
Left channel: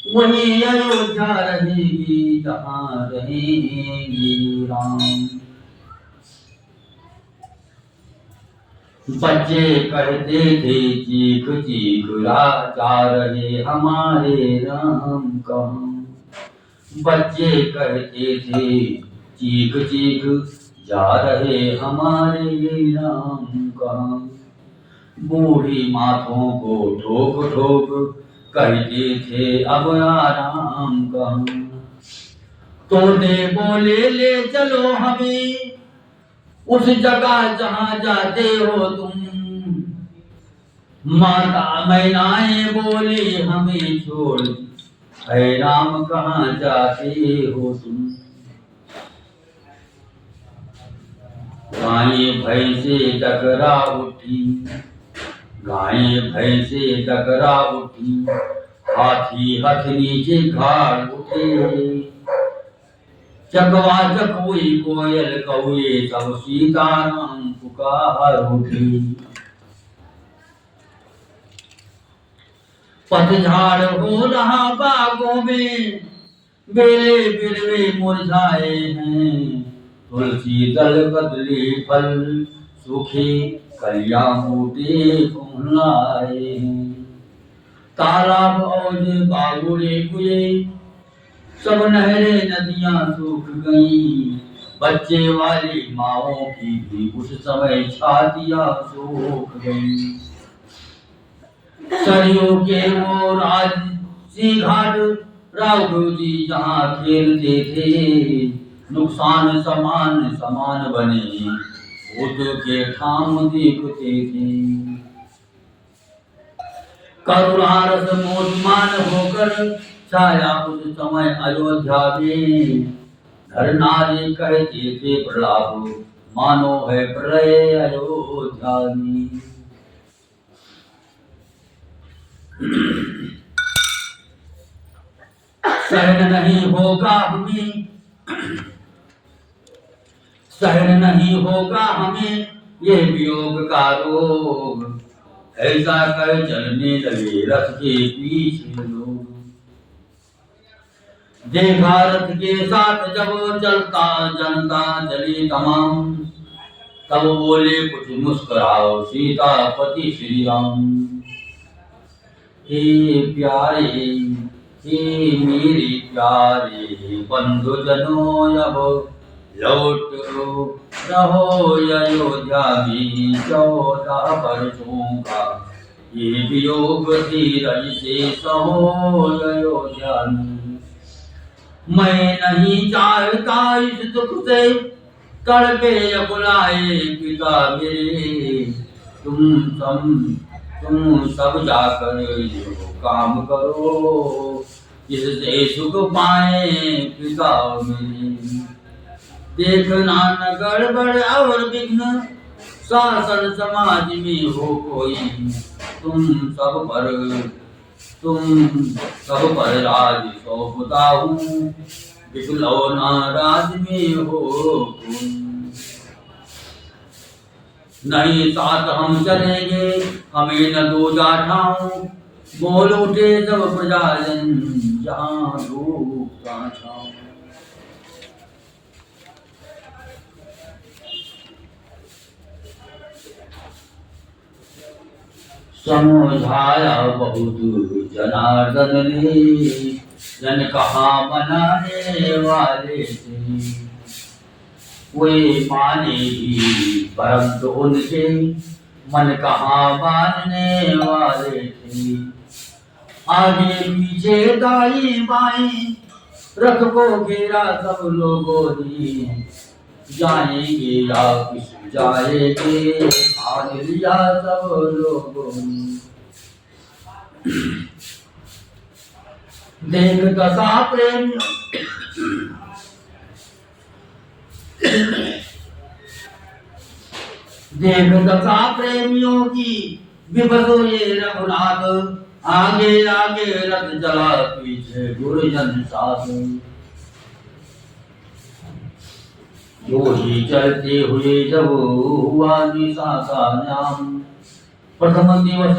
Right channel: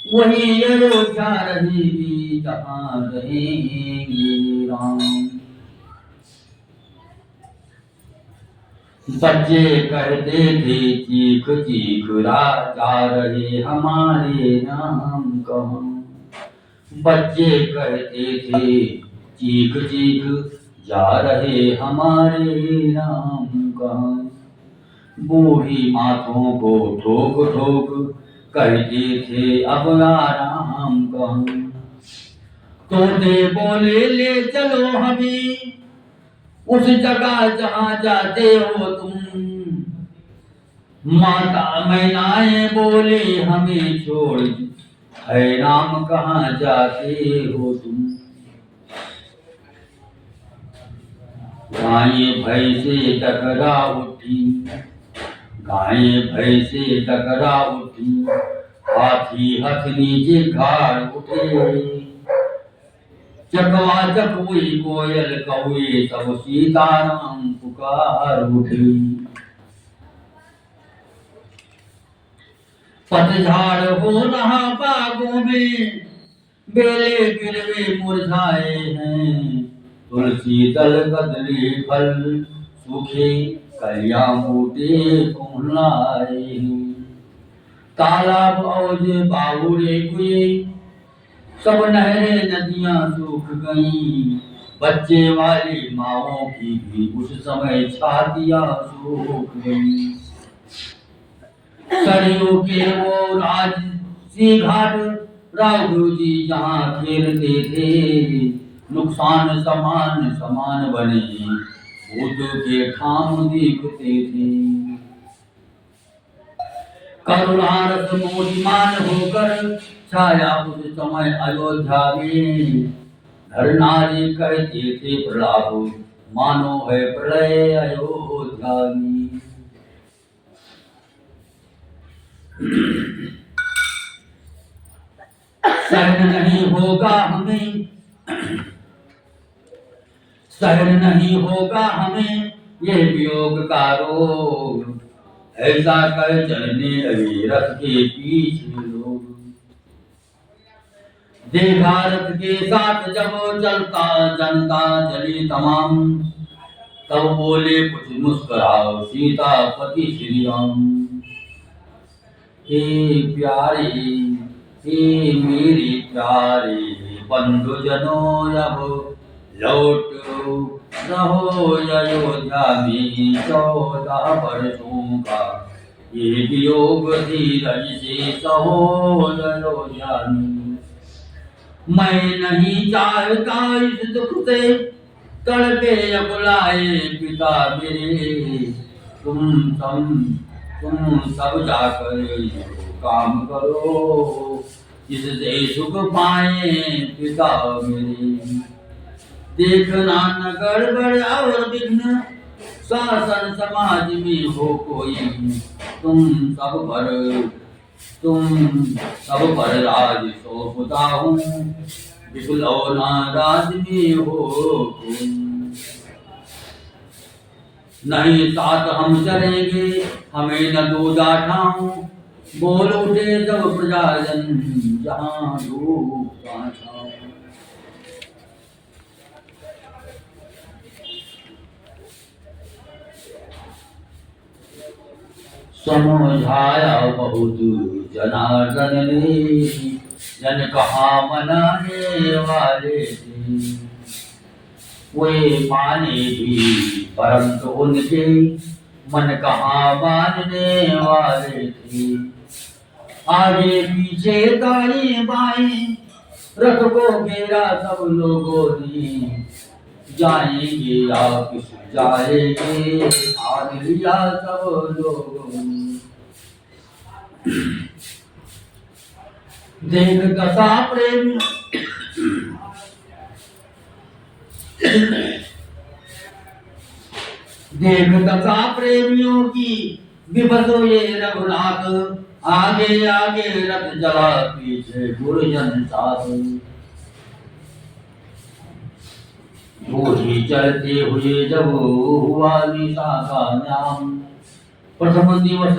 वही अयोध्या रहेगी जहाँ रहेंगे राम। बच्चे कहते थे चीख चीख जा रहे हमारे राम कहाँ। बच्चे कहते थे चीख चीख जा रहे हमारे राम कहाँ। बूढ़ी माथों को ठोक ठोक कहते थे अब आराम कहाँ। तोते बोले ले चलो हमें उस जगह जहाँ जाते हो तुम। माता मैनाएं बोली हमें छोड़ है राम कहाँ जाते हो तुम। गायें भैंसे टकरा उठी गायें भैंसे टकरा उठी। हाथी हथ नीचे खाड़ उठे। चकवाचक हुई कोयल कौए सब सीताराम पुकार उठी। पतझड़ हो रहा बागों में बेले बिरवे मुरझाए हैं। तुलसी दल बदली फल सूखे कलियां बूटे कुम्हलाए हैं। तालाब औज बावड़े कुए, सब नहरें नदियां सूख गईं। बच्चे वाली माओ की भी उस समय छातियां सूख गईं। सरयू के वो राजसी घाट राघव जी जहाँ खेलते थे, नुकसान समान समान बने भूत के ठाम दिखते थे। करुणा रस मोहिमान होकर छाया उस समय अयोध्या में। नर नारी कहते थे प्रलाप, मानो है प्रलय अयोध्या में। सहन नहीं होगा हमें, सहन नहीं होगा हमें ये वियोग का रोग। ऐसा कह चलने लगे रथ के पीछे लोग। देखा रथ के साथ जब चलता जनता चली तमाम, तब बोले कुछ मुस्कुराओ सीतापति श्री राम। हे प्यारे, हे मेरे प्यारे बंधुजनों, अब लौट रहो अयोध्या में 14 वर्षों का ये वियोग धीरज से सहो अयोध्या में। मैं नहीं चाहता इस दुख से तड़पे बुलाए पिता मेरे। तुम सब जाकर यो काम करो, इससे सुख पाए पिता मेरे। देखना न गड़बड़ और विघ्न शासन समाज में हो कोई। तुम सब पर राज सौंपता हूँ, बिखलौना राज में हो तुम। नहीं साथ हम चलेंगे, हमें न दो जाठाओ। बोल उठे सब प्रजाजन, जहाँ धूप तहाँ छाँव। समझाया बहुत जनार्दन ने, जन कहा मनाने वाले थे। वे माने भी परंतु उनके मन कहाँ मानने वाले थे। आगे पीछे दाएं बाएं रथ को घेरा सब लोगों ने। जाएंगे या किस जाएंगे ठान लिया सब लोगों ने। देख दशा प्रेमियों देख दशा प्रेमियों की विभसो ये रघुनाथ। आगे आगे रथ जला पीछे गुरुजन साथ। वो ही चलते हुए जब हुआ निशा का नाम। प्रथम दिवस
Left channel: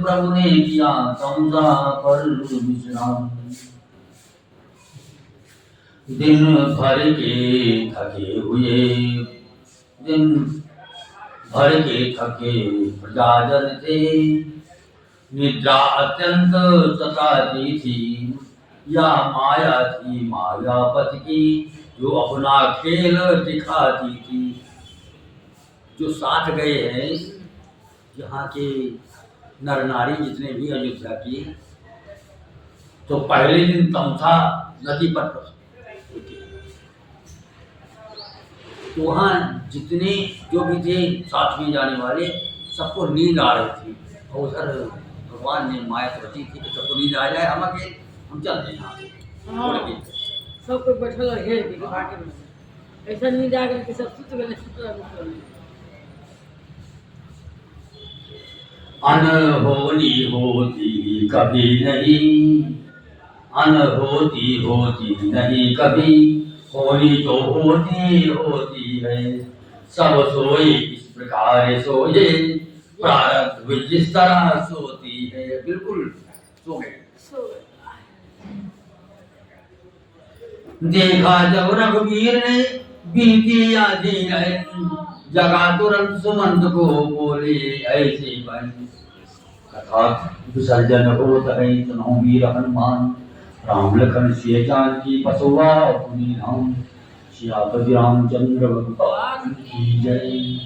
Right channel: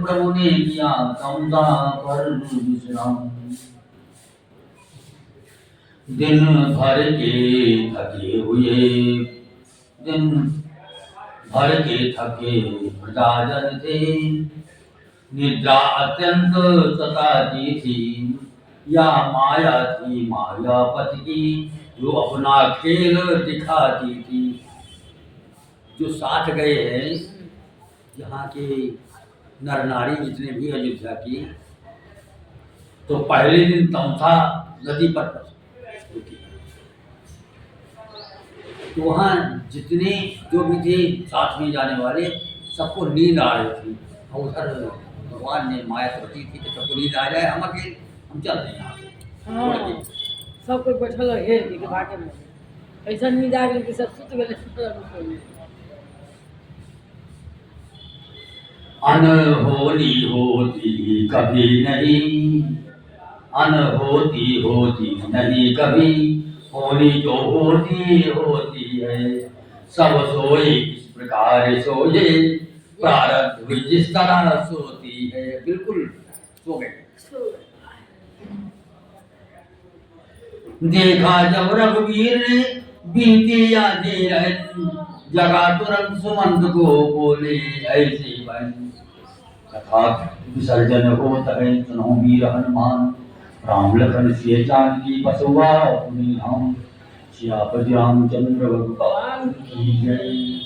प्रभु ने किया तमसा पर विश्राम। दिन भर के थके प्रजाजन थे। निद्रा अत्यंत सताती थी, या माया थी मायापति की, जो अपना खेल दिखाती थी। जो साथ गए हैं यहाँ के नर नारी जितने भी अयोध्या की, तो पहले दिन तमसा नदी पर रुके। तो वहाँ जितने जो भी थे साथ में जाने वाले, सबको नींद आ रही थी। और उधर भगवान ने माया रची थी कि सबको नींद आ जाए, हम चलते हैं यहाँ से। सब कोई बैठल है के बाटे में, ऐसा नींद आ गई कि सब सुत गए। अनहोनी होती कभी नहीं, अनहोती होती नहीं कभी। होनी जो होती है। सब सोए इस प्रकार सोए, प्रारब्ध जिस तरह सोती है। बिल्कुल सो गए। देखा जब रघुवीर ने बीती आधी रात, जगा तुरंत सुमंत को बोले ऐसे बन। अर्थात विसर्जन होत है सुनो वीर हनुमान। राम लखन सिय जानकी बसुआ पुनि राम। सियापति रामचंद्र भगवान की जय।